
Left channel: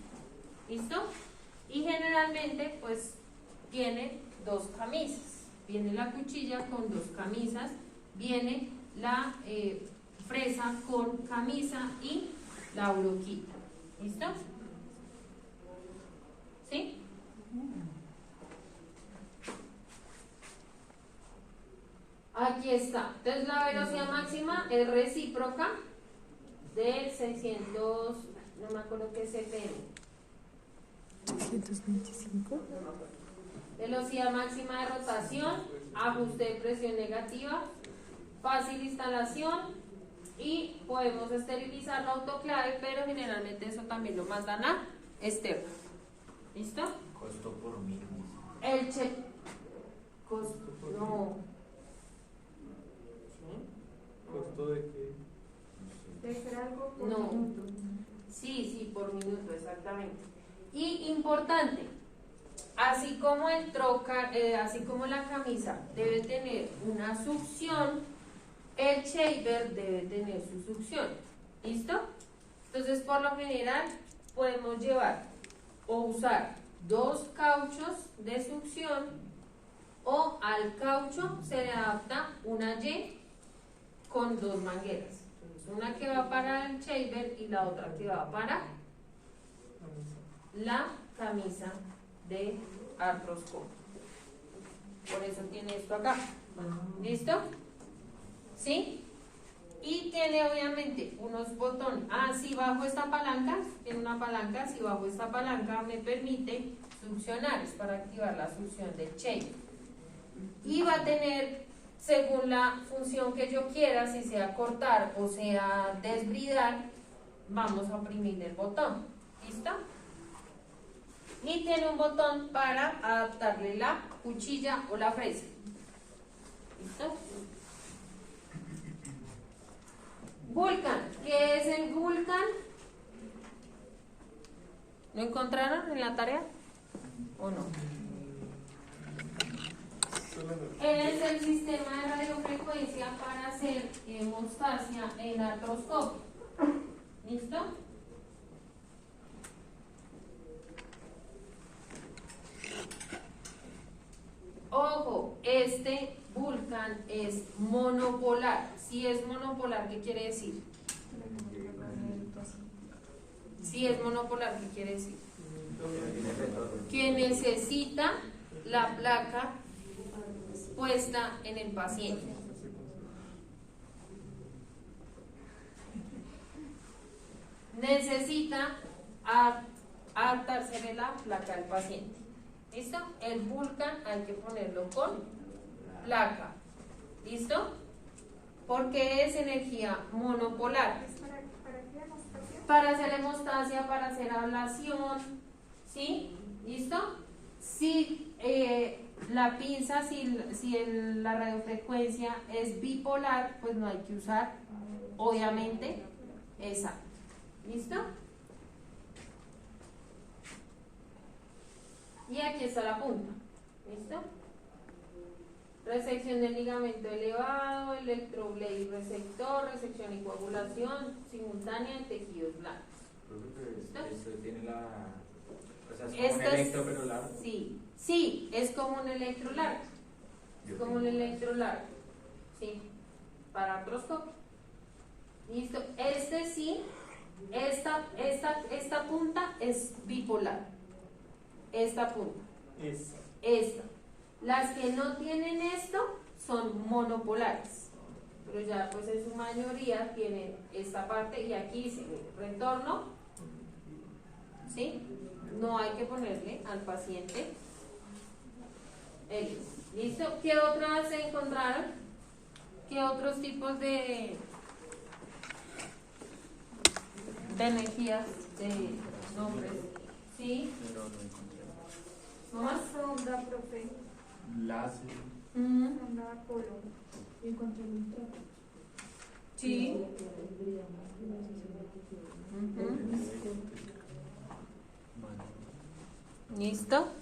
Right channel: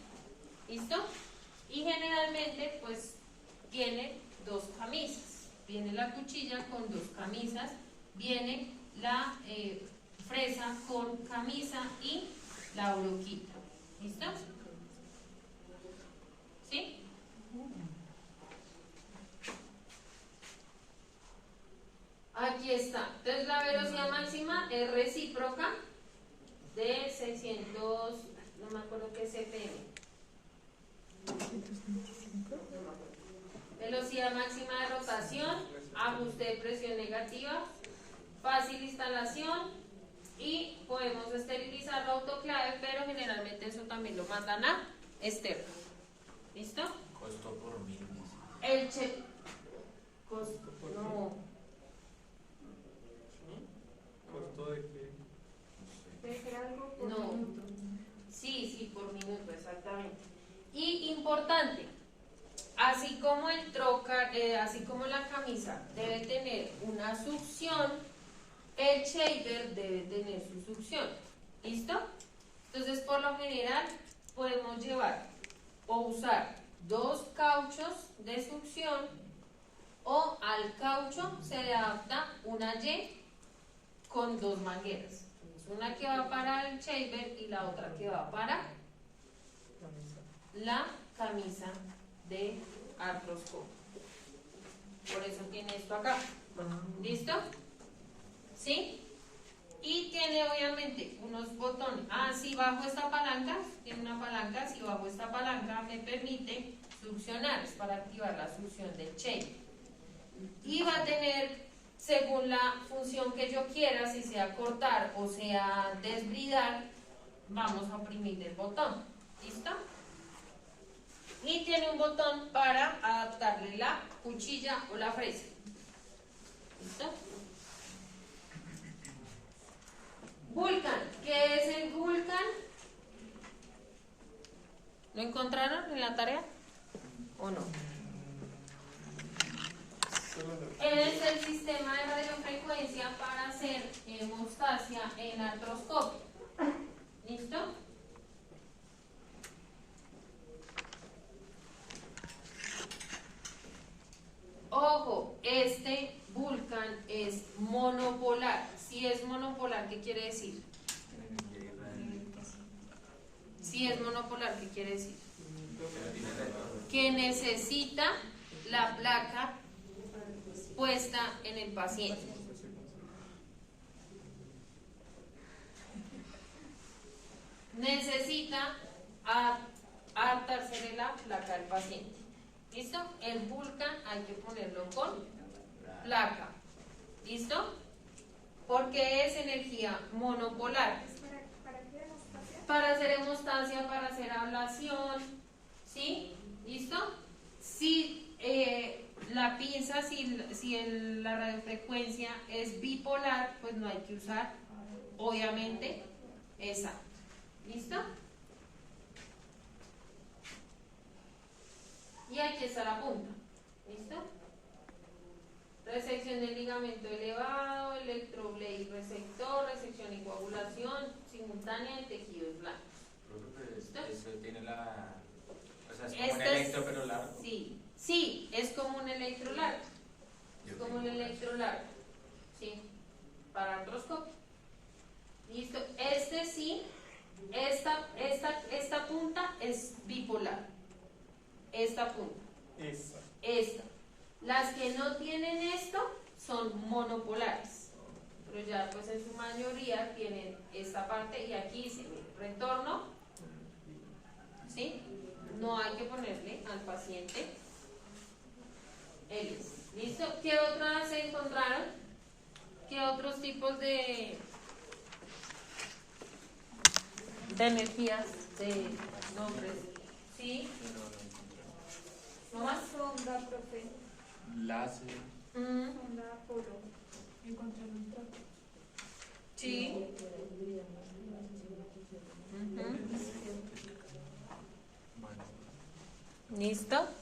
¿Listo? Y generalmente pues tiene dos camisas. viene la cuchilla con 2 camisas, viene la fresa con camisa y la broquita. ¿Listo? ¿Sí? Aquí está. Entonces la velocidad máxima es recíproca de 600, no me acuerdo qué CPM. 625. No me acuerdo. Velocidad máxima de rotación, ajuste de presión negativa, fácil instalación y podemos esterilizar la autoclave, pero generalmente eso también lo mandan a externo. ¿Listo? Costo por mil. El costo, no. ¿Costo de qué? Debe ser algo por No. minuto. Sí, por minuto, exactamente. Y importante, así como el trocar, así como la camisa debe tener una succión, el shaver debe tener su succión. ¿Listo? Entonces, por lo general, podemos llevar o usar 2 cauchos de succión, o al caucho se le adapta una Y con 2 mangueras. Una que va para el shaver y la otra que va para la camisa de artroscopio. Por eso tiene esto acá. ¿Listo? ¿Sí? Y tiene obviamente unos botones. Si bajo esta palanca, tiene una palanca, si bajo esta palanca me permite succionar, es para activar la succión del shaver. Y va a tener, según la función que yo quiera, si sea cortar o sea desbridar, vamos a oprimir el botón. ¿Listo? Y tiene un botón para adaptarle la cuchilla o la fresa. ¿Listo? Vulcan. ¿Qué es el Vulcan? ¿Lo encontraron en la tarea? ¿O no? Es el sistema de radiofrecuencia para hacer hemostasia en artroscopio. ¿Listo? Ojo, este Vulcan es monopolar. Si es monopolar, ¿qué quiere decir? Si es monopolar, ¿qué quiere decir? Que necesita la placa puesta en el paciente. Necesita adaptarse la placa del paciente. ¿Listo? El Vulcan hay que ponerlo con placa. ¿Listo? Porque es energía monopolar. Para hacer hemostasia, para hacer ablación. ¿Sí? ¿Listo? Si la pinza, la radiofrecuencia es bipolar, pues no hay que usar, obviamente, esa. ¿Listo? Y aquí está la punta. ¿Listo? Resección del ligamento elevado, electroblade receptor, resección y coagulación simultánea de tejidos blancos. ¿Listo? Eso tiene la... O sea, es como un Esta electro pero largo. Sí, es como un electro largo. Es como un electro largo. Sí, para artroscopio. ¿Listo? Esta punta es bipolar. Esta punta. Esta. Las que no tienen esto son monopolares. Pero ya pues en su mayoría tienen esta parte y aquí se ve retorno. ¿Sí? No hay que ponerle al paciente hélice. ¿Listo? ¿Qué otras se encontraron? ¿Qué otros tipos de energías, de nombres? ¿Sí? ¿No más? Sonda, profe. Láser. Sonda, Apolo. Y encontré un ultra. Sí. ¿Listo?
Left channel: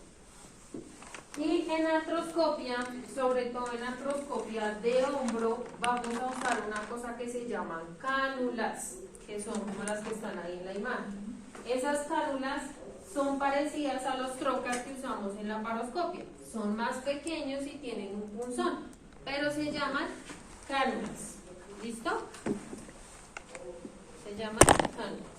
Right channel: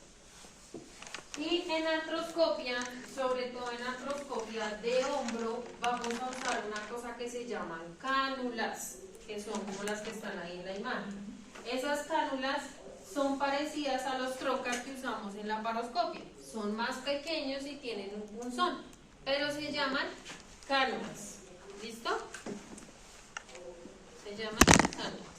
Y en artroscopia, sobre todo en artroscopia de hombro, vamos a usar una cosa que se llaman cánulas, que son como las que están ahí en la imagen. Esas cánulas son parecidas a los trocas que usamos en la laparoscopia, son más pequeños y tienen un punzón, pero se llaman cánulas. ¿Listo? Se llaman cánulas.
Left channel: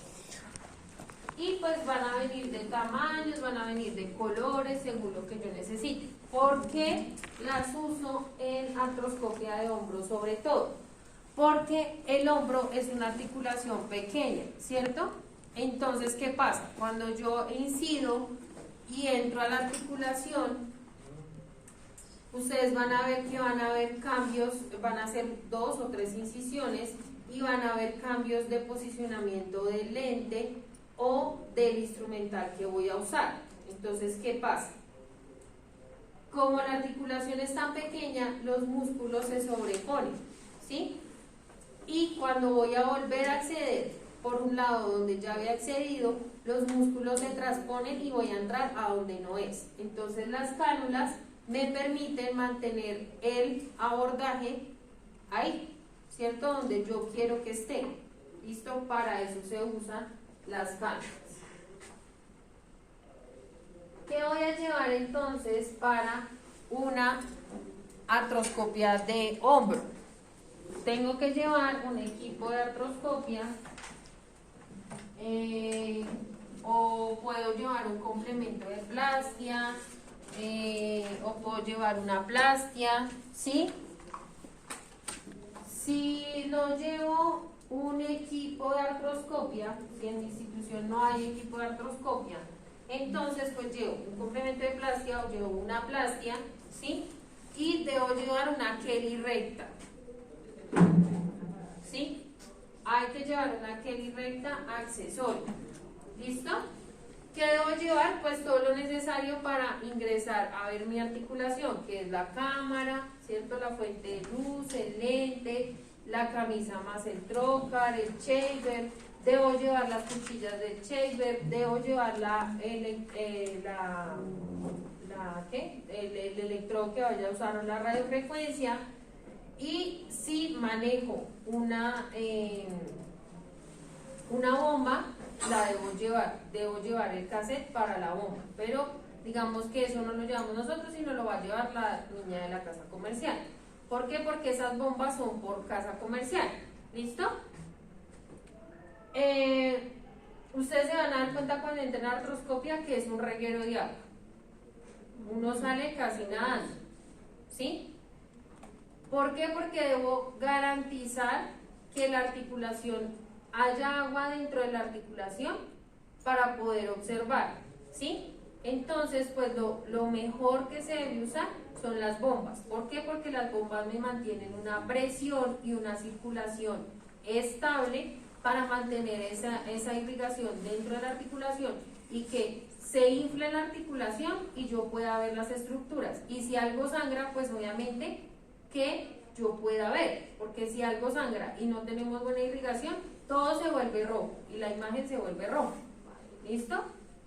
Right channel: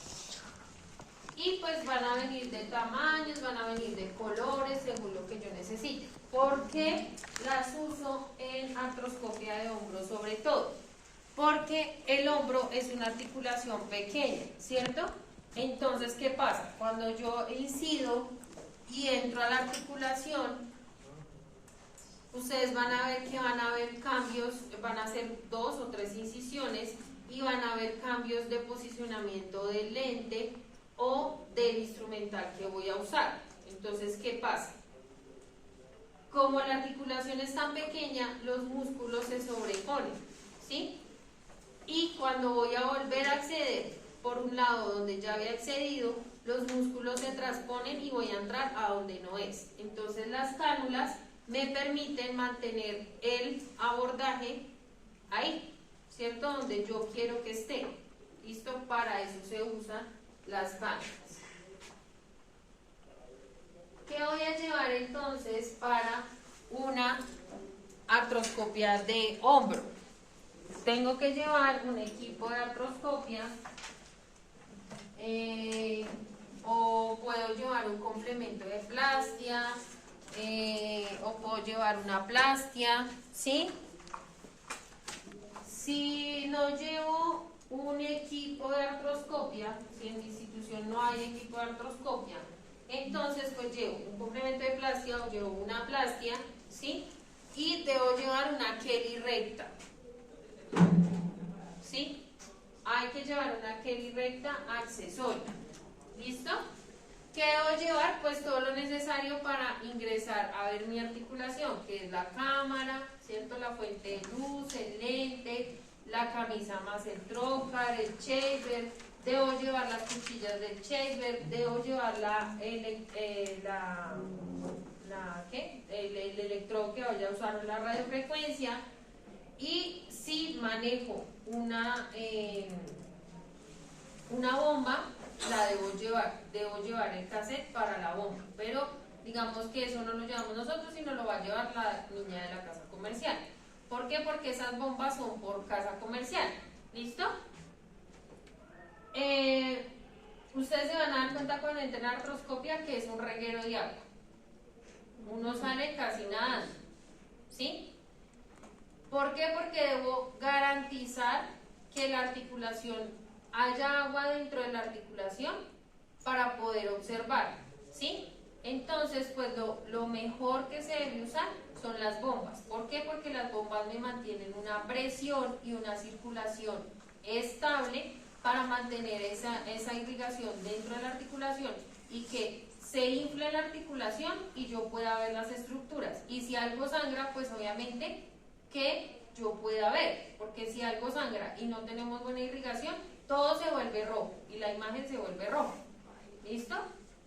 Y pues van a venir de tamaños, van a venir de colores, según lo que yo necesite. ¿Por qué las uso en artroscopia de hombro sobre todo? Porque el hombro es una articulación pequeña, ¿cierto? Entonces, ¿qué pasa? Cuando yo incido y entro a la articulación, ustedes van a ver que van a haber cambios, van a hacer 2 o 3 incisiones y van a haber cambios de posicionamiento del lente o del instrumental que voy a usar. Entonces, ¿qué pasa? Como la articulación es tan pequeña, los músculos se sobreponen, ¿sí? Y cuando voy a volver a acceder por un lado donde ya había accedido, los músculos se transponen y voy a entrar a donde no es. Entonces las cánulas me permiten mantener el abordaje ahí, ¿cierto? Donde yo quiero que esté. ¿Listo? Para eso se usan las cánulas. ¿Qué voy a llevar entonces para una artroscopia de hombro? Tengo que llevar un equipo de artroscopia o puedo llevar un complemento de plastia o puedo llevar una plastia, ¿sí? Si no llevo un equipo de artroscopia, si en mi institución no hay equipo de artroscopia, entonces pues llevo un complemento de plastia o llevo una plastia, ¿sí? Y debo llevar una Kelly recta, ¿sí? Hay que llevar una Kelly recta accesoria. ¿Listo? ¿Qué debo llevar? Pues todo lo necesario para ingresar a ver mi articulación, que es la cámara, ¿cierto? La fuente de luz, el lente, la camisa más el trocar, el shaver. Debo llevar las cuchillas del shaver, debo llevar el electrodo que vaya a usar en la radiofrecuencia. Y si manejo una bomba, la debo llevar el cassette para la bomba, pero digamos que eso no lo llevamos nosotros, sino lo va a llevar la niña de la casa comercial. ¿Por qué? Porque esas bombas son por casa comercial. ¿Listo? Ustedes se van a dar cuenta cuando entren a artroscopia que es un reguero de agua. Uno sale casi nadando, ¿sí? ¿Por qué? Porque debo garantizar que la articulación haya agua dentro de la articulación para poder observar, ¿sí? Entonces, pues lo mejor que se debe usar son las bombas. ¿Por qué? Porque las bombas me mantienen una presión y una circulación estable para mantener esa irrigación dentro de la articulación y que se infle la articulación y yo pueda ver las estructuras. Y si algo sangra, pues obviamente que yo pueda ver, porque si algo sangra y no tenemos buena irrigación, todo se vuelve rojo y la imagen se vuelve roja. ¿Listo?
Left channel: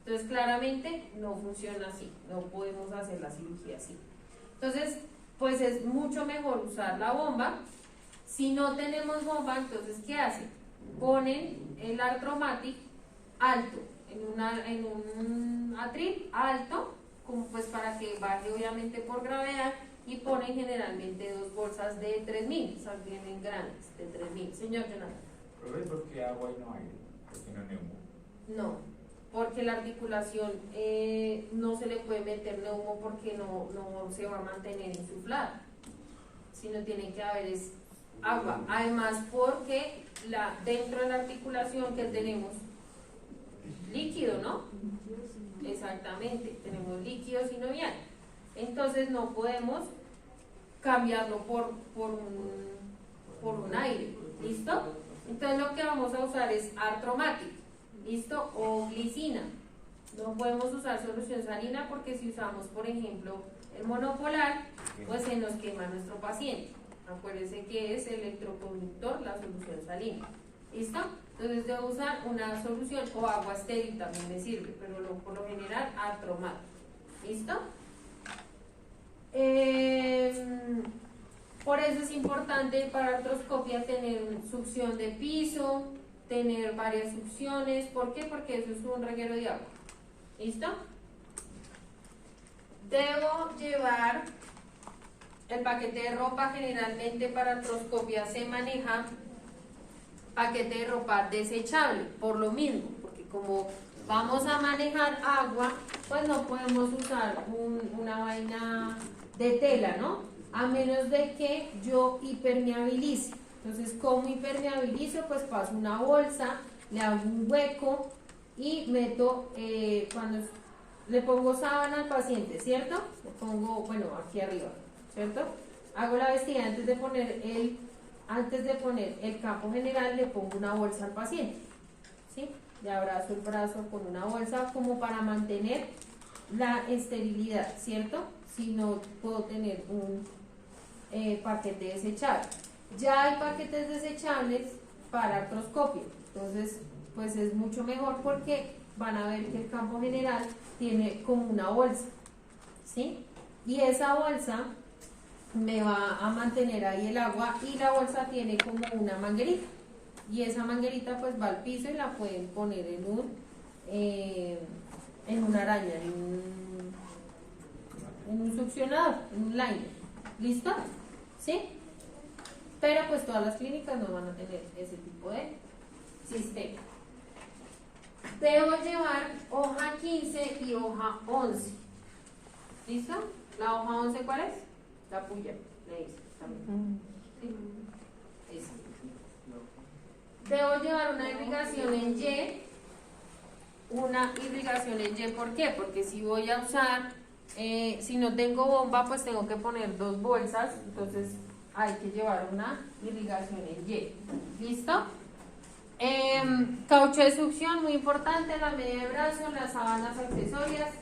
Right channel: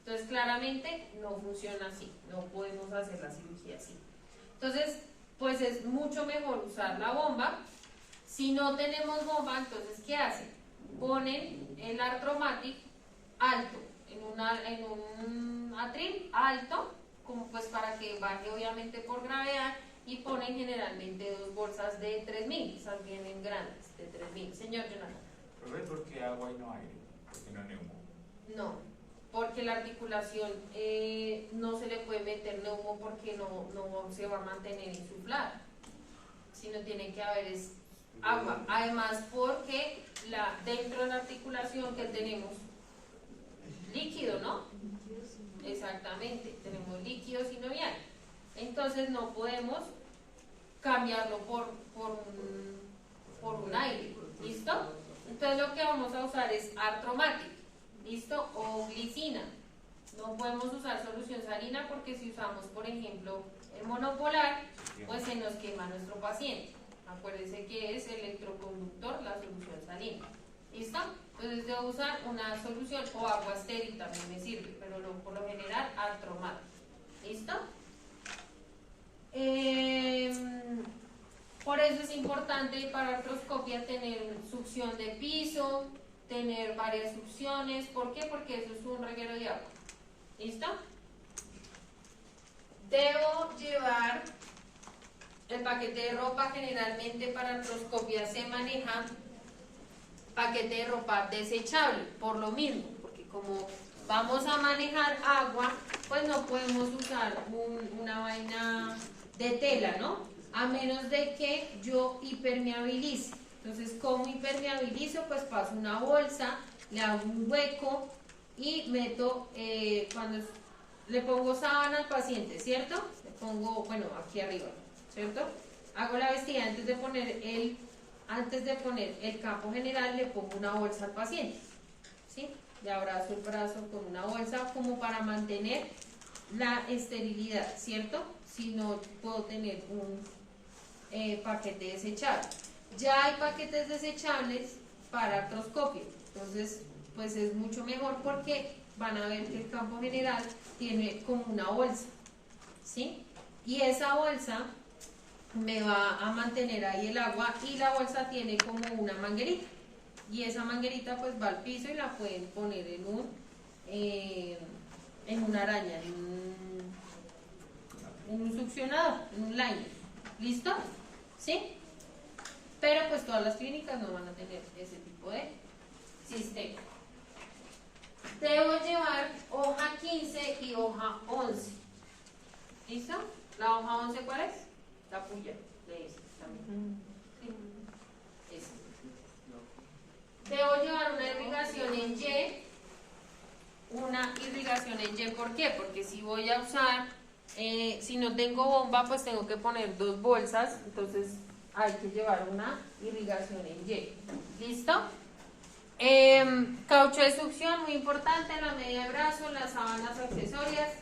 Entonces claramente no funciona así, no podemos hacer la cirugía así. Entonces, pues es mucho mejor usar la bomba. Si no tenemos bomba, entonces ¿qué hacen? Ponen el Arthromatic alto, en un atril alto, como pues para que baje obviamente por gravedad, y ponen generalmente 2 bolsas de 3000, esas vienen grandes, de 3000. Señor Jonathan. ¿Pero es porque agua y no aire? ¿Porque no neumo? No, porque la articulación no se le puede meter neumo porque no se va a mantener insuflada, sino tiene que haber agua. Además, porque dentro de la articulación que tenemos líquido, ¿no? Exactamente, tenemos líquido sinovial. Entonces no podemos cambiarlo por un aire. ¿Listo? Entonces lo que vamos a usar es Arthromatic. ¿Listo? O glicina. No podemos usar solución salina porque si usamos, por ejemplo, el monopolar, pues se nos quema nuestro paciente. Acuérdense que es electroconductor la solución salina. ¿Listo? Entonces debo usar una solución o agua estéril también me sirve, pero por lo general Arthromatic. ¿Listo? Por eso es importante para artroscopia tener succión de piso, tener varias succiones. ¿Por qué? Porque eso es un reguero de agua. ¿Listo? Debo llevar el paquete de ropa. Generalmente para artroscopia se maneja paquete de ropa desechable, por lo mismo, porque como vamos a manejar agua, pues no podemos usar una vaina de tela, ¿no? A menos de que yo hipermeabilice. Entonces, ¿cómo hipermeabilizo? Pues paso una bolsa, le hago un hueco y meto, cuando le pongo sábana al paciente, ¿cierto? Le pongo, bueno, aquí arriba, ¿cierto? Hago la vestida antes de poner el campo general, le pongo una bolsa al paciente, ¿sí? Le abrazo el brazo con una bolsa como para mantener la esterilidad, ¿cierto? Si no puedo tener un paquete desechable. Ya hay paquetes desechables para artroscopio, entonces pues es mucho mejor porque van a ver que el campo general tiene como una bolsa, ¿sí? Y esa bolsa me va a mantener ahí el agua y la bolsa tiene como una manguerita y esa manguerita pues va al piso y la pueden poner en una araña, en un succionador, en un liner. ¿Listo? ¿Sí? Pero pues todas las clínicas no van a tener ese tipo de sistema. Debo llevar hoja 15 y hoja 11. ¿Listo? ¿La hoja 11 cuál es? La puya, le dice también. ¿Sí? Esa. Debo llevar una irrigación en Y. Una irrigación en Y, ¿por qué? Porque si voy a usar, si no tengo bomba, pues tengo que poner 2 bolsas, entonces hay que llevar una irrigación en Y. ¿Listo? Caucho de succión, muy importante, la media de brazo, las sábanas accesorias,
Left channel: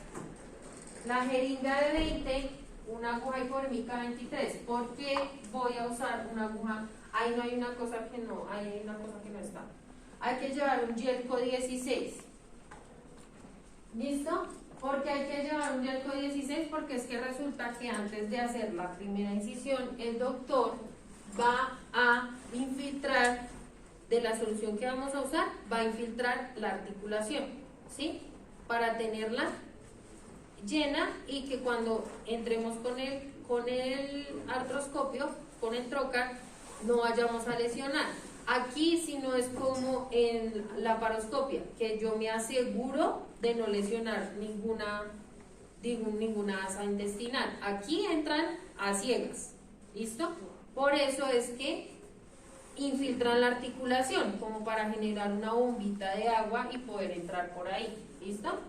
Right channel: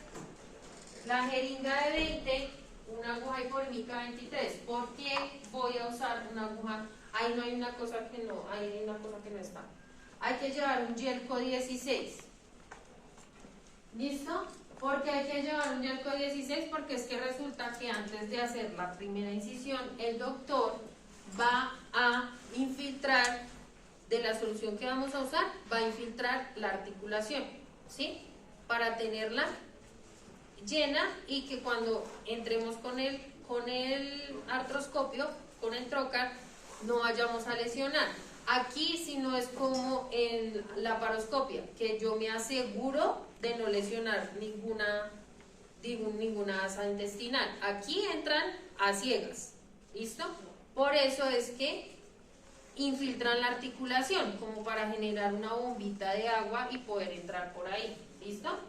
la jeringa de 20, una aguja hipoérmica 23. ¿Por qué voy a usar una aguja? Ahí no hay una cosa que no, hay una cosa que no está. Hay que llevar un Yelco 16. ¿Listo? Porque hay que llevar un Yelco 16 porque es que resulta que antes de hacer la primera incisión, el doctor va a infiltrar de la solución que vamos a usar, va a infiltrar la articulación, ¿sí? Para tenerla llena y que cuando entremos con el artroscopio, con el trocar, no vayamos a lesionar. Aquí si no es como en la paroscopia, que yo me aseguro de no lesionar ninguna asa intestinal. Aquí entran a ciegas, ¿listo? Por eso es que infiltran la articulación, como para generar una bombita de agua y poder entrar por ahí, ¿listo?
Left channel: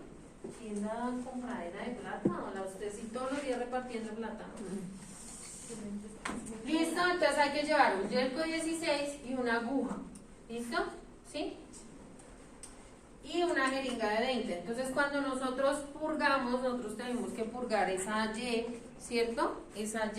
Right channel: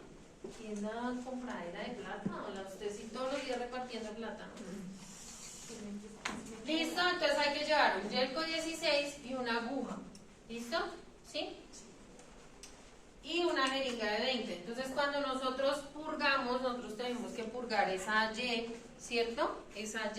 ¿Es la compradera de plata o la usted si todos los días repartiendo plata? ¿Listo? Entonces hay que llevar un Yelco 16 y una aguja, ¿listo? ¿Sí? Y una jeringa de 20. Entonces cuando nosotros purgamos, nosotros tenemos que purgar esa Y, ¿cierto? Esa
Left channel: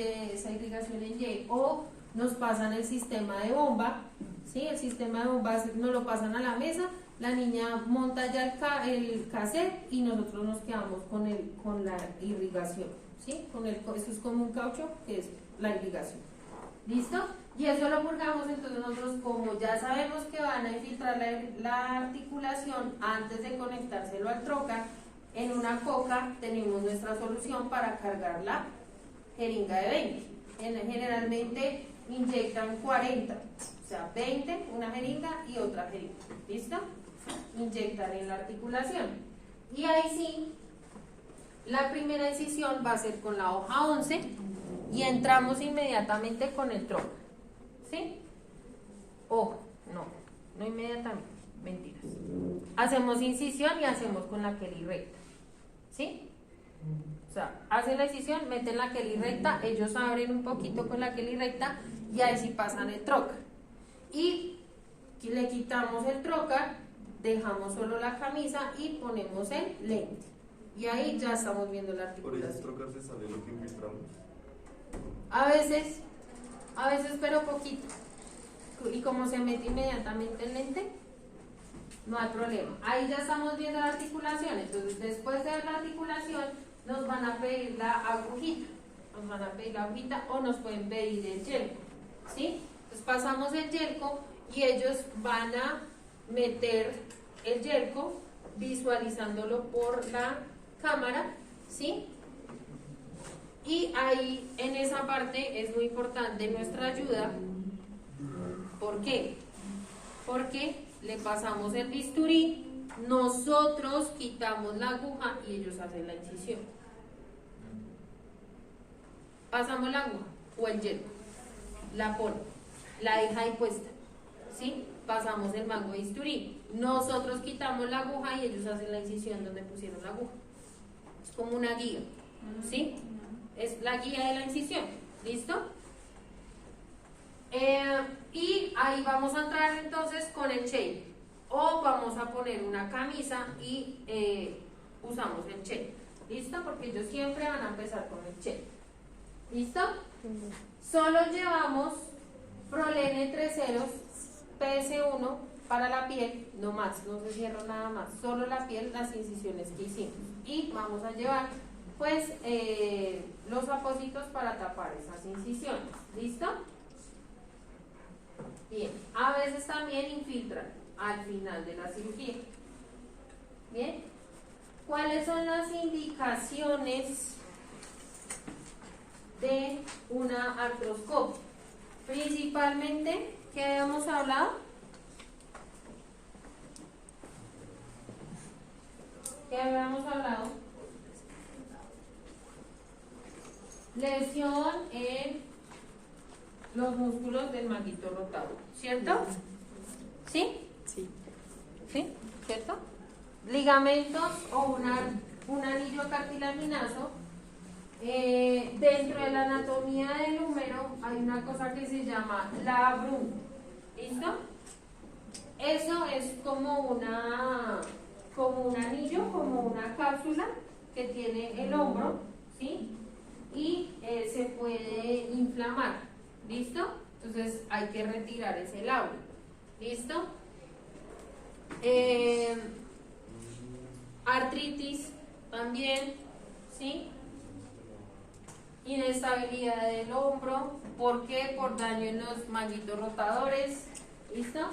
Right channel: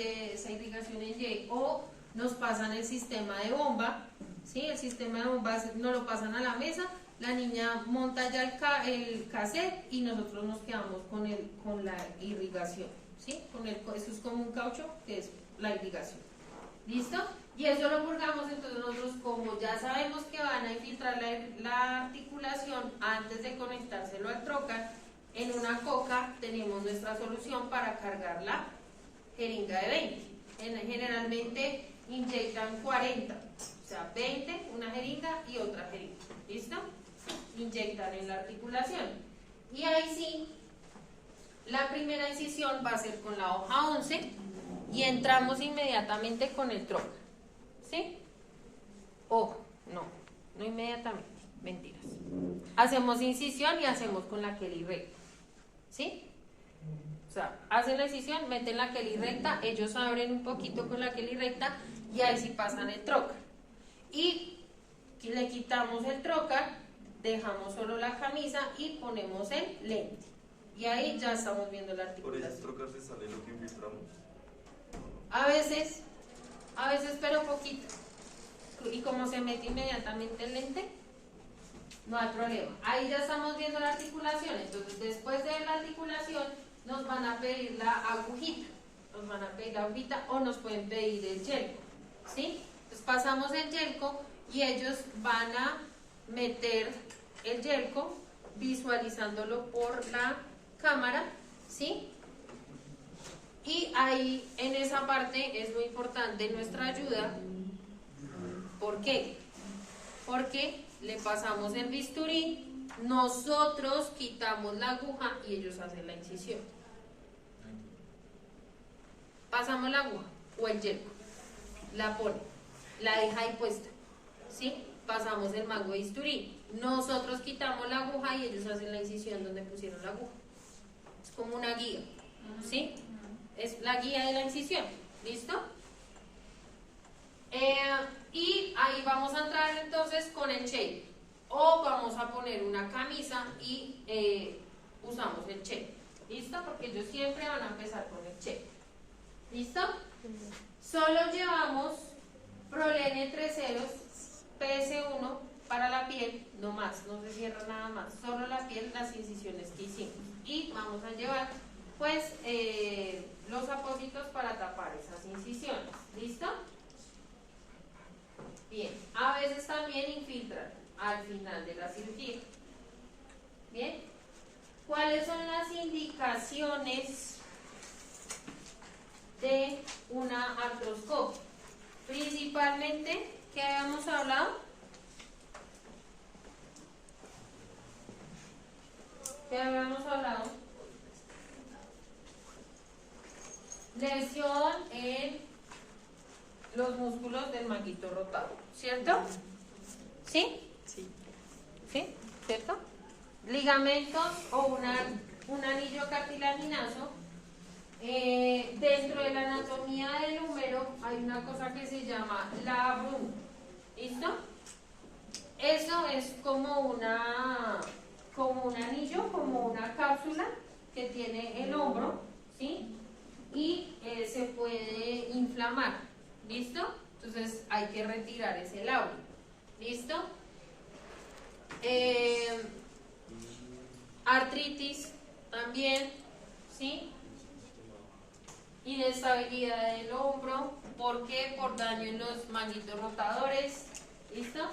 irrigación en Y, o nos pasan el sistema de bomba, ¿sí? El sistema de bomba nos lo pasan a la mesa, la niña monta ya el cassette y nosotros nos quedamos con la irrigación, ¿sí? Eso es como un caucho que es la irrigación. ¿Listo? Y eso lo purgamos, entonces nosotros como ya sabemos que van a infiltrar la articulación antes de conectárselo al trocar, en una coca tenemos nuestra solución para cargar la jeringa de 20. Generalmente inyectan 40, o sea 20, una jeringa y otra jeringa. ¿Listo? Inyectan en la articulación. Y ahí sí, la primera incisión va a ser con la hoja 11 y entramos inmediatamente con el trocar. ¿Sí? Ojo, no inmediatamente, mentiras. Hacemos incisión y hacemos con la Kelly recta. ¿Sí? O sea, hacen la incisión, meten la Kelly recta, ellos abren un poquito con la Kelly recta y ahí sí pasan el trocar. Y le quitamos el trocar, dejamos solo la camisa y ponemos el lente. Y ahí ya estamos viendo la articulación. ¿Por esos trocar se sale lo que infiltramos? A veces, pero poquito. Y como se mete inmediatamente el lente, no hay problema. Ahí ya estamos viendo la articulación. Entonces, después de la articulación, nos van a pedir la agujita. O nos pueden pedir el yelco. ¿Sí? Entonces, pasamos el yelco y ellos van a meter el yelco visualizándolo por la cámara. ¿Sí? Y ahí en esa parte es muy importante nuestra ayuda. ¿Por qué? Porque le pasamos el bisturí, nosotros quitamos la aguja y ellos hacen la incisión. Pasamos la aguja o el hielo, la pone, la deja ahí puesta, ¿sí? Pasamos el mango de bisturí, nosotros quitamos la aguja y ellos hacen la incisión donde pusieron la aguja. Es como una guía, ¿sí? Es la guía de la incisión, ¿listo? Y ahí vamos a entrar entonces con el shape, o vamos a poner una camisa y usamos el shape, ¿listo? Porque ellos siempre van a empezar con el shape, ¿listo? Solo llevamos prolene 3 ceros, PS1 para la piel, no más, no se cierra nada más, solo la piel, las incisiones que hicimos, y vamos a llevar pues los apósitos para tapar esas incisiones, ¿listo? Bien, a veces también infiltran al final de la cirugía. Bien, ¿cuáles son las indicaciones de una artroscopia? Principalmente, ¿qué habíamos hablado? ¿Qué habíamos hablado? Lesión en los músculos del manguito rotador, ¿cierto? ¿Sí? Sí. ¿Sí? ¿Cierto? Ligamentos o un anillo cartilaginoso. Dentro de la anatomía del húmero hay una cosa que se llama labrum. ¿Listo? Eso es como un anillo, como una cápsula que tiene el hombro, ¿sí? Y se puede inflamar. ¿Listo? Entonces hay que retirar ese labrum. ¿Listo? Artritis también, ¿sí? Inestabilidad del hombro. ¿Por qué? Por daño en los manguitos rotadores. ¿Listo?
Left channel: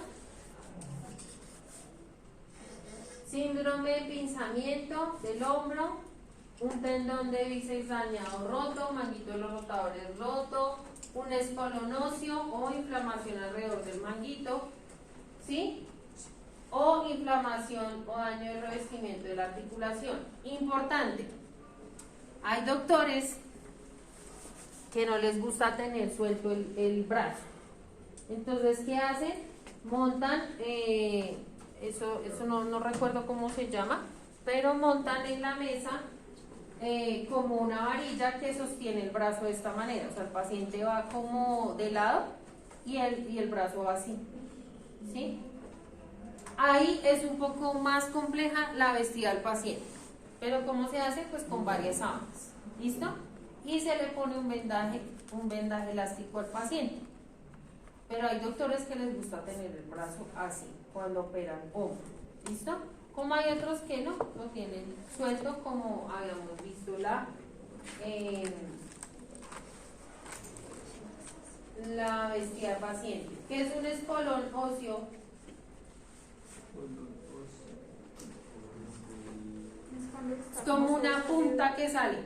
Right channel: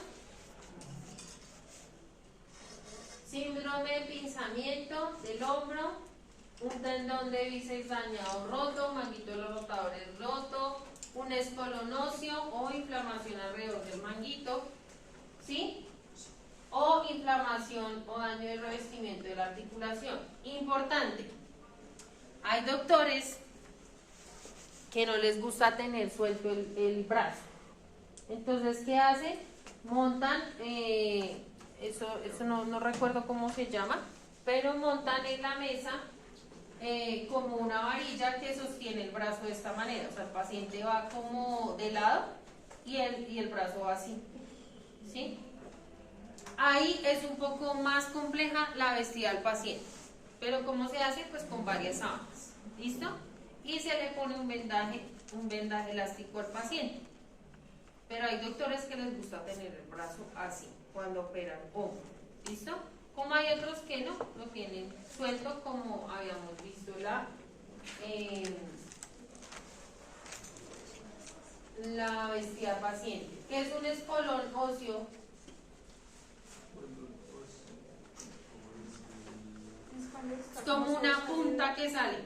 Síndrome de pinzamiento del hombro. Un tendón de bíceps dañado roto, manguito de los rotadores roto, un espolón óseo o inflamación alrededor del manguito, ¿sí? O inflamación o daño del revestimiento de la articulación. Importante, hay doctores que no les gusta tener suelto el brazo. Entonces, ¿qué hacen? Montan, eso no recuerdo cómo se llama, pero montan en la mesa como una varilla que sostiene el brazo de esta manera. O sea, el paciente va como de lado y el brazo va así, ¿sí? Ahí es un poco más compleja la vestida del paciente, pero ¿cómo se hace? Pues con varias sábanas, ¿listo? Y se le pone un vendaje elástico al paciente. Pero hay doctores que les gusta tener el brazo así cuando operan hombro, ¿listo? Como hay otros que no, lo tienen suelto, como habíamos visto la vestida paciente, que es un espolón óseo. Es como una punta que sale,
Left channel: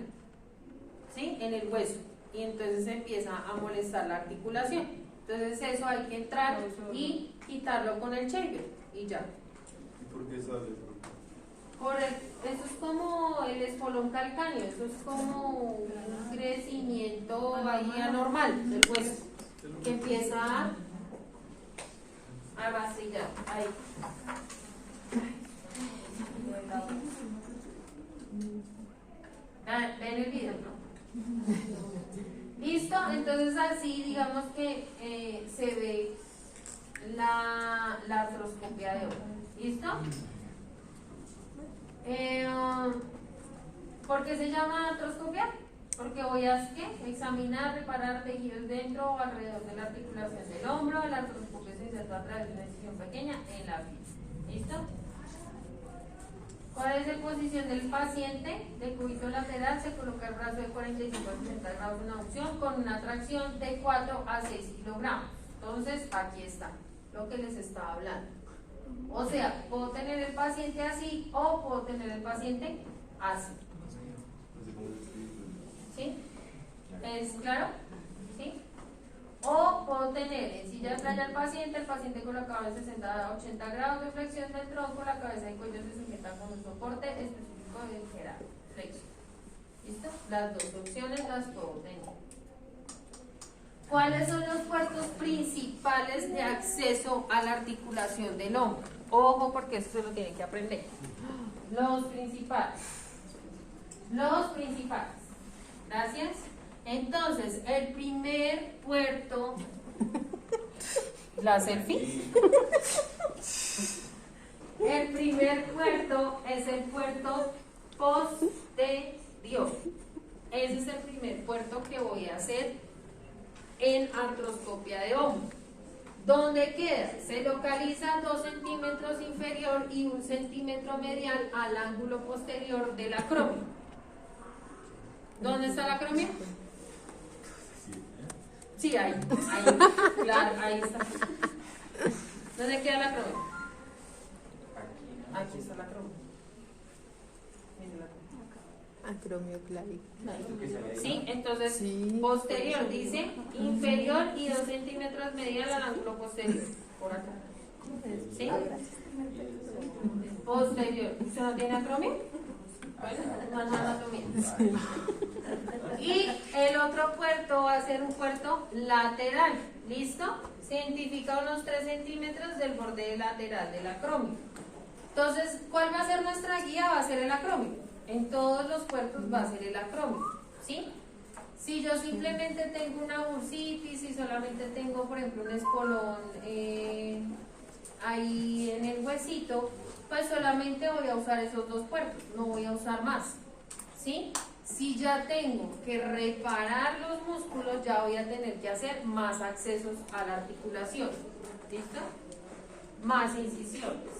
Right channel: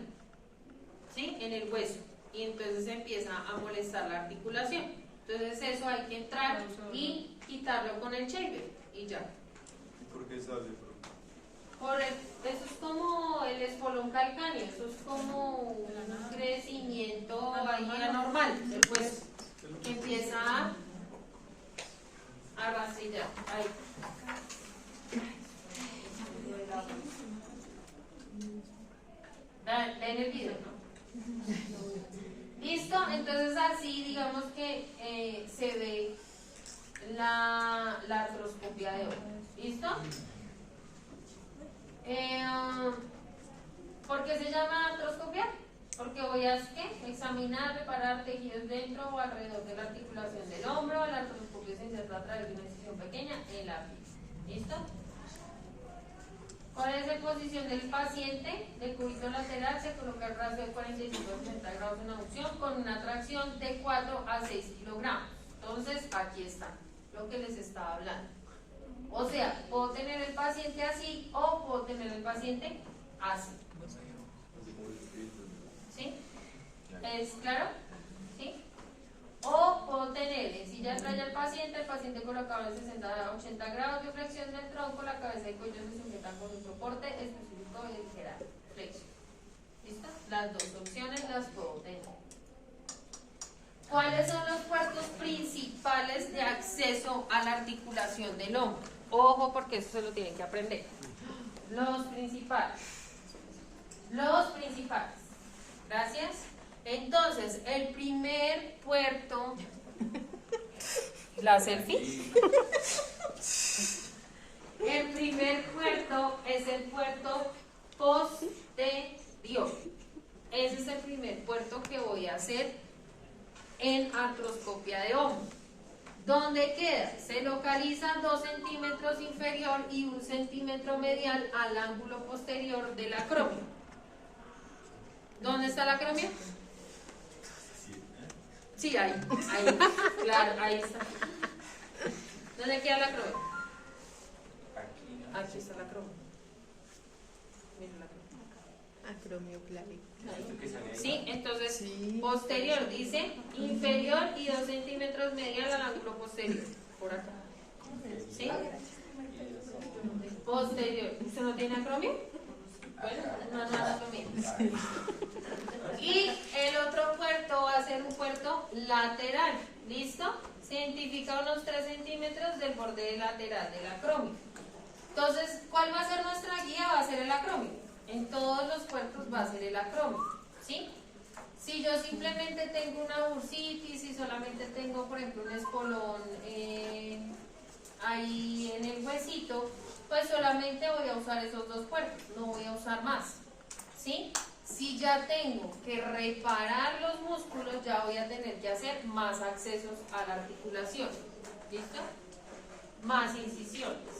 ¿sí? En el hueso, y entonces empieza a molestar la articulación. Entonces eso hay que entrar y quitarlo con el shaver y ya. ¿Por qué sale? Eso es como el espolón calcáneo, eso es como un crecimiento ahí anormal del hueso, que empieza a vacilar, ahí. Ven el video. ¿Listo? Entonces así digamos que se ve la artroscopia de hoy. ¿Listo? ¿Por qué se llama artroscopia? Porque voy a examinar, reparar tejidos dentro o alrededor de la articulación del hombro. La artroscopia se inserta a través de una incisión pequeña en la piel. ¿Listo? ¿Cuál es la posición del paciente? De cúbito lateral se coloca el brazo de 45 a 60 grados de una opción con una tracción de 4 a 6 kilogramos. Entonces, aquí está lo que les estaba hablando. O sea, puedo tener el paciente así o puedo tener el paciente así. ¿Sí? ¿Es claro? ¿Sí? O puedo tener en silla de playa el paciente colocado en 60 a 80 grados de flexión del tronco, la cabeza y cuello se sujetan con un soporte específico de ligera flexión. ¿Listo? Las dos opciones las puedo tener. ¿Cuáles son los puertos principales de acceso a la articulación del hombro? Ojo, porque esto lo tienen que aprender. Los principales. Los principales. Gracias. Entonces, el primer puerto. ¿La selfie? El primer puerto es el puerto posterior. Ese es el primer puerto que voy a hacer en artroscopia de hombro. ¿Dónde queda? Se localiza 2 centímetros inferior y 1 centímetro medial al ángulo posterior del acrómio. ¿Dónde está el acrómio? Sí, ahí, claro, ahí está. ¿Dónde queda el acrómio? Aquí está el acrómio. Mira el acrómio. Acromio clavicular. Sí, entonces Sí. posterior dice inferior y 2 centímetros medial al ángulo posterior. Por acá. ¿Sí? Posterior. ¿Usted no tiene acromio? Bueno, no anatomía. Y el otro puerto va a ser un puerto lateral. ¿Listo? Se identifica unos 3 centímetros del borde lateral del acrómio. Entonces, ¿cuál va a ser nuestra guía? Va a ser el acrómio. En todos los puertos va a ser el acrómio, ¿sí? Si yo simplemente tengo una bursitis y solamente tengo, por ejemplo, un espolón ahí en el huesito, pues solamente voy a usar esos 2 puertos, no voy a usar más, ¿sí? Si ya tengo que reparar los músculos, ya voy a tener que hacer más accesos a la articulación, ¿listo? Más incisiones.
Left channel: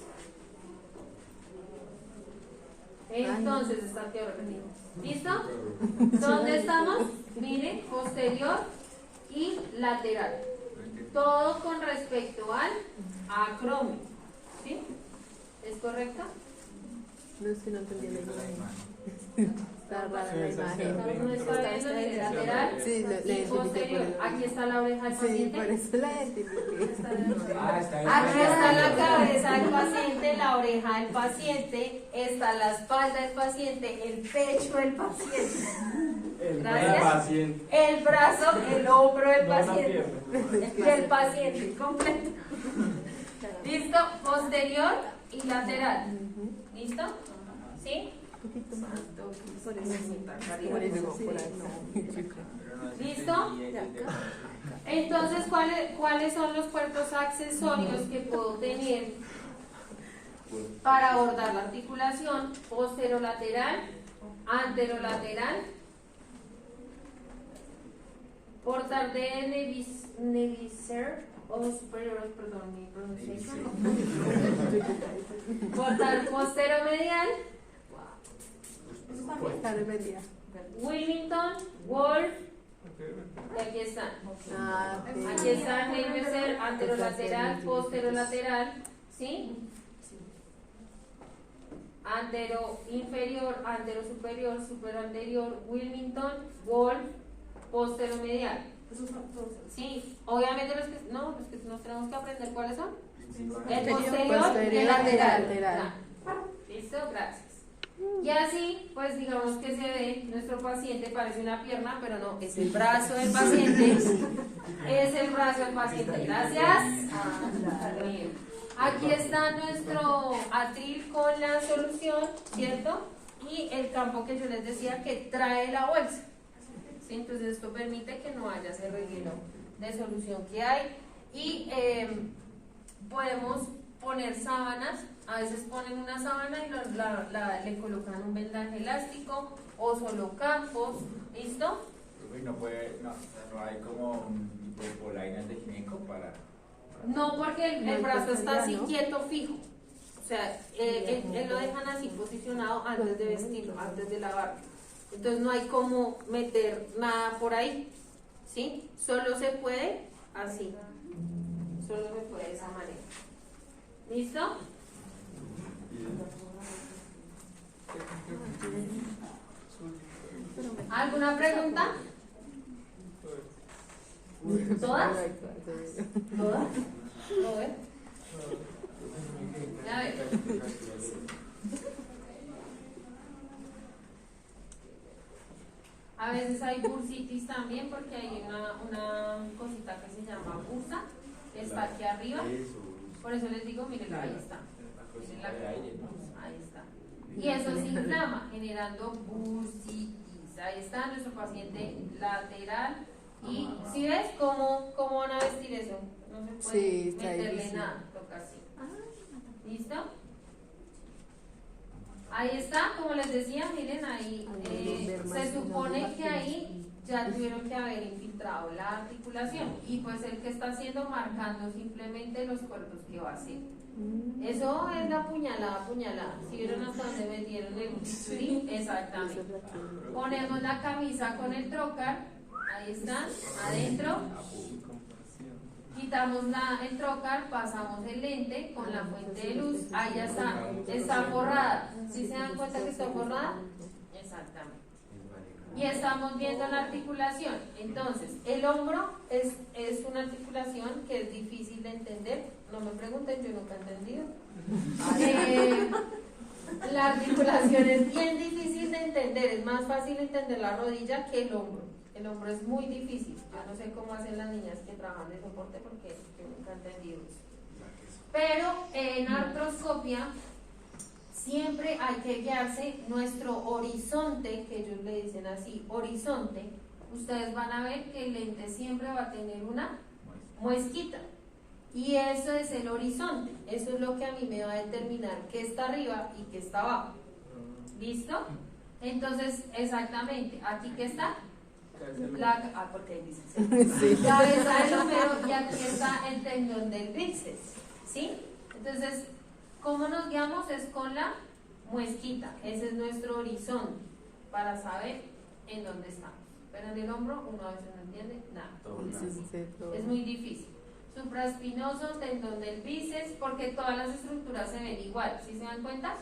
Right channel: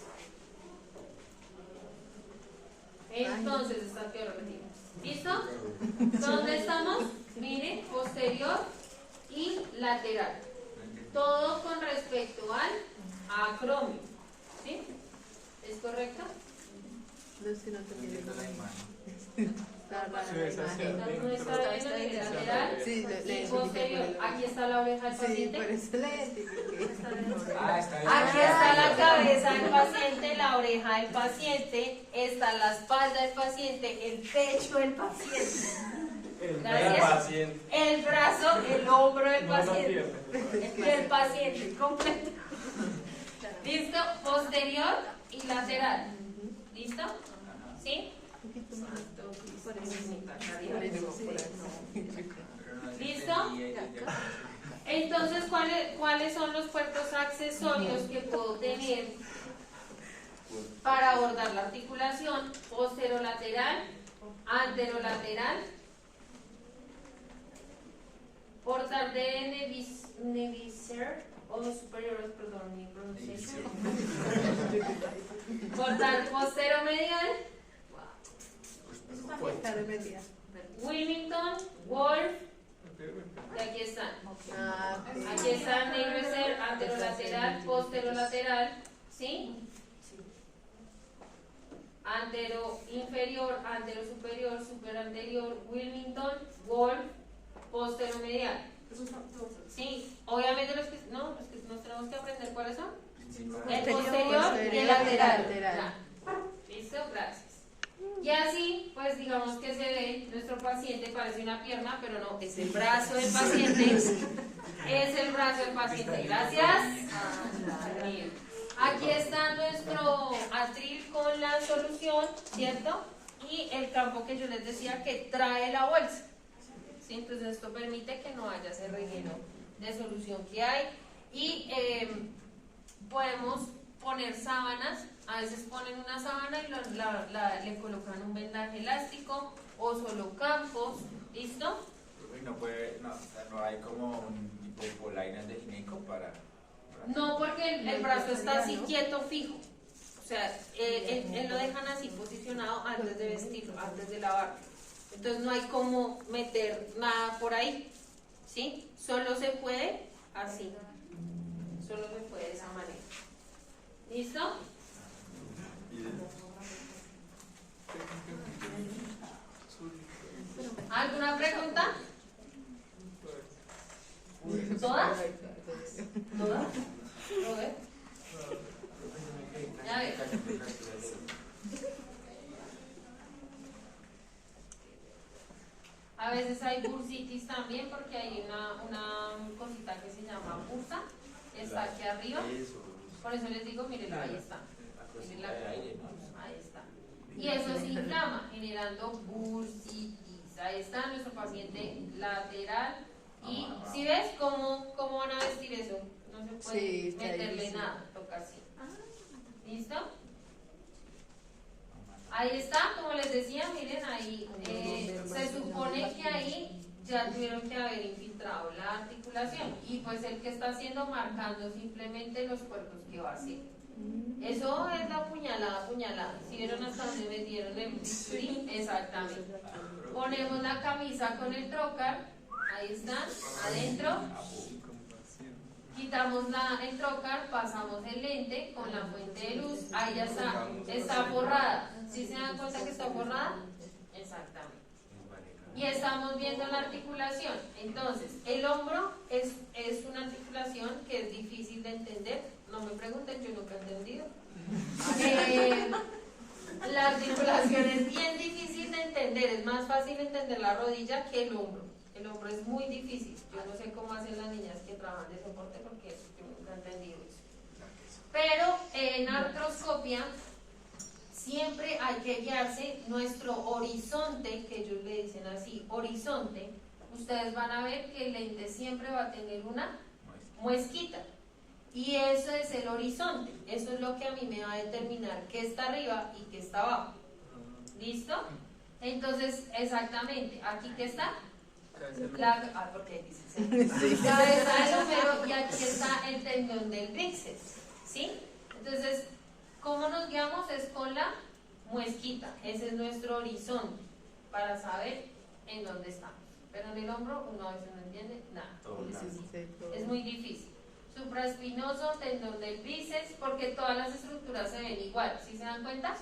Entonces, está que repetir. ¿Listo? ¿Dónde estamos? Miren, posterior y lateral. Todo con respecto al acrómio. ¿Sí? ¿Es correcto? No sé, no entendí la imagen. No está viendo ni el lateral Sí, y posterior. Aquí está la oreja del Sí, por paciente. eso la identifiqué. Aquí está la cabeza del paciente, la oreja del paciente, está la espalda del paciente, el pecho del paciente. Gracias. El brazo, el hombro del paciente. Y el paciente completo. ¿Listo? Posterior y lateral. ¿Listo? ¿Sí? ¿Listo? Entonces, ¿cuáles son los puertos accesorios que puedo tener para abordar la articulación? Posterolateral, anterolateral, portal de Nevisser o superior, perdón, mi pronunciación. Portal posteromedial, Wilmington, Wolf, y aquí están. Aquí está Nevisser, anterolateral, posterolateral, ¿sí? Antero inferior, antero superior, superanterior, Wilmington, Wolf, posteromedial. Sí, obviamente los que nos tenemos que aprender cuáles son. El posterior y el lateral. ¿Listo? Gracias. Y así, pues digamos que se ve, nuestro paciente parece una pierna, pero no, es el brazo del paciente. Es el brazo del paciente. Gracias. Bien. Aquí está nuestro atril con la solución, ¿cierto? Y el campo que yo les decía que trae la bolsa. ¿Sí? Entonces esto permite que no haya ese relleno de solución que hay. Y podemos poner sábanas. A veces ponen una sábana y le colocan un vendaje elástico o solo campos. ¿Listo? No hay como un tipo de polaina de gineco para... No, porque el brazo está así quieto, fijo. O sea, él lo dejan así posicionado antes de vestirlo, antes de lavarlo. Entonces no hay como meter nada por ahí. ¿Sí? Solo se puede así. Solo se puede de esa manera. ¿Listo? ¿Alguna pregunta? ¿Todas? ¿Todas? ¿Lo ves? A ver. A veces hay bursitis también porque hay una cosita que se llama bursa, está aquí arriba. Por eso les digo, miren, ahí está. Miren ahí está. Y eso se inflama, generando bursitis. Ahí está nuestro paciente lateral. Y si ves cómo van a vestir eso, no se puede meterle nada, toca así. ¿Listo? Ahí está, como les decía, miren ahí, se supone que ahí ya tuvieron que haber infiltrado la articulación y pues el que está haciendo marcando simplemente los puertos que va a hacer. Eso es la puñalada. ¿Si vieron hasta dónde metieron el bisturí? Exactamente. Ponemos la camisa con el trocar, ahí están, adentro. Quitamos el trocar, pasamos el lente con la fuente de luz, ahí ya está forrada. ¿Sí se dan cuenta que está forrada? Exactamente. Y estamos viendo la articulación. Entonces, el hombro es una articulación que es difícil de entender. No me pregunten, yo nunca he entendido. La articulación es bien difícil de entender. Es más fácil entender la rodilla que el hombro. El hombro es muy difícil. Yo no sé cómo hacen las niñas que trabajan de soporte porque yo nunca he entendido eso. Pero en artroscopia siempre hay que guiarse nuestro horizonte, que ellos le dicen así, horizonte. Ustedes van a ver que el lente siempre va a tener una muesquita. Y eso es el horizonte. Eso es lo que a mí me va a determinar qué está arriba y qué está abajo. ¿Listo? Entonces, exactamente, aquí qué está. Porque ahí dice cabeza del húmero y aquí está el tendón del bíceps, ¿sí? Entonces, ¿cómo nos guiamos? Es con la muesquita. Ese es nuestro horizonte para saber en dónde estamos. Pero en el hombro uno a veces no entiende nada. Es muy difícil. Supraespinoso, tendón del bíceps, porque todas las estructuras se ven igual. ¿Sí se dan cuenta?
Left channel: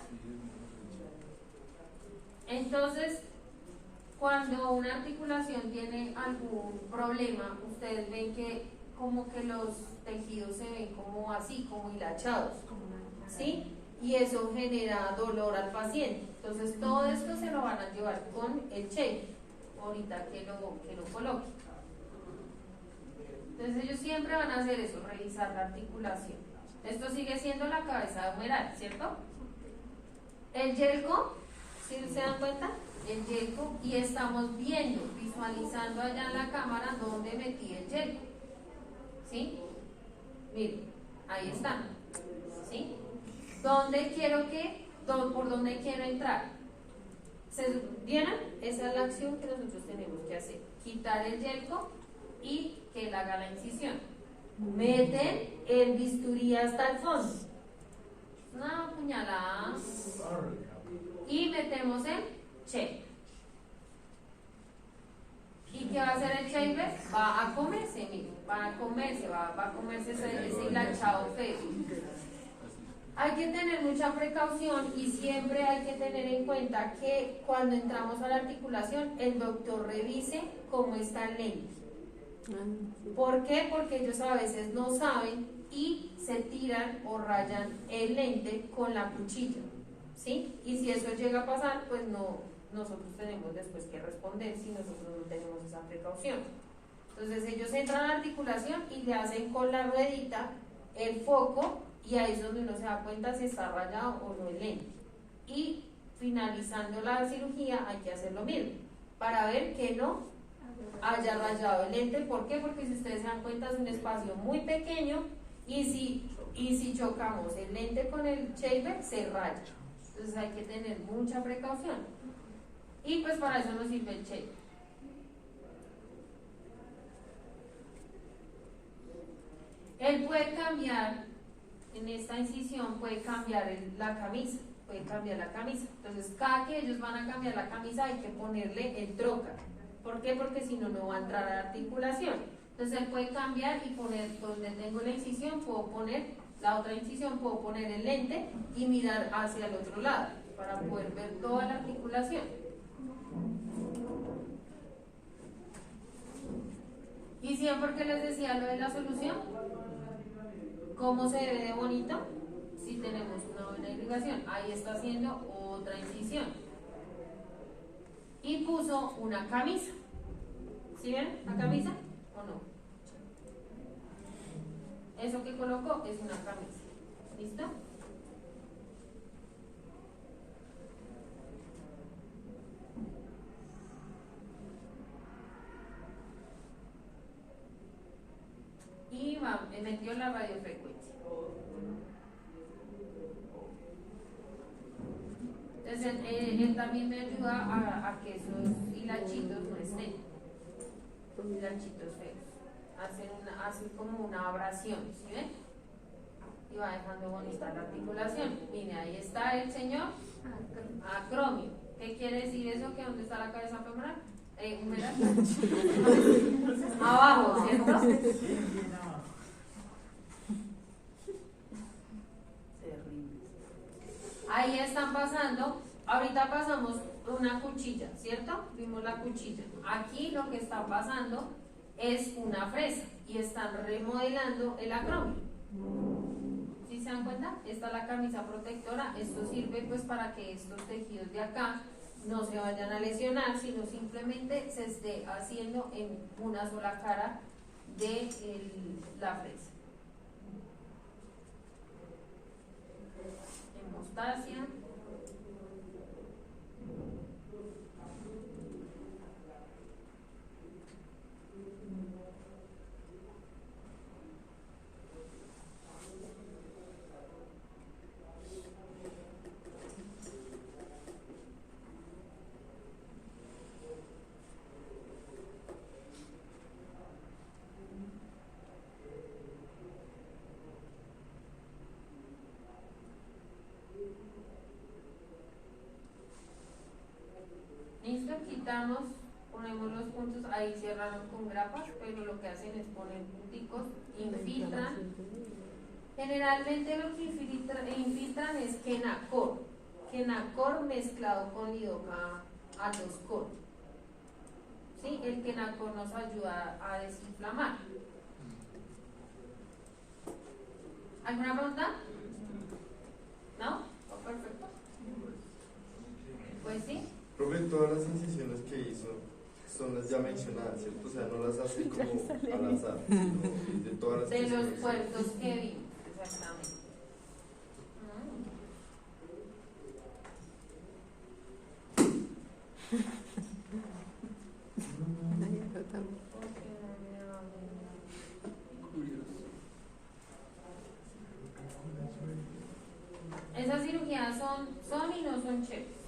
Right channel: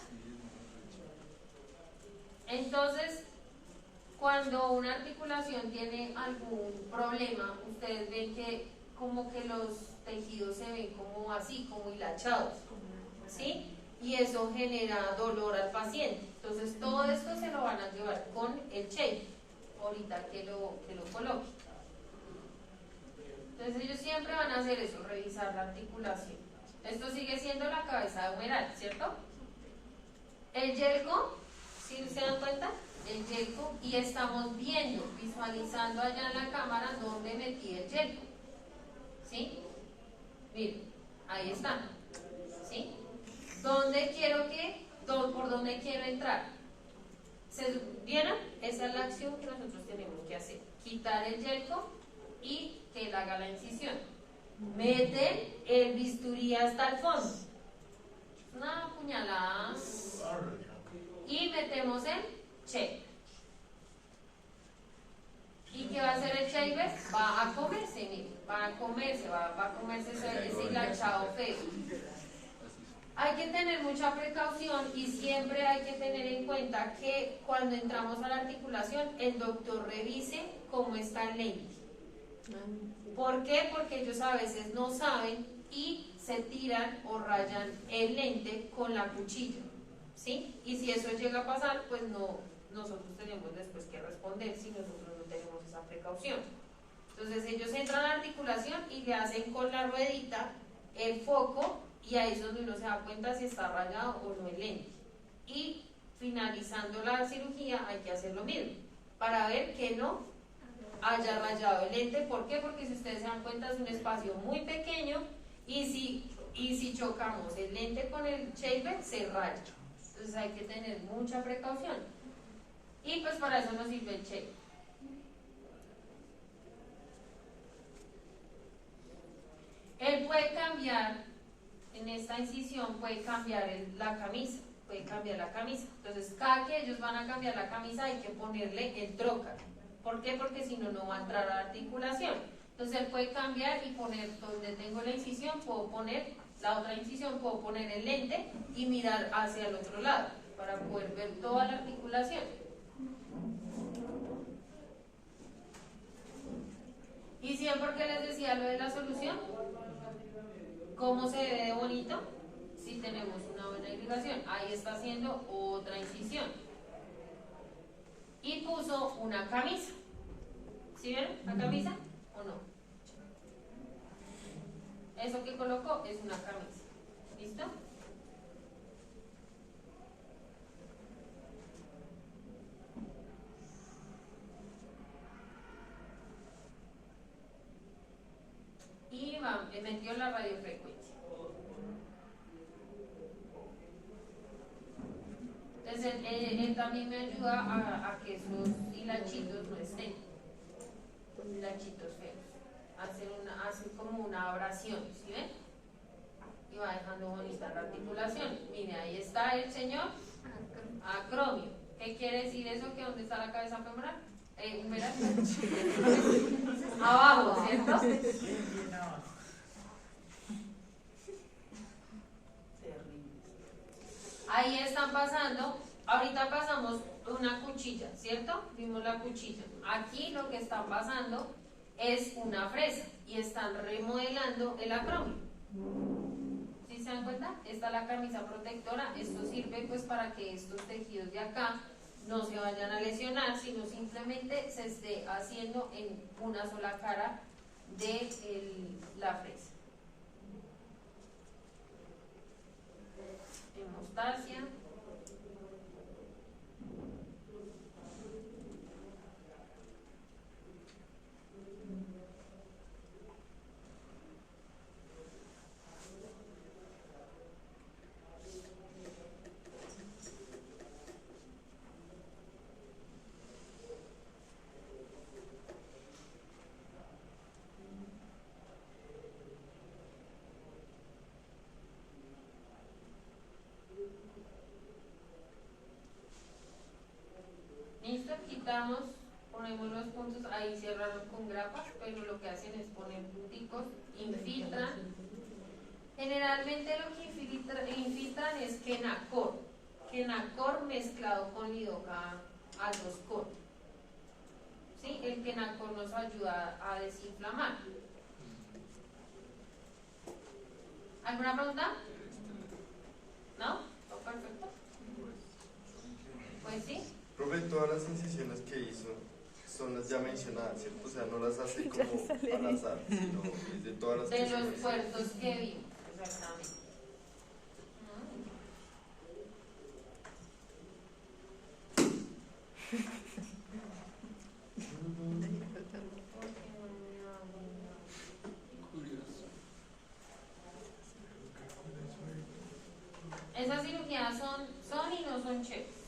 Entonces, cuando una articulación tiene algún problema, ustedes ven que como que los tejidos se ven como así, como hilachados, ¿sí? Y eso genera dolor al paciente. Entonces todo esto se lo van a llevar con el shape, ahorita que lo coloque. Entonces ellos siempre van a hacer eso, revisar la articulación. Esto sigue siendo la cabeza humeral, ¿cierto? El yelco, ¿sí se dan cuenta? El yelco, y estamos viendo, visualizando allá en la cámara donde metí el yelco. ¿Sí? Miren, ahí están. ¿Sí? ¿Por dónde quiero entrar? ¿Vieron? Esa es la acción que nosotros tenemos que hacer. Quitar el yelco y que él haga la incisión. Meten el bisturí hasta el fondo. Una puñalada. Y metemos el shape. ¿Y qué va a hacer el shape? Va a comerse, miren, va a comerse ese hilachado feo. Hay que tener mucha precaución y siempre hay que tener en cuenta que cuando entramos a la articulación, el doctor revise cómo está el lente. ¿Por qué? Porque ellos a veces no saben y se tiran o rayan el lente con la cuchilla, ¿sí? Y si eso llega a pasar, pues nosotros tenemos después que responder si nosotros no tenemos esa precaución. Entonces ellos entran a la articulación y le hacen con la ruedita el foco y ahí es donde uno se da cuenta si está rayado o no el lente. Y finalizando la cirugía hay que hacer lo mismo para ver que no haya rayado el lente. ¿Por qué? Porque si ustedes se dan cuenta es un espacio muy pequeño y si chocamos el lente con el shaper se raya. Entonces hay que tener mucha precaución. Y pues para eso nos sirve el shaper. Él puede cambiar, en esta incisión puede cambiar la camisa. Entonces cada que ellos van a cambiar la camisa hay que ponerle el trocar. ¿Por qué? Porque si no, no va a entrar a la articulación. Entonces él puede cambiar y poner donde tengo la incisión, puedo poner la otra incisión, puedo poner el lente y mirar hacia el otro lado para poder ver toda la articulación. Y si ven por qué les decía lo de la solución, ¿cómo se ve de bonito? Si tenemos una buena irrigación. Ahí está haciendo otra incisión. Y puso una camisa. ¿Sí ven la camisa o no? Eso que colocó es una camisa. ¿Listo? Y metió la radiofrecuencia. Entonces él también me ayuda a que esos hilachitos no estén, hilachitos feos. Hace como una abrasión, ¿sí ven? Y va dejando bonita la articulación. Mire, ahí está el señor acromio. ¿Qué quiere decir eso? ¿Que dónde está la cabeza femoral? Humeral. Abajo, ¿cierto? Ahí están pasando, ahorita pasamos una cuchilla, ¿cierto? Vimos la cuchilla. Aquí lo que están pasando es una fresa y están remodelando el acromio. ¿Sí se dan cuenta? Esta es la camisa protectora. Esto sirve pues para que estos tejidos de acá no se vayan a lesionar, sino simplemente se esté haciendo en una sola cara de la fresa. Hemostasia. Listo, quitamos, ponemos los puntos, ahí cerraron con grapas, pero lo que hacen es poner punticos, infiltran. Generalmente lo que infiltran es Kenacor mezclado con lidoca al 2-cor. ¿Sí? El Kenacor nos ayuda a desinflamar. ¿Alguna pregunta? ¿No? ¿Oh, perfecto? Pues sí. Profe, todas las incisiones que hizo son las ya mencionadas, ¿cierto? O sea, no las hace como al azar, sino de todas las De los mencionó. puertos que vimos, exactamente. Esas cirugías son y no son chéveres.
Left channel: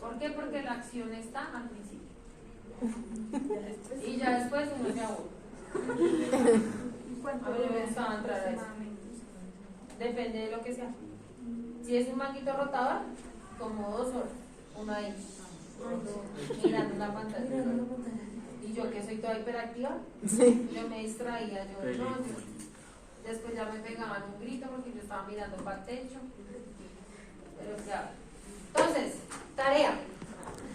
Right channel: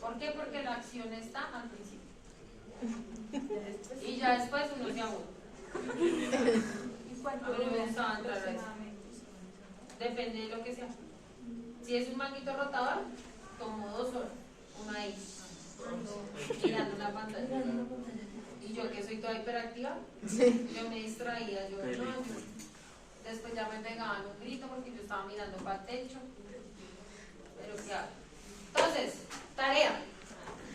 ¿Por qué? Porque la acción está al principio. Y ya después uno se aburre. A mí me gustaba entrar a eso. Depende de lo que sea. Si es un manguito rotador, como 2 horas. Uno ahí, mirando la pantalla. Y yo que soy toda hiperactiva, yo me distraía, después ya me pegaban un grito porque yo estaba mirando para el techo. Pero ¿qué hago? Entonces, tarea.